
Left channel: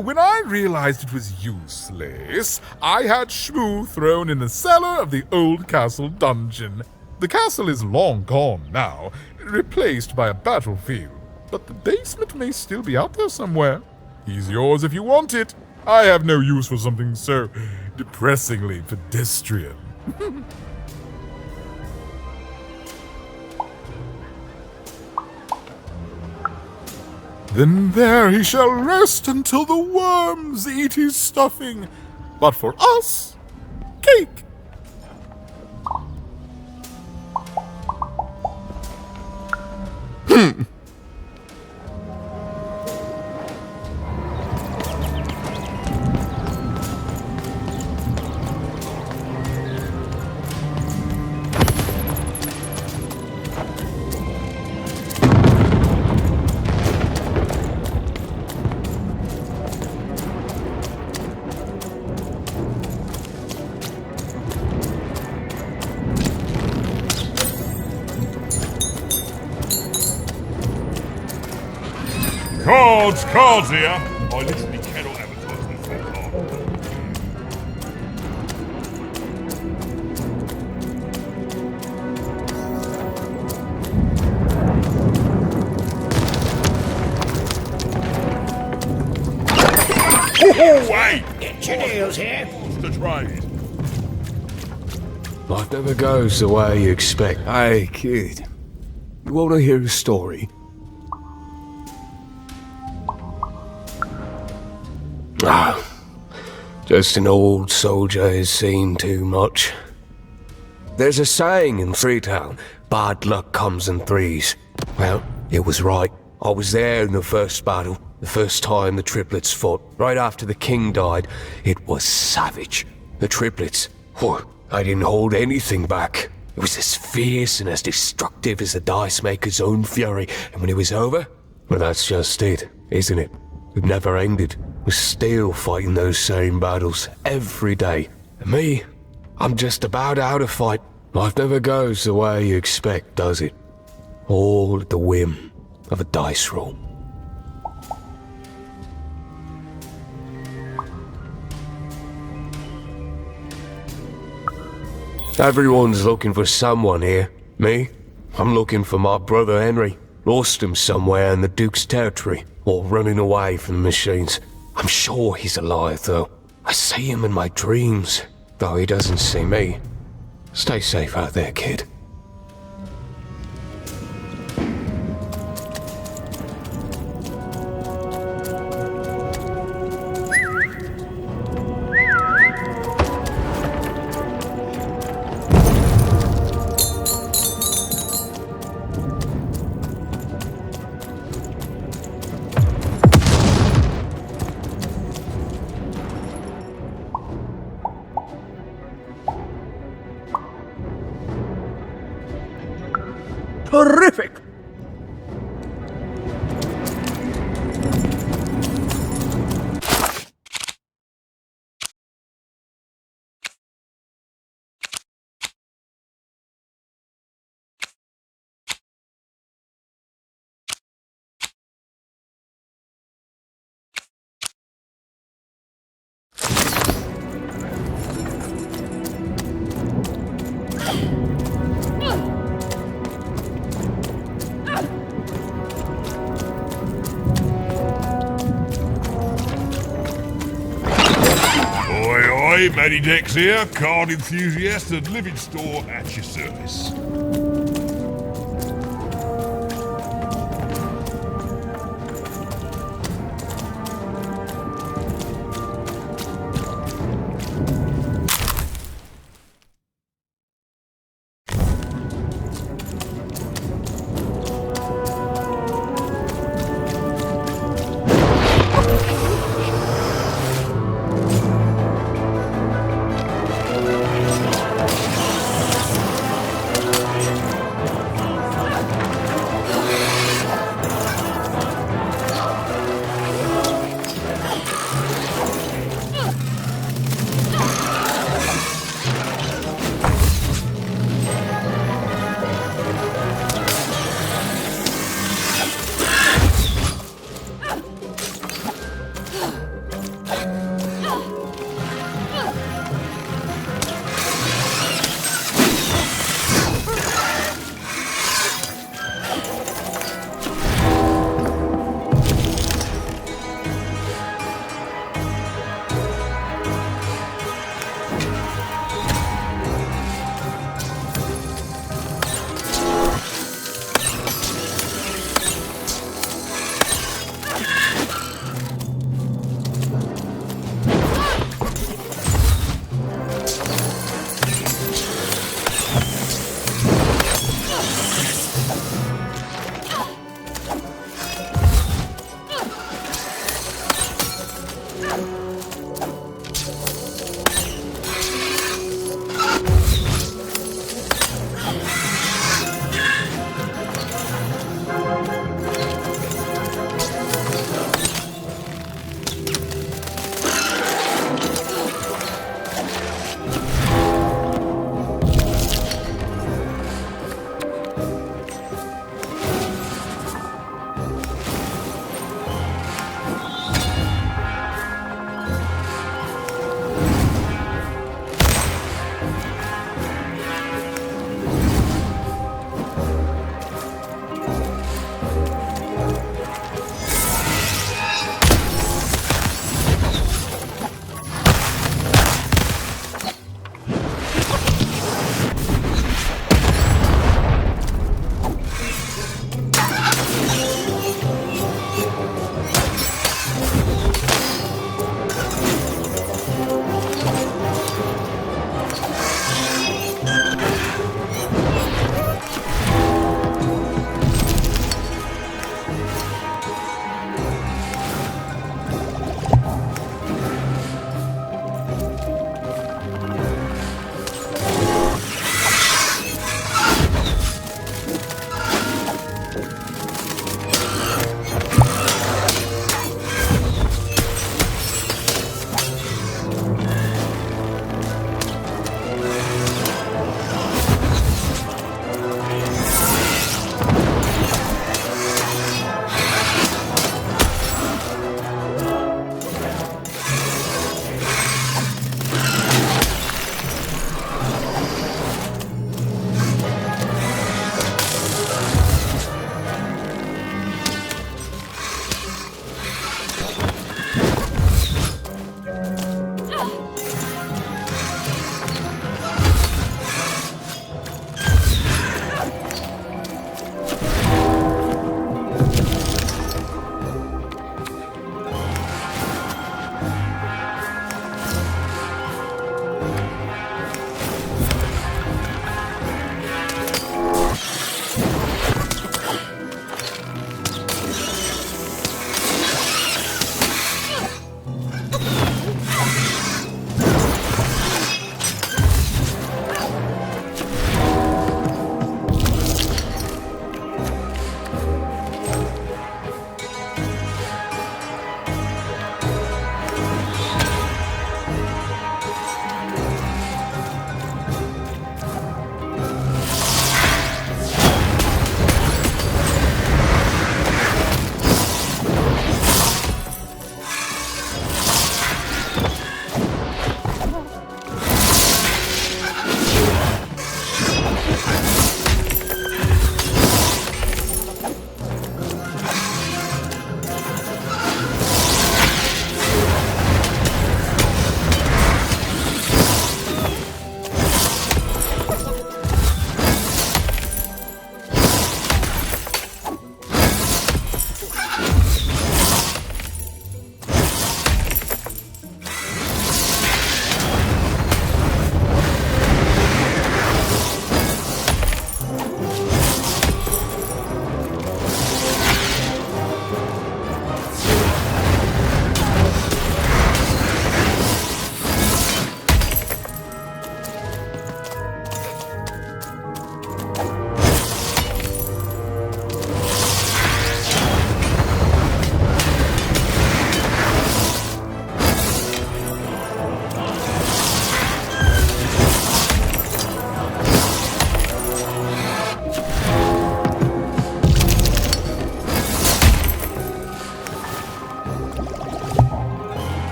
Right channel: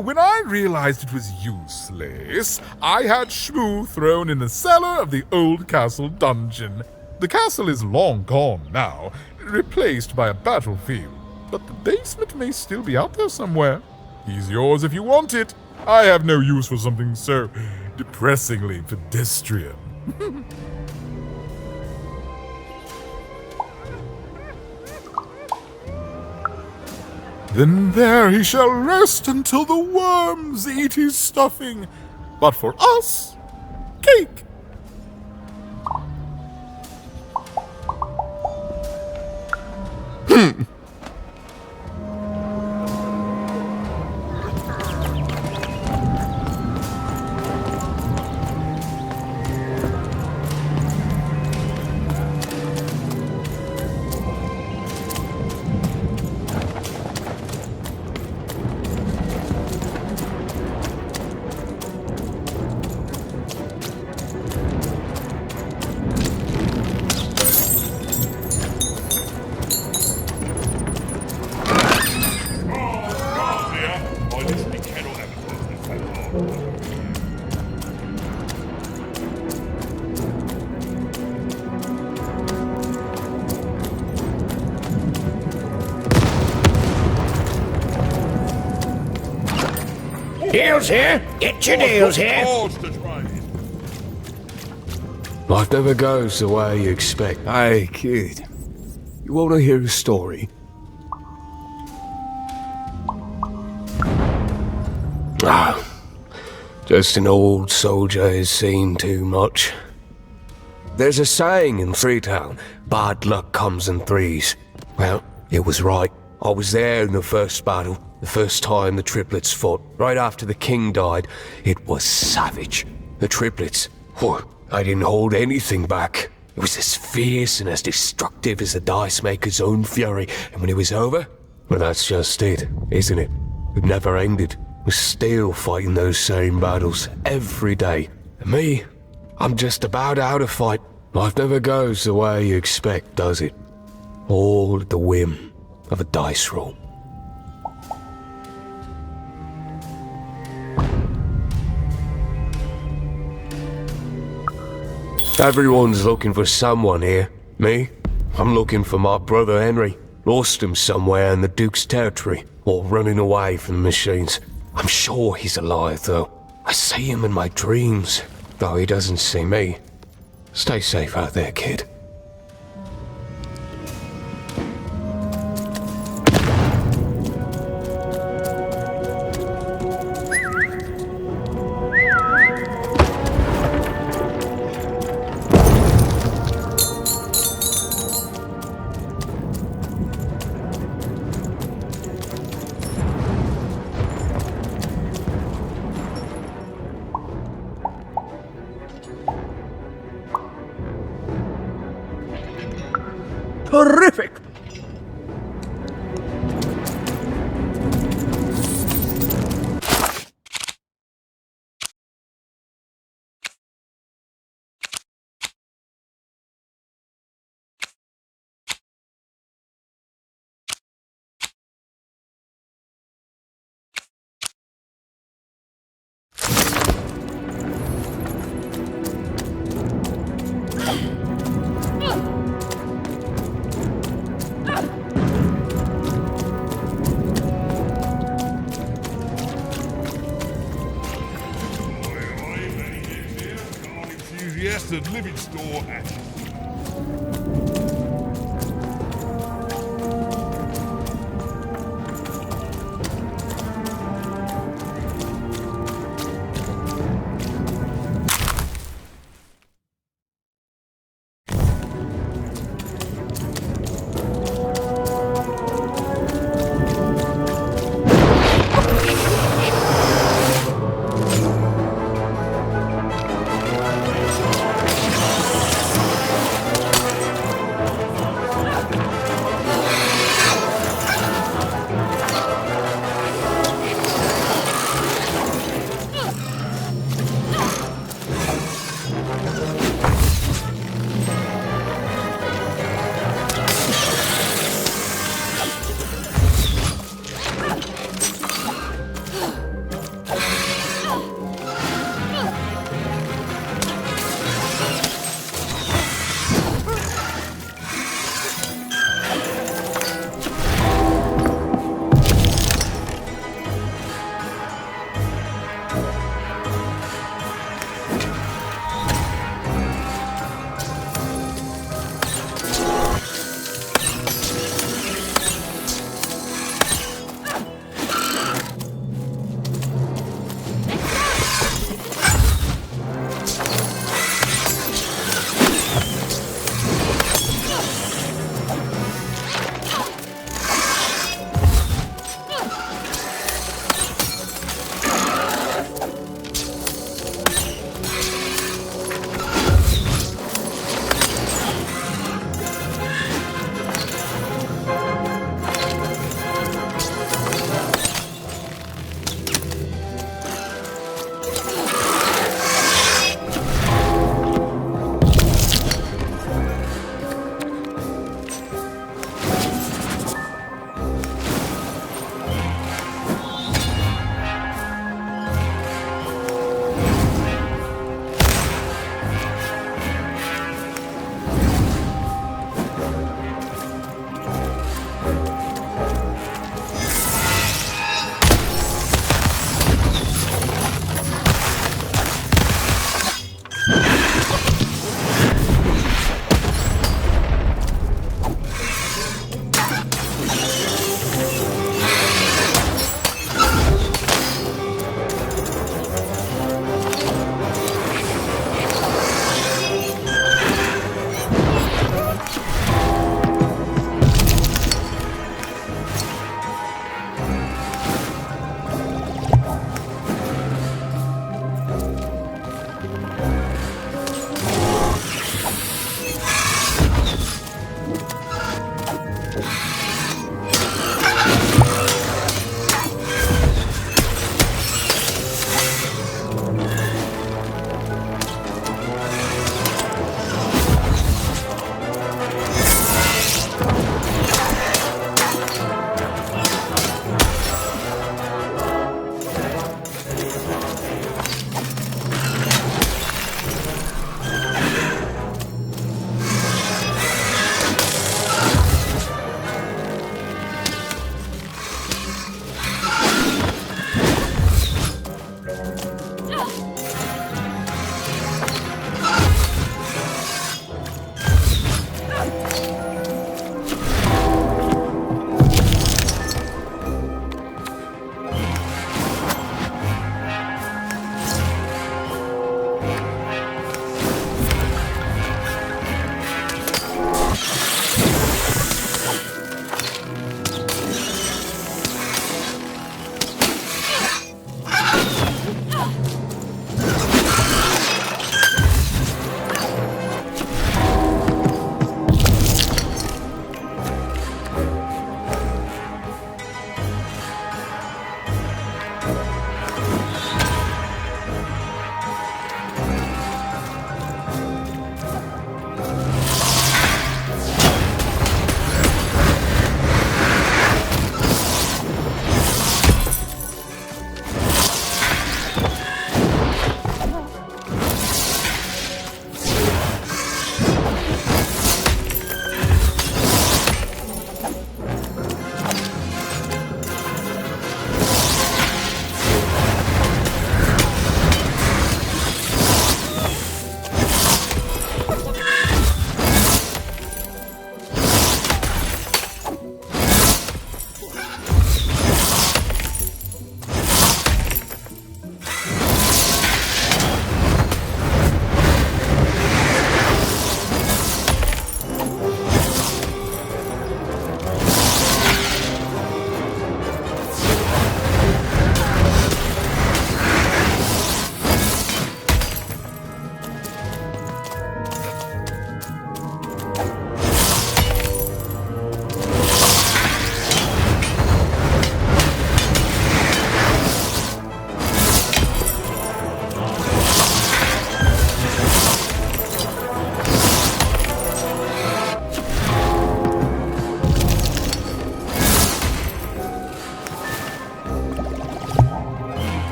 When I realized it was useless, I had Shmoo thrown in the cellar of the old castle dungeon. The castle is long gone now, replaced by a battlefield, but the basement may still be out there somewhere. He's yours if you want it. I have no use for something so depressingly pedestrian. Then there he shall rest until the worms eat his stuffing. But for us, cake. Cards here. I literally cannot advertise this that hard. Deals here. Get your deals here. Life never goes the way you expect. Hey, kid. You want to hear a story? Ah, just an old soldier who's seen too much. There's a saying in Freetown, bad luck comes in threes. Well, it was right. I was there in the first battle, the first time the triplets fought. Right after the king died, it was savage. The triplets, I didn't hold anything back. It was as fierce and as destructive as the dice maker's own fury. And when it was over, well, that's just it, isn't it? It never ended. We're still fighting those same battles every day. And me, I'm just about out of fight. Life never goes the way you expect, does it? All at the whim of a dice roll. Everyone's looking for someone here. Me? I'm looking for my brother Henry. Lost him somewhere in the Duke's territory, or running away from the machines. I'm sure he's alive, though. I see him in my dreams, though he doesn't see me. Stay safe out there, kid. Terrific! Matty Dex here, card enthusiast and living store at your service.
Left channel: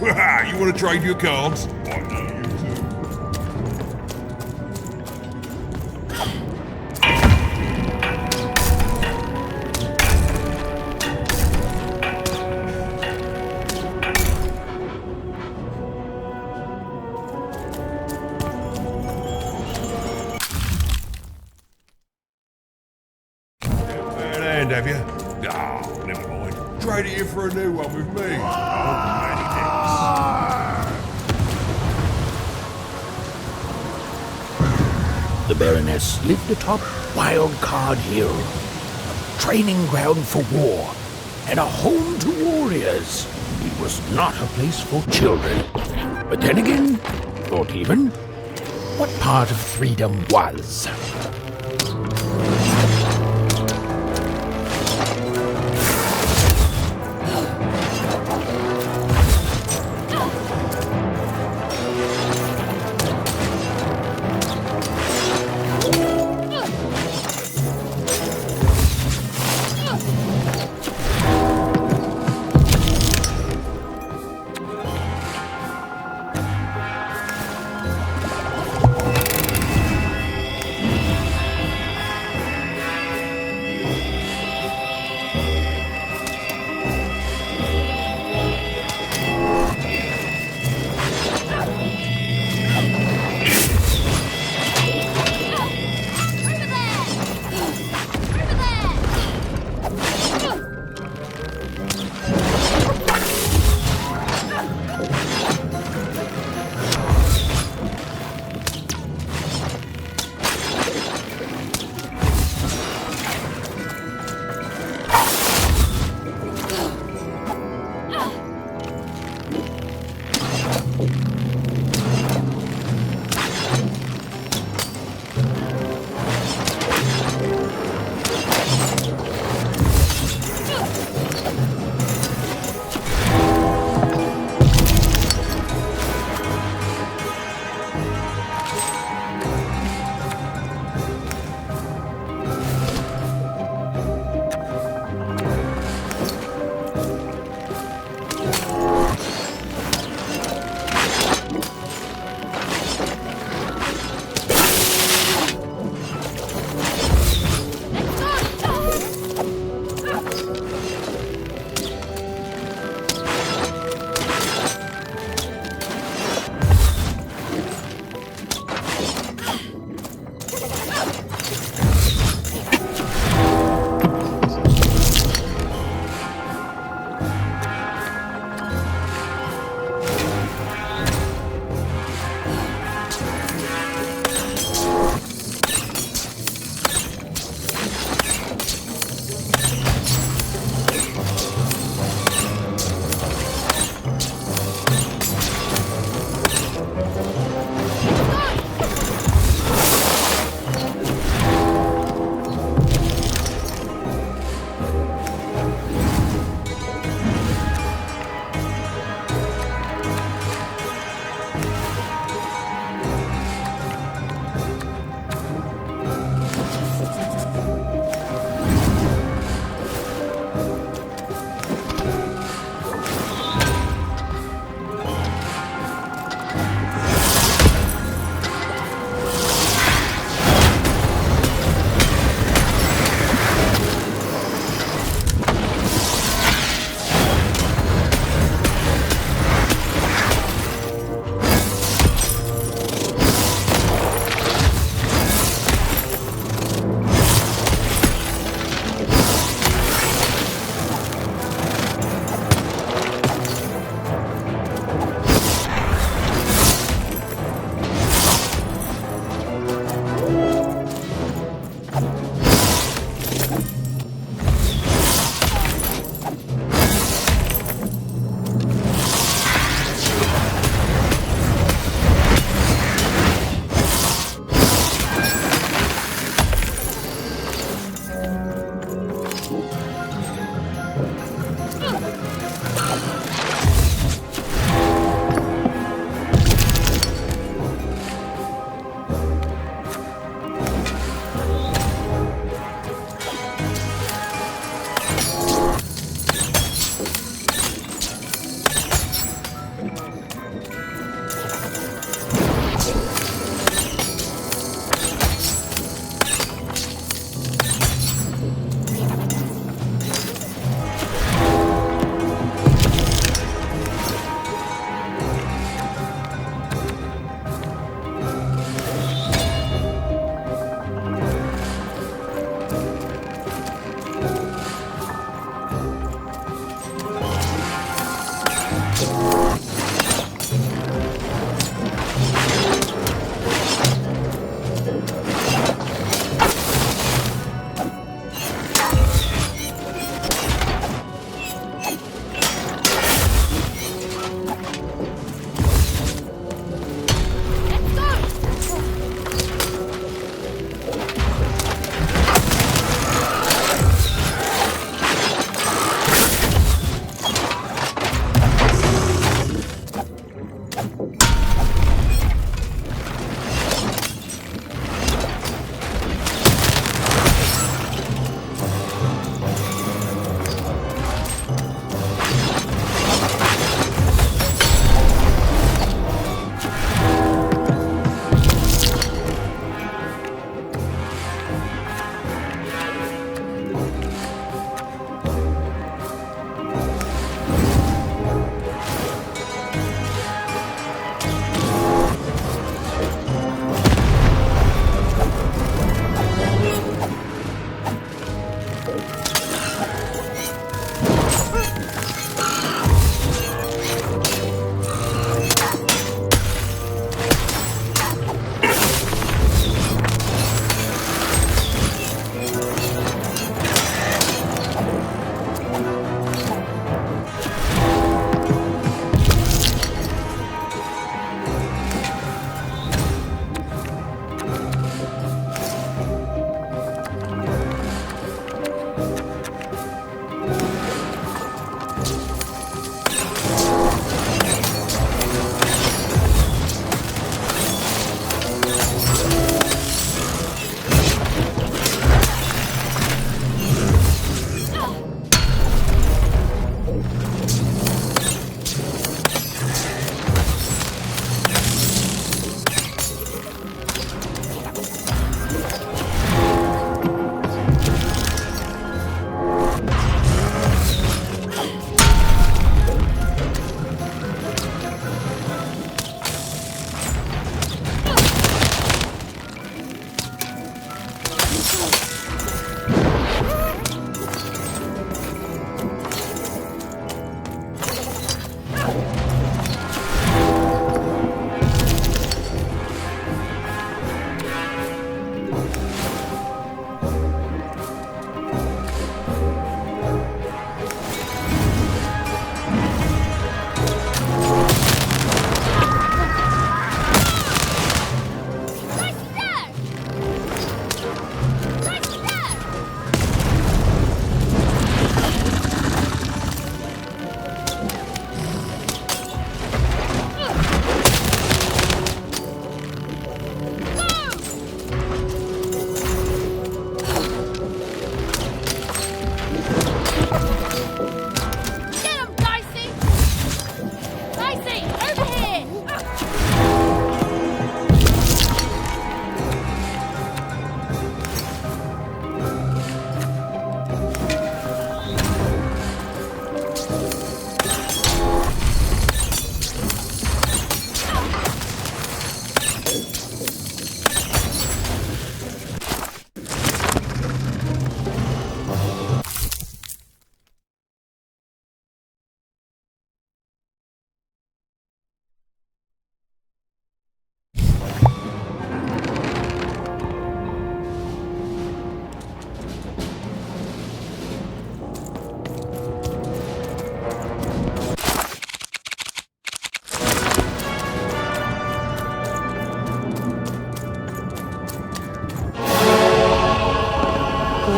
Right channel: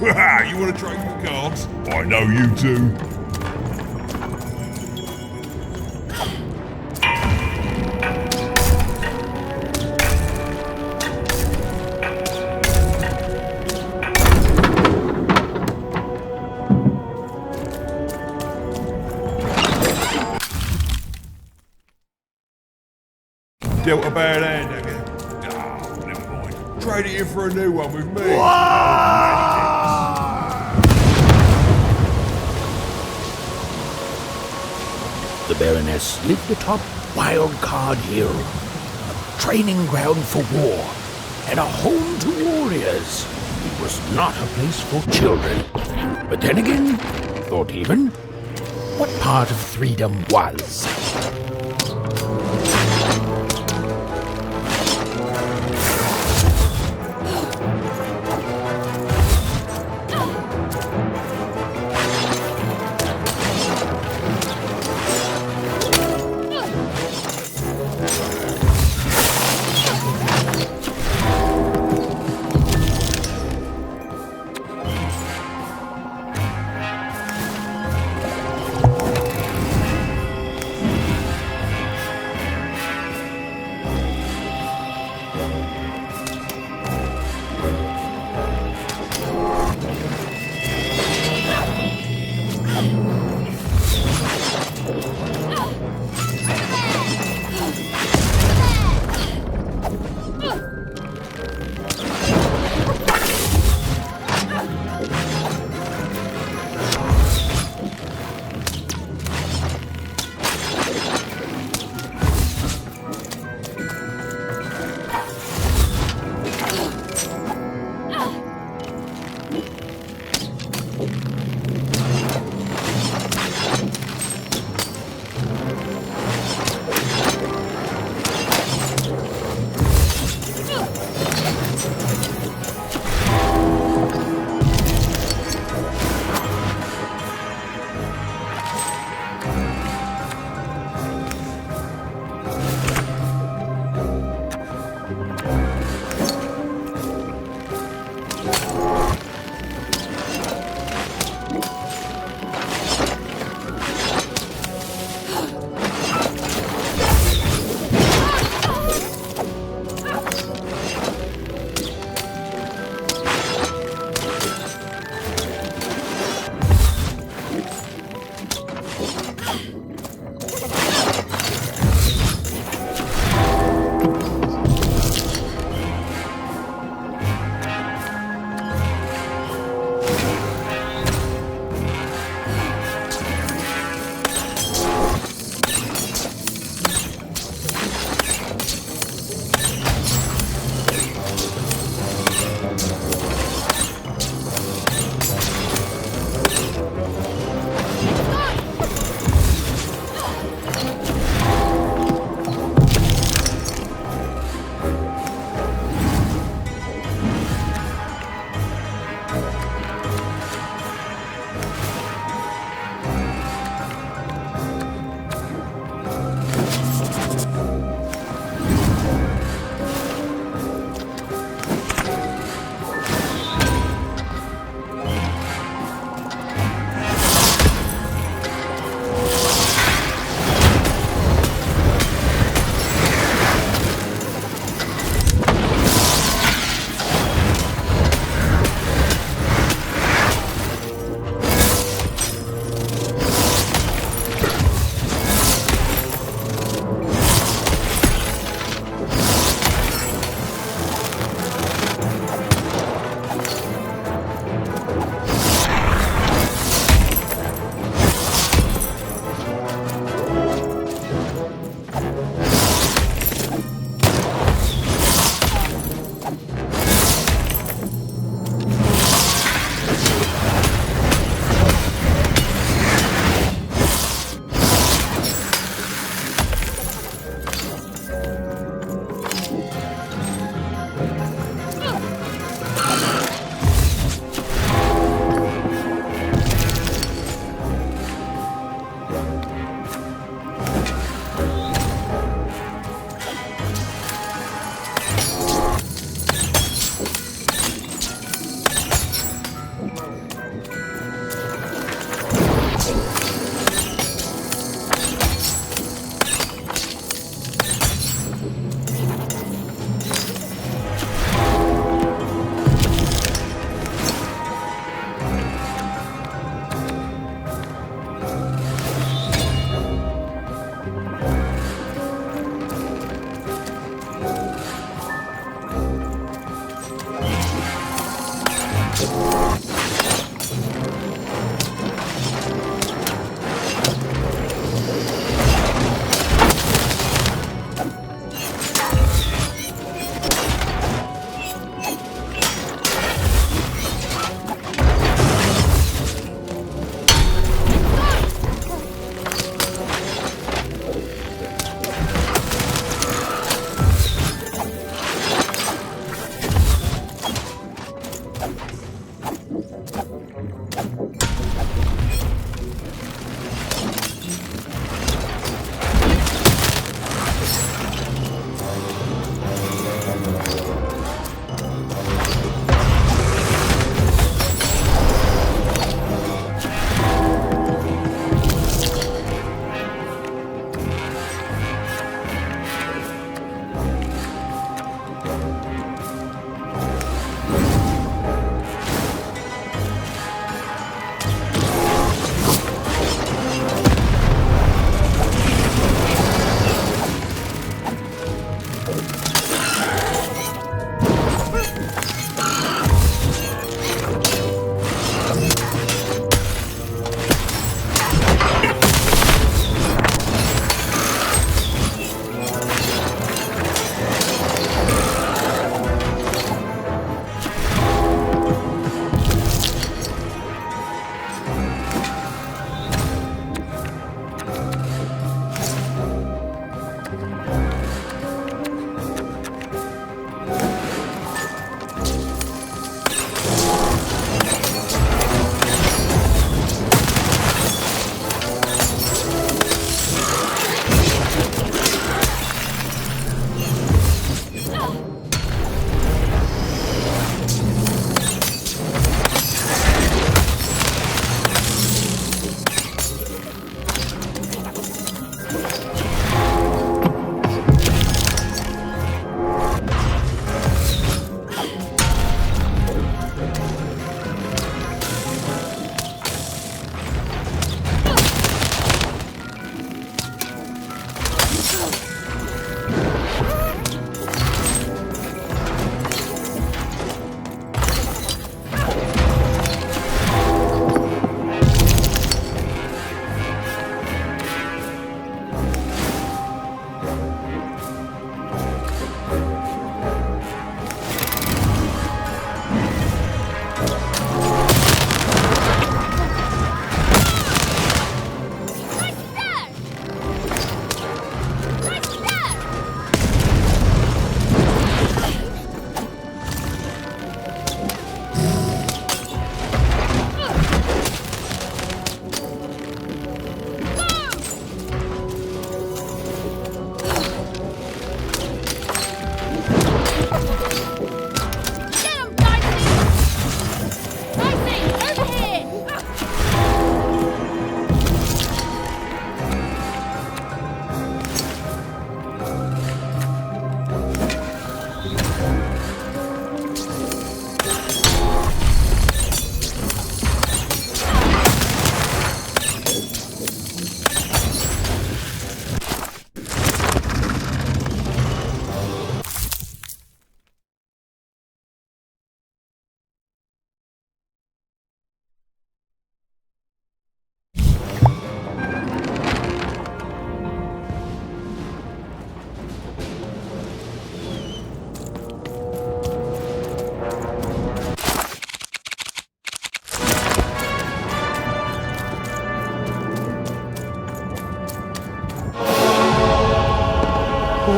You want to trade your cards? I know you do. Dealt a bad hand, have you? Oh, never mind. Trade it in for a new one with me. The Baroness lived atop Wildcard Hill, a training ground for war, and a home to warriors. It was not a place for children. But then again, thought even, what part of freedom was?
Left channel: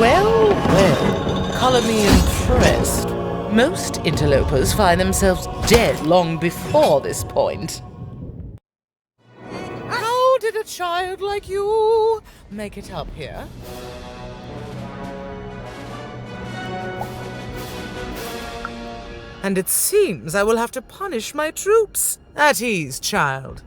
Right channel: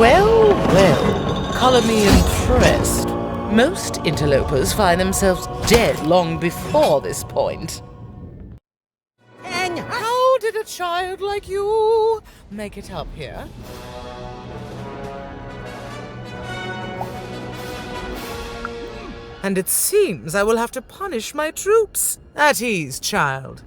Well, well, colour me impressed. Most interlopers find themselves dead long before this point. And how did a child like you make it up here? And it seems I will have to punish my troops. At ease, child.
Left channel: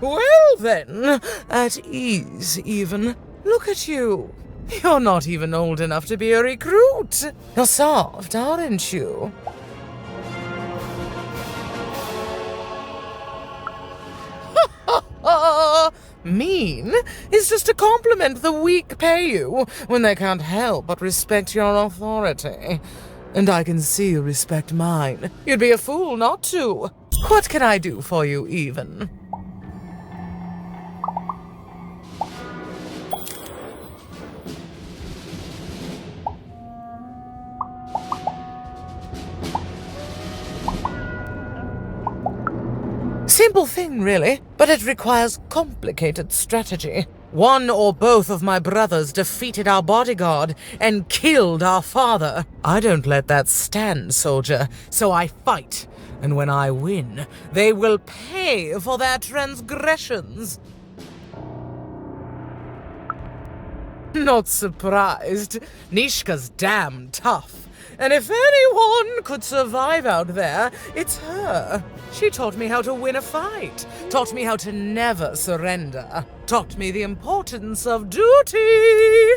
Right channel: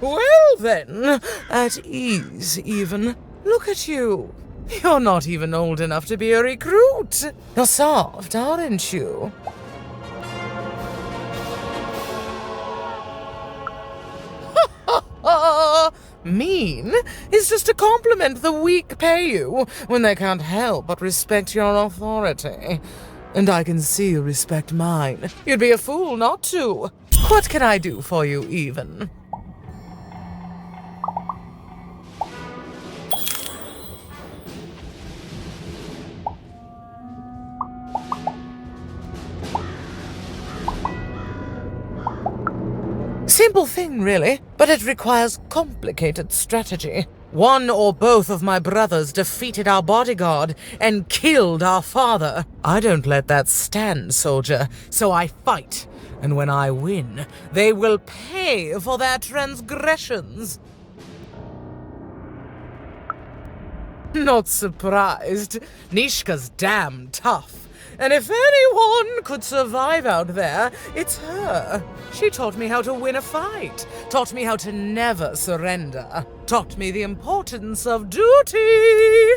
Well then, at ease even. Look at you. You're not even old enough to be a recruit. You're soft, aren't you? Mean is just a compliment the weak pay you when they can't help but respect your authority. And I can see you respect mine. You'd be a fool not to. What can I do for you, even? Simple thing, really, but it requires complicated strategy. One or both of my brothers defeated our bodyguard and killed our father. I don't let that stand, soldier, so I fight. And when I win, they will pay for their transgressions. Not surprised. Nishka's damn tough. And if anyone could survive out there, it's her. She taught me how to win a fight, taught me how to never surrender, taught me the importance of duty.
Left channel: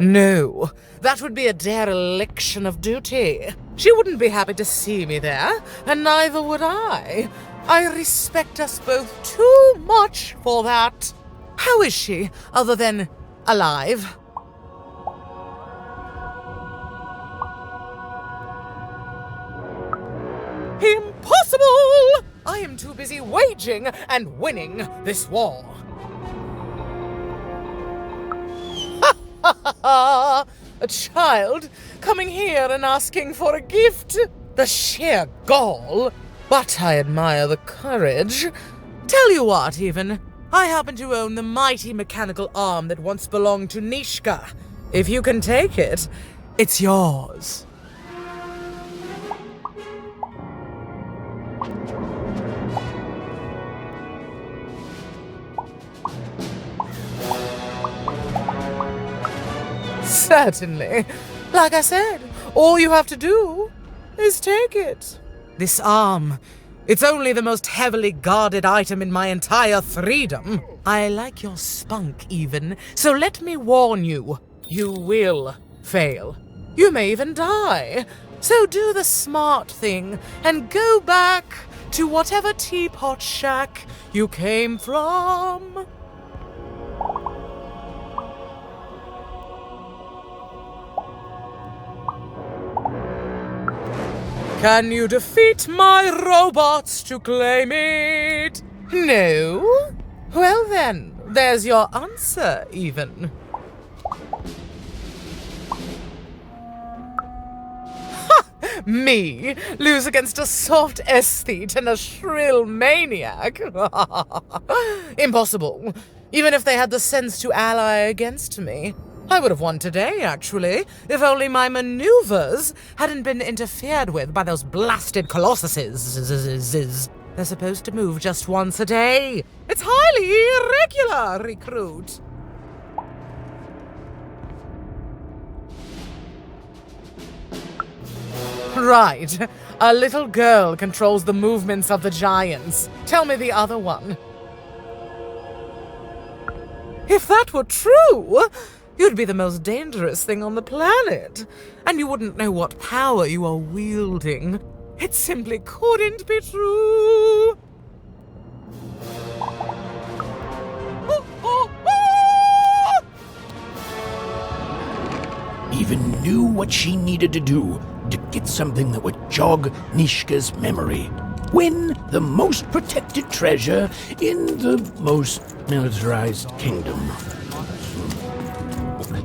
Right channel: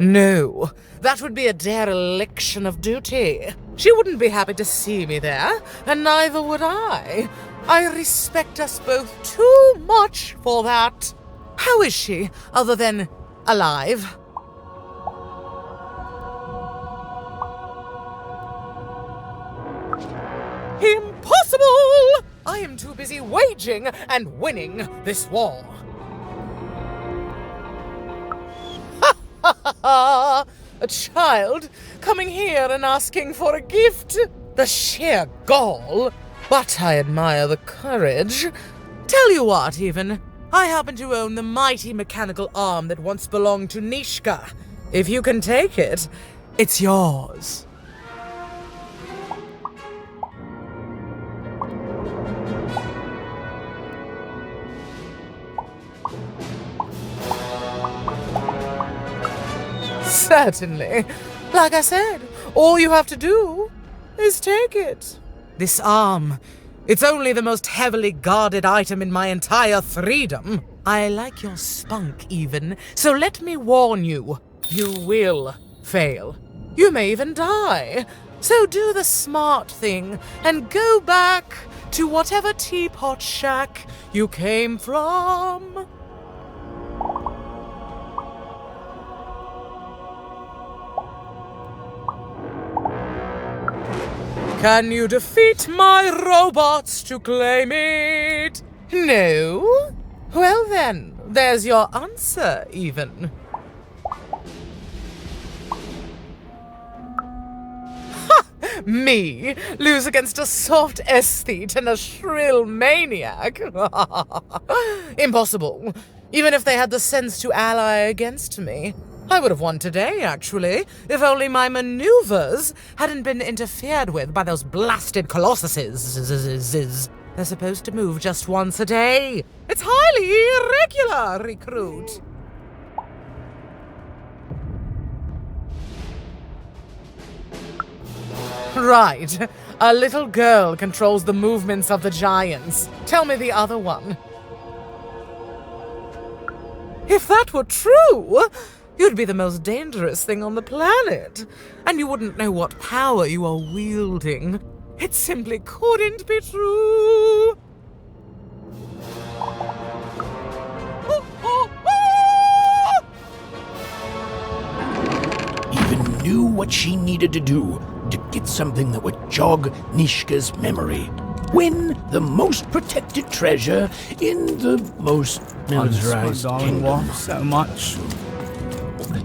No, that would be a dereliction of duty. She wouldn't be happy to see me there, and neither would I. I respect us both too much for that. How is she, other than alive? Impossible! I am too busy waging and winning this war. A child coming here and asking for a gift? The sheer gall. But I admire the courage. Tell you what, even. I happen to own the mighty mechanical arm that once belonged to Nishka. If you can take it, it's yours. Certainly. Like I said, all you have to do is take it. This arm, it's only the most heavily guarded item in my entire freedom. I like your spunk, even, so let me warn you. You will fail. You may even die. So do the smart thing and go back to whatever teapot shack you came from. Can you defeat my robots to claim it? No? Well then, there's your answer, even. Ha! Me lose against a soft aesthete and a shrill maniac? Impossible. Even if they had the sense to ally against me. I would have won today, actually, if only my maneuvers hadn't been interfered with by those blasted colossuses. They're supposed to move just once a day. It's highly irregular, recruit. Right. A little girl controls the movements of the giants. Tell me the other one. If that were true, you'd be the most dangerous thing on the planet, and you wouldn't know what power you are wielding. It simply couldn't be true. Even knew what she needed to do to get something that would jog Nishka's memory. Win the most protected treasure in the most militarized kingdom. So much.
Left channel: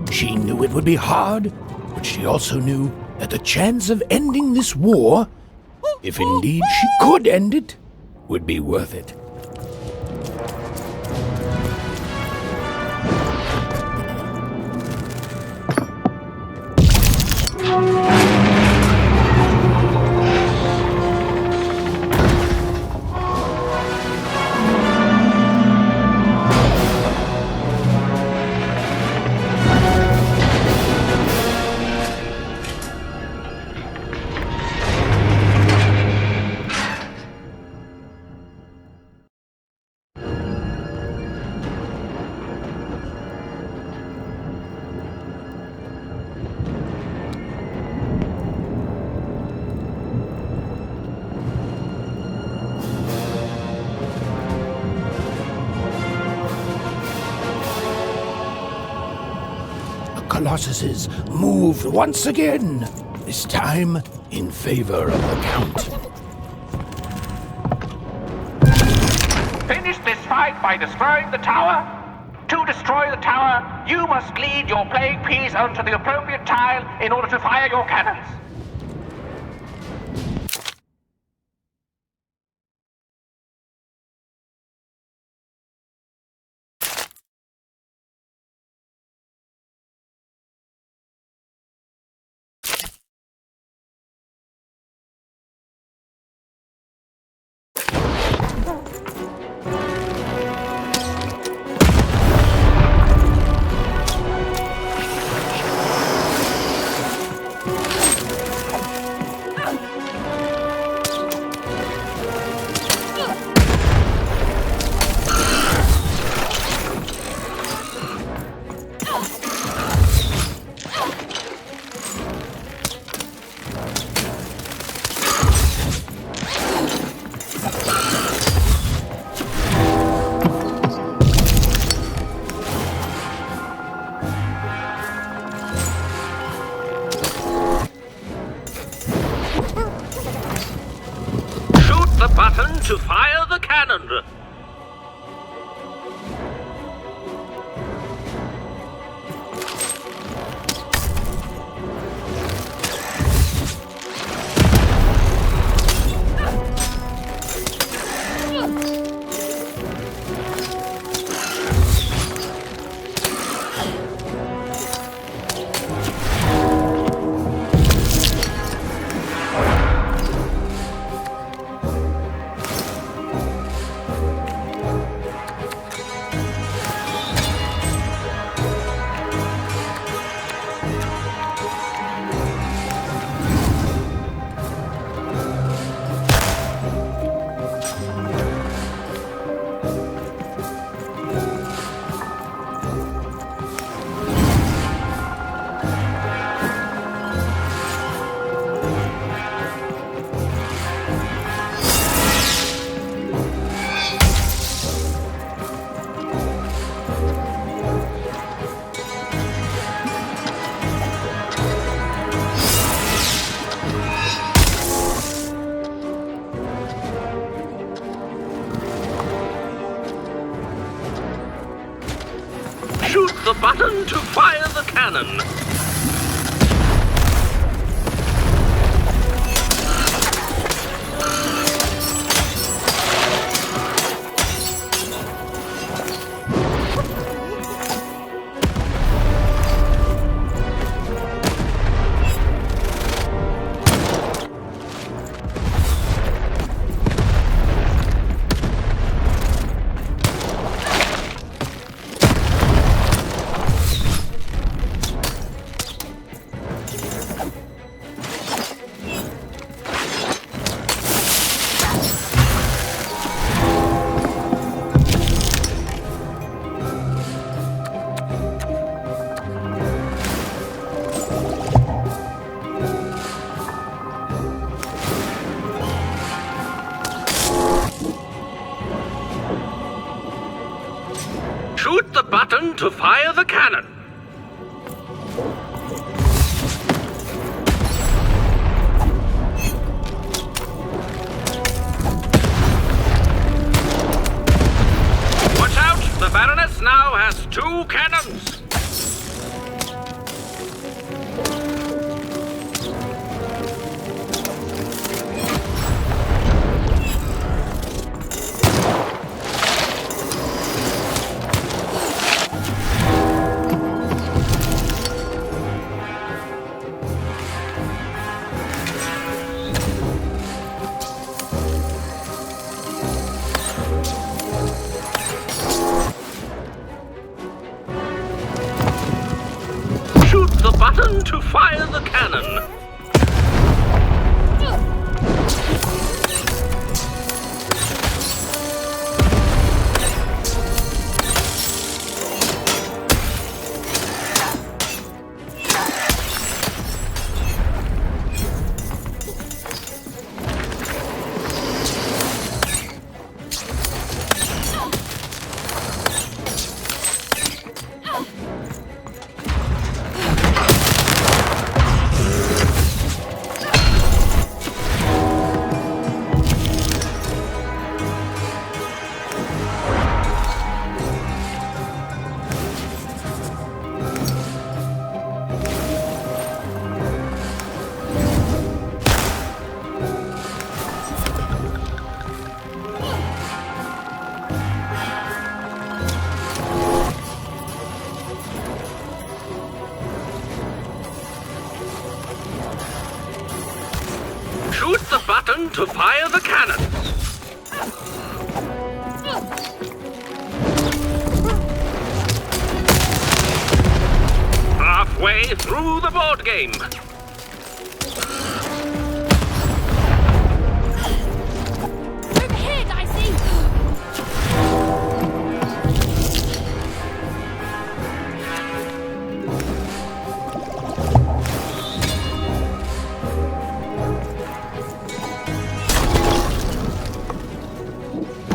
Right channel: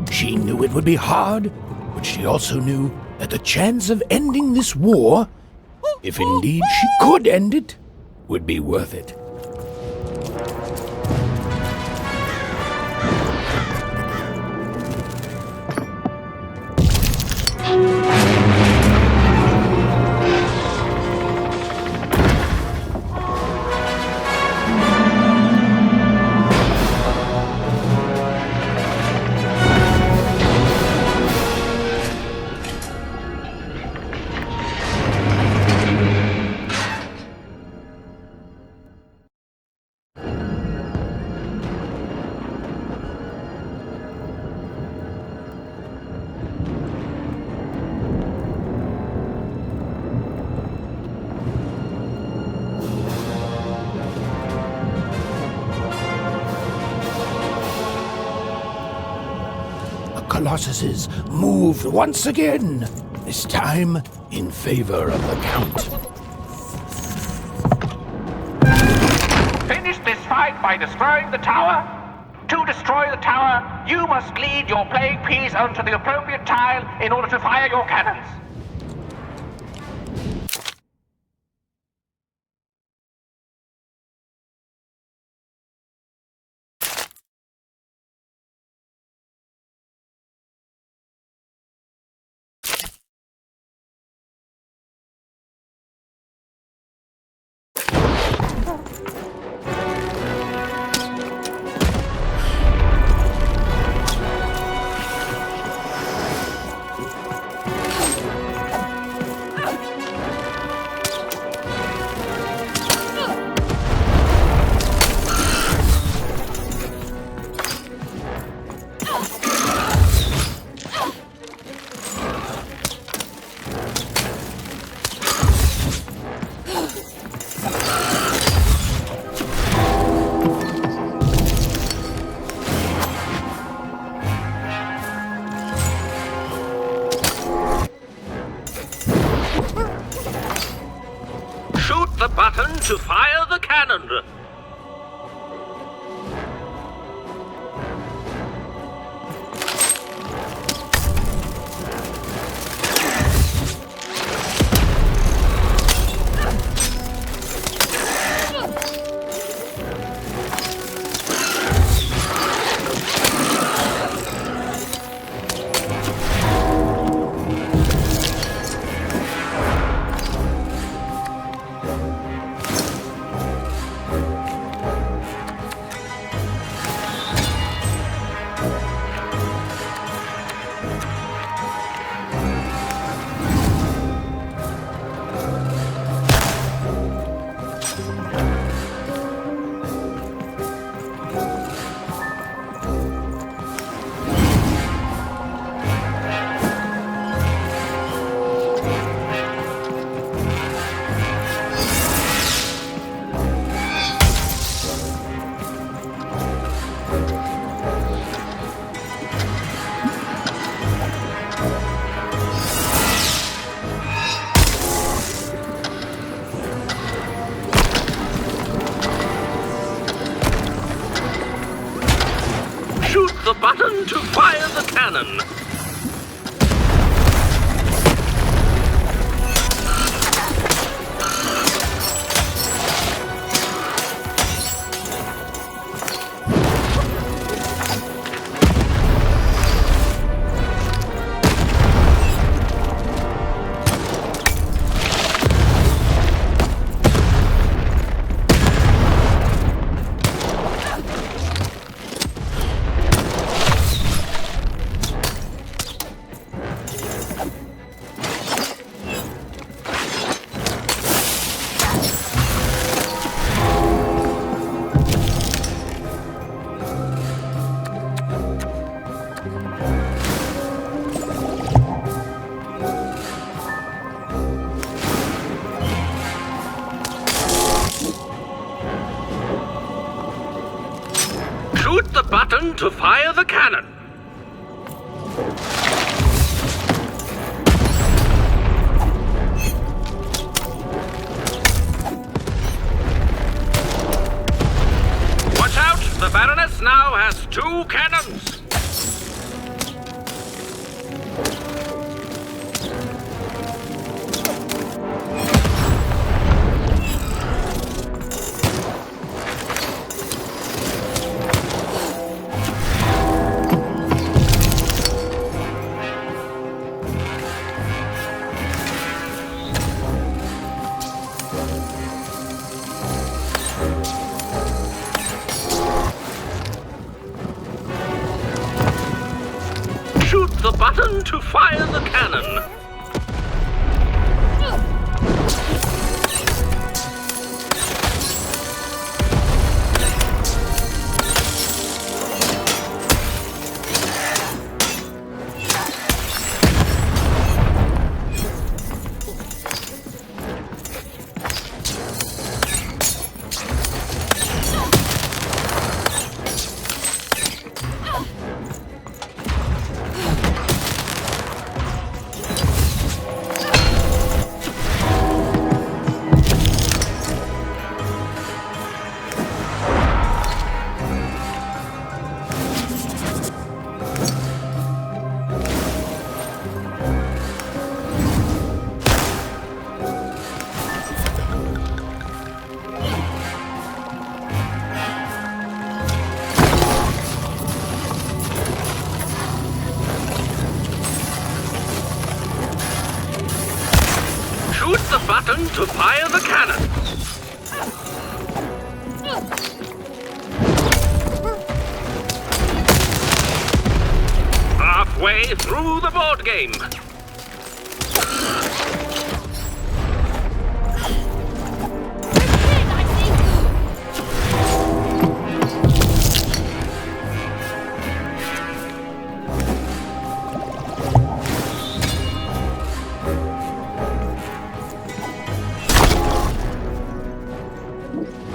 She knew it would be hard, but she also knew that the chance of ending this war, if indeed she could end it, would be worth it. colossuses moved once again, this time in favor of the Count. Finish this fight by destroying the tower. To destroy the tower, you must lead your plague piece onto the appropriate tile in order to fire your cannons. The button to fire the cannon. Shoot the button to fire the cannon. Shoot the button to fire the cannon. Watch out! The Baroness now has 2 cannons. Shoot the button to fire the cannon. button to fire the cannon. Halfway through the board game. Here, Dicey!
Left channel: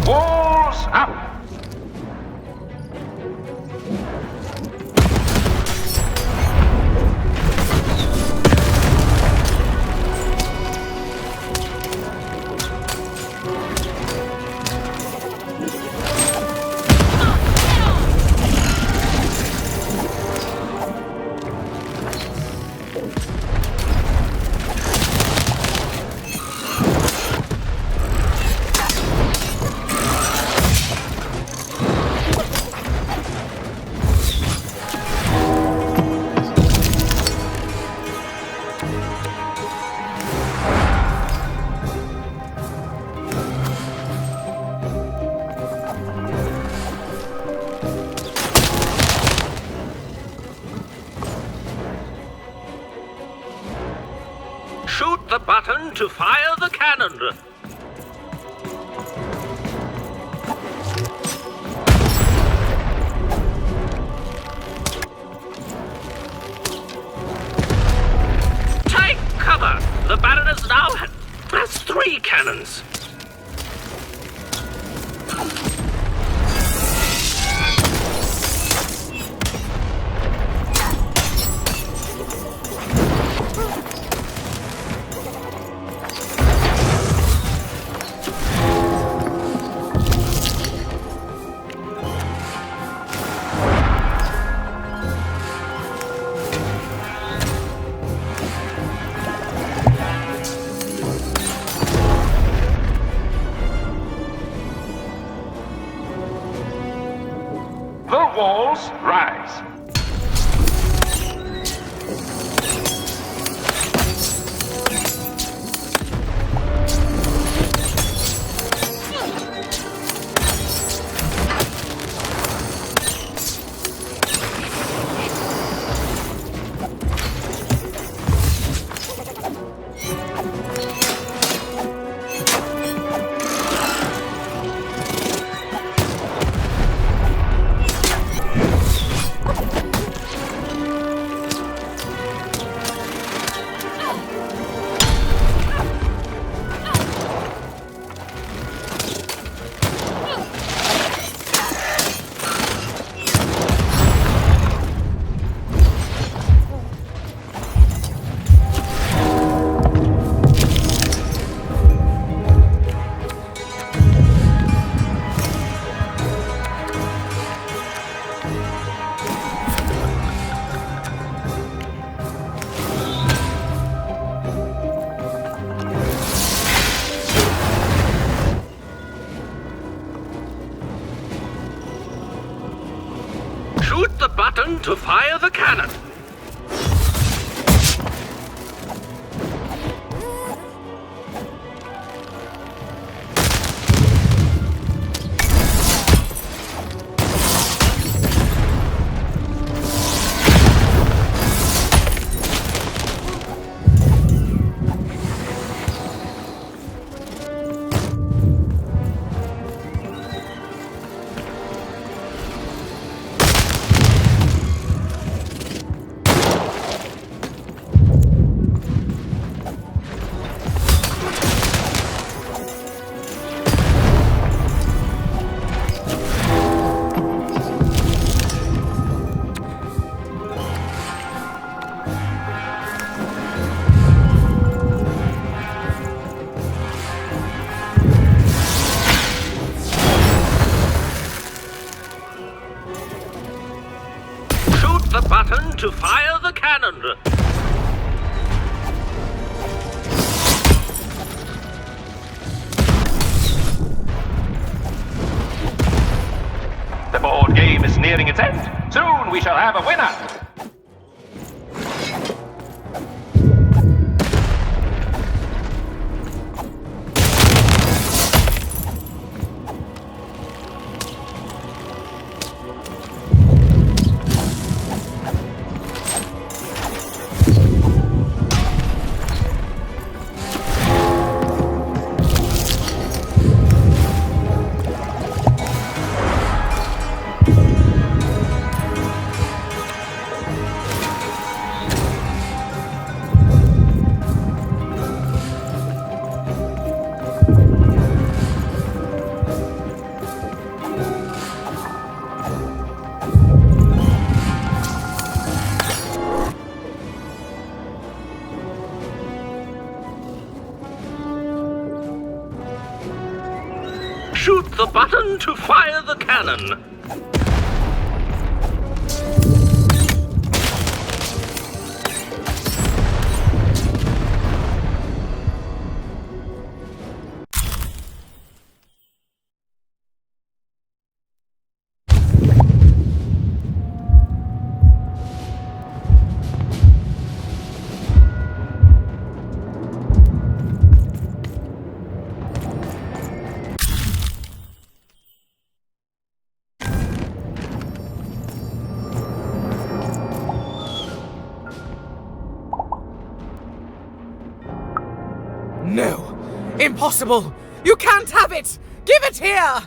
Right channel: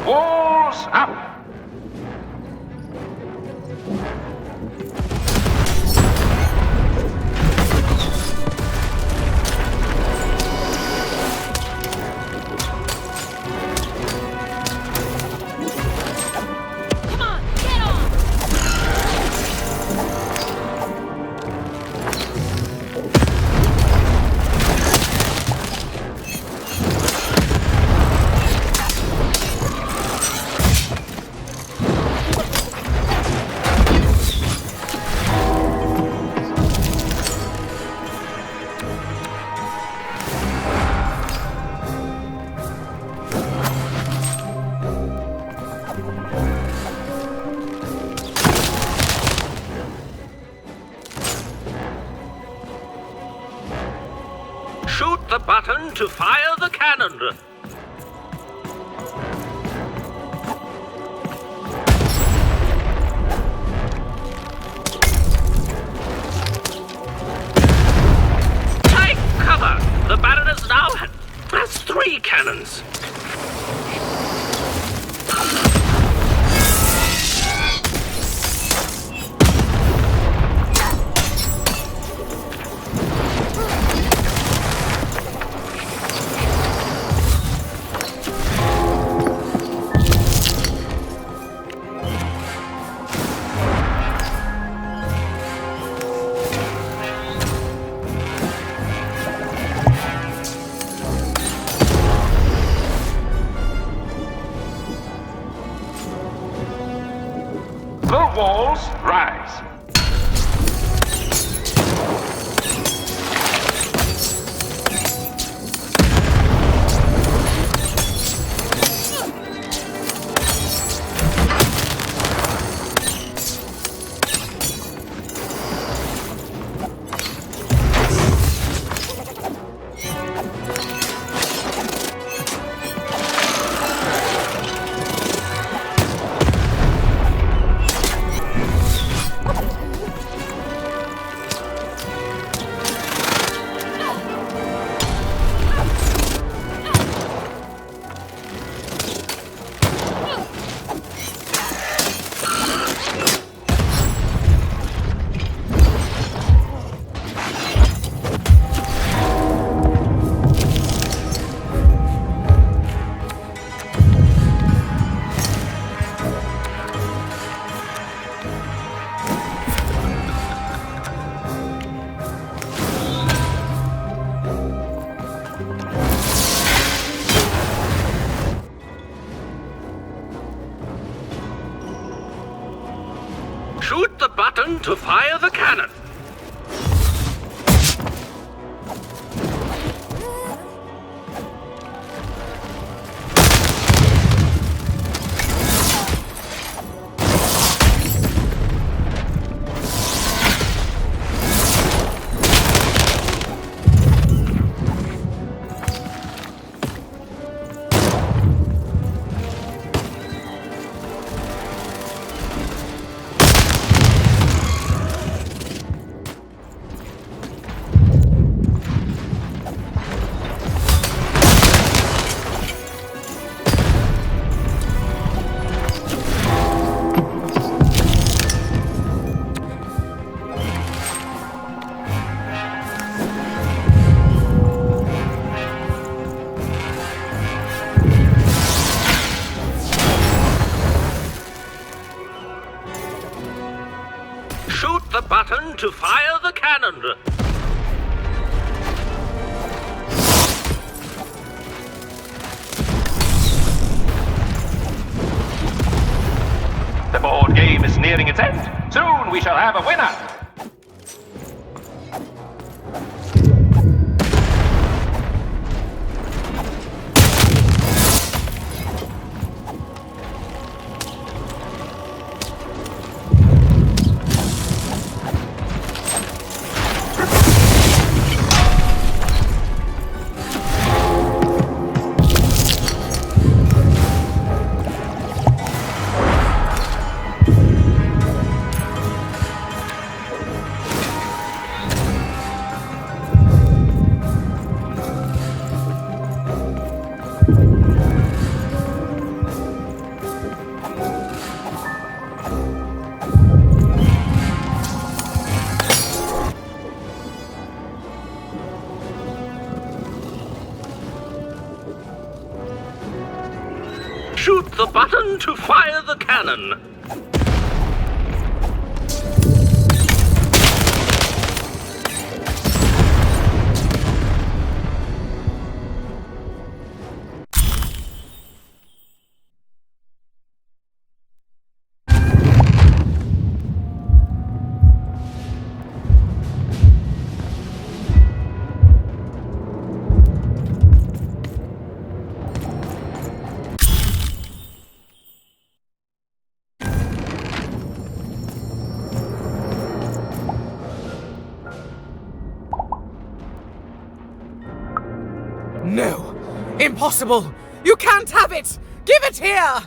Walls up! Shoot the button to fire the cannon. Take cover! The Baroness now has 3 cannons. The walls rise. Shoot the button to fire the cannon. The button to fire the cannon. The board game is nearing its end. Soon we shall have a winner. shoot the button to fire the cannon. No! Impossible! You can't have it! Give it here!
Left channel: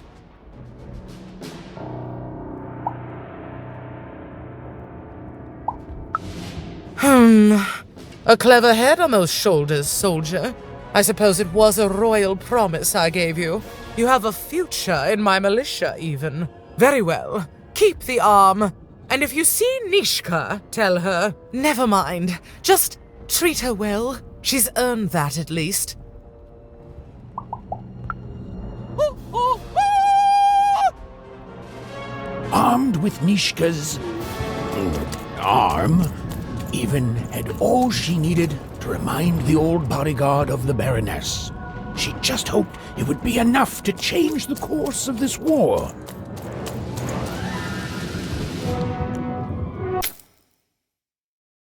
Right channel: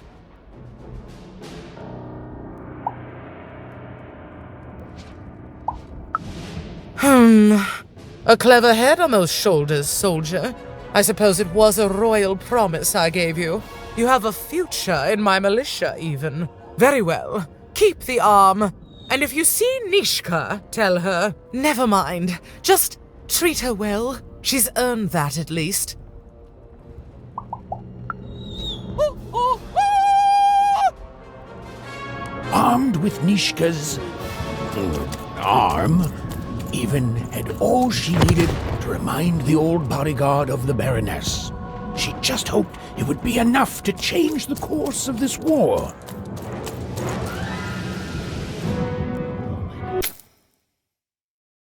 A clever head on those shoulders, soldier. I suppose it was a royal promise I gave you. You have a future in my militia, even. Very well. Keep the arm. And if you see Nishka, tell her, never mind. Just treat her well. She's earned that, at least. Armed with Nishka's arm, Even had all she needed to remind the old bodyguard of the Baroness. She just hoped it would be enough to change the course of this war.